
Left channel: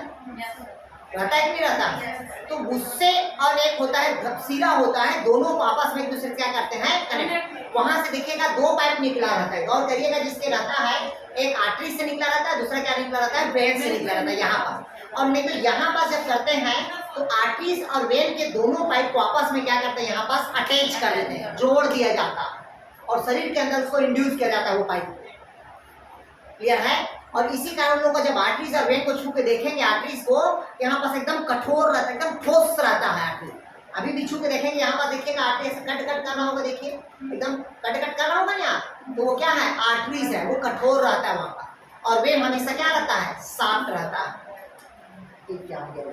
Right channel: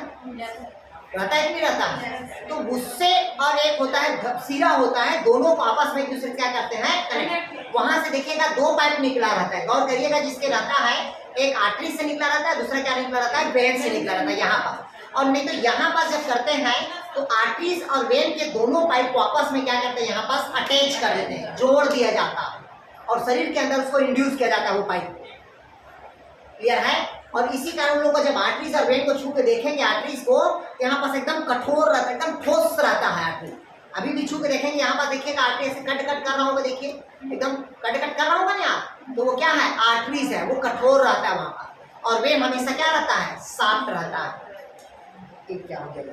रहता है कि नहीं रहता है? तो उससे और एक होता है सिरा होता है, दोनों को आपस में एक दूसरे से क्या करते हैं? कनेक्ट। वहां से देखिएगा दो पाइप निकला रहता है, गौर करिएगा, जिसके रहता है एक आर्टरी से निकला रहता है, दूसरा क्या निकला रहता है? वेन से निकला रहता है यहाँ पर। और नहीं तो यहाँ पर जब करते हैं तो आर्टरीज और वेन के दोनों पाइप को आपस में क्या करते हैं? यहाँ पास अटैच कर देते हैं, जोड़ दिया जाता है और शरीर के अंदर उसको इंड्यूस किया जाता है वो पाइप। क्लियर है? और इसी कारण लोग जब आर्टरीज और वेन को छू के देखेंगे, आर्टरीज को यहाँ पास एकदम कठोर रहता है, एकदम ठोस रहता है आर्टरी। अभी भी छू के देखेंगे, यहाँ पर देखिएगा आर्टरी ऐसे कट कर रहा होगा, देखिए एकदम कट कर रहा होगा ना, तो वो क्या है? आर्टरीज है, वो कठोर रहता है वहाँ पर। और वेन हमेशा क्या रहता है? सॉफ्ट रहता है। क्या हो गया?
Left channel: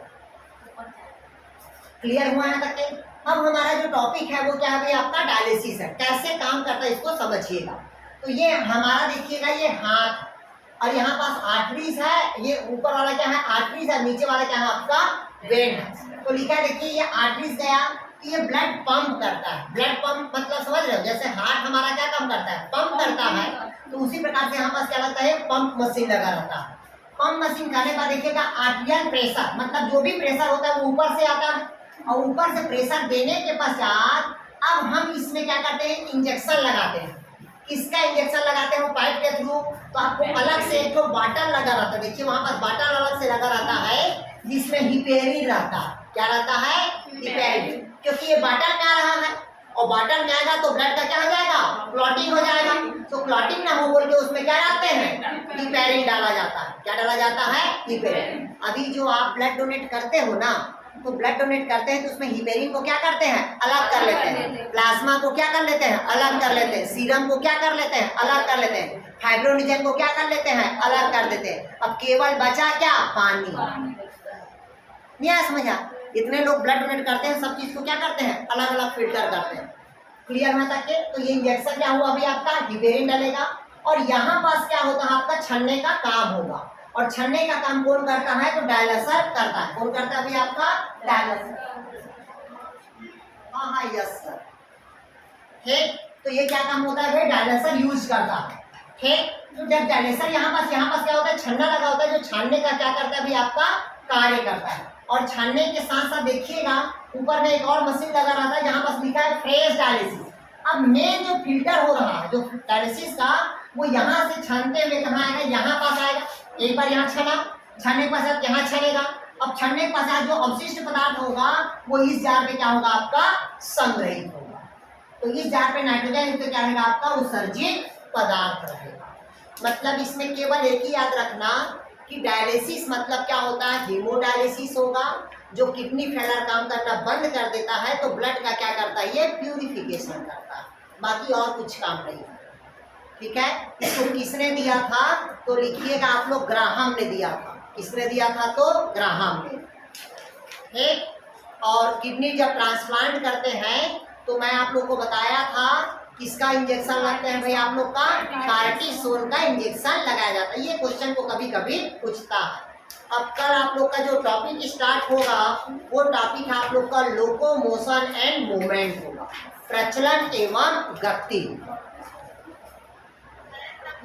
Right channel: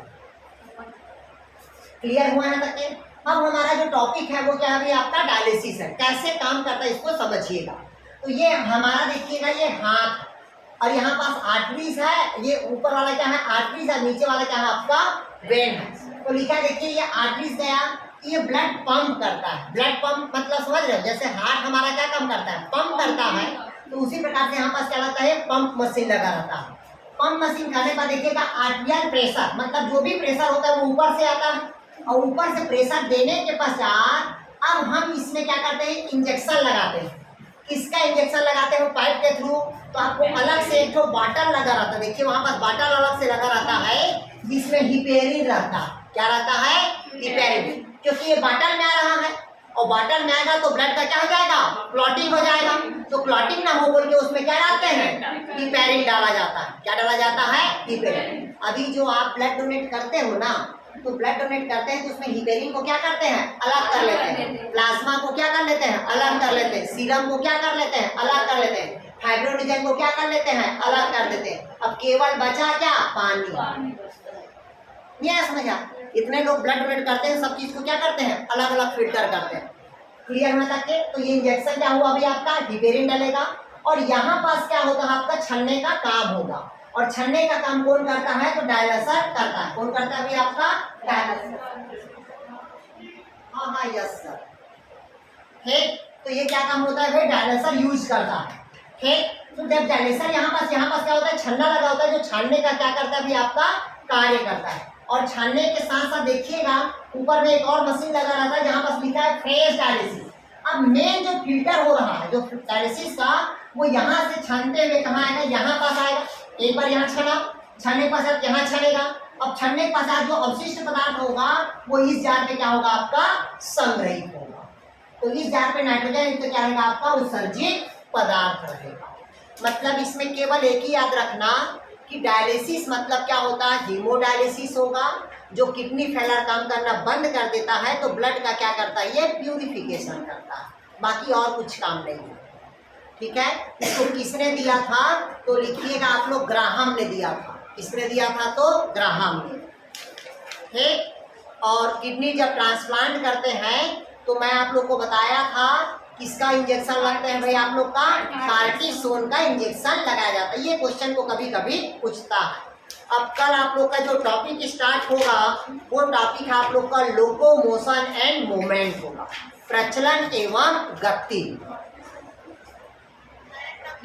क्लियर हुआ है तक के? अब हमारा जो टॉपिक है वो क्या है? अभी आपका डायलिसिस है। कैसे काम करता है इसको समझिएगा। तो ये हमारा देखिएगा, ये हाथ और यहाँ पास आर्टरीज है, ये ऊपर वाला क्या है? आर्टरीज है, नीचे वाला क्या है? आपका वेन है। तो लिखा है देखिए, ये आर्टरीज गया, ये ब्लड पंप करता है। ब्लड पंप मतलब समझ रहे हो? जैसे हार्ट हमारा क्या काम करता है? पंप करता है। तो उसी प्रकार से यहाँ पास क्या रहता है? पंप मशीन लगा रहता है। पंप मशीन करने का देखिएगा आर्टियल प्रेशर, मतलब जो भी प्रेशर होता है वो ऊपर से आता है, और ऊपर से प्रेशर देने के पश्चात अब हम इसमें क्या करते हैं? इंजेक्शन लगाते हैं। किसका इंजेक्शन लगाते हैं? वो पाइप के थ्रू। तो आपको अलग से एक तो बॉटल लगा रहता है, देखिए वहां पर बॉटल अलग से लगा रहता है, जिसमें हिपेरिन रहता है। क्या रहता है? हिपेरिन। क्योंकि ये बॉटल में आ रहा है और बॉटल में आएगा तो ब्लड का क्या हो जाएगा? क्लॉटिंग हो जाएगा। तो क्लॉटिंग ना हो बोल के उसमें क्या डालते हैं? हिपेरिन डाला जाता है। क्या डाला जाता है? हिपेरिन। अभी जो आप ब्लड डोनेट करते हो ना, तो ब्लड डोनेट करते हैं तो उसमें हिपेरिन को क्या करते हैं? अलग कर लेते हैं। प्लाज्मा को क्या कर लेते हैं? अलग कर लेते हैं। सीरम को क्या कर लेते हैं? अलग कर लेते हैं। फाइब्रोनिजन को क्या कर लेते हैं? अलग कर देते हैं। अब केवल बचा क्या? पानी। नहीं समझा? इतने लोग ब्लड डोनेट करते हैं, सब चीज को क्या करते हैं? अलग अलग फिल्टर करते हैं। क्लियर होने तक के? तो ये इंजेक्शन क्या हुआ अभी आपका? हिपेरिन डालेगा। और यहाँ पास क्या होता है? आपका छलने का काम होगा। और छलने का काम कौन करता है? तो डायलिसर करता है। कौन करता है अभी आपका? डायलिसर। हाँ यस सर। ठीक, तो ये क्या काम होता है भाई? डायलिसर यूज करता है। ठीक, तो जब डायलिसर यहाँ पास क्या होता है? छलना लगा होता है, जो छानने का क्या करता है अभी आपका? कार्य करता है। और छानने के साथ साथ देखिएगा ऊपर में एक और मशीन लगा रहता है, जहाँ पास लिखा है फ्रेश डायलिसिस। अब मेन जो फिल्टर हो रहा है जो डायलिसिस का, वो यहाँ से छानते हुए कहाँ आएगा? यहाँ पास आएगा। एक बार यहाँ छना, छानने के पश्चात यहाँ छनेगा। अब छनने के पश्चात जो अवशिष्ट पदार्थ होगा वो इस जार में क्या होगा? आपका संग्रहित होगा। तो इस जार पे नाइट्रोजन तो क्या रहेगा? आपका उत्सर्जित पदार्थ रहेगा। मतलब इसमें केवल एक ही याद रखना कि डायलिसिस मतलब क्या होता है? हीमोडायलिसिस होगा, जो किडनी फेलर काम करना बंद कर देता है, तो ब्लड का क्या करता है? ये प्यूरिफिकेशन करता है, बाकी और कुछ काम नहीं है। ठीक है, इसको किसने दिया था? तो लिखिएगा आप लोग, ग्राहम ने दिया था। किसने दिया था? तो ग्राहम ने। ठीक, और किडनी जब ट्रांसप्लांट करते हैं तो मैं आप लोग को बताया था किसका इंजेक्शन लगते हैं भाई? आप लोग का कार्टिसोन का इंजेक्शन लगाया जाता है। ये क्वेश्चन को कभी कभी पूछता है। अब कल आप लोग का जो टॉपिक स्टार्ट होगा वो टॉपिक आप लोग का लोकोमोशन एंड मूवमेंट होगा, प्रचलन एवं गति।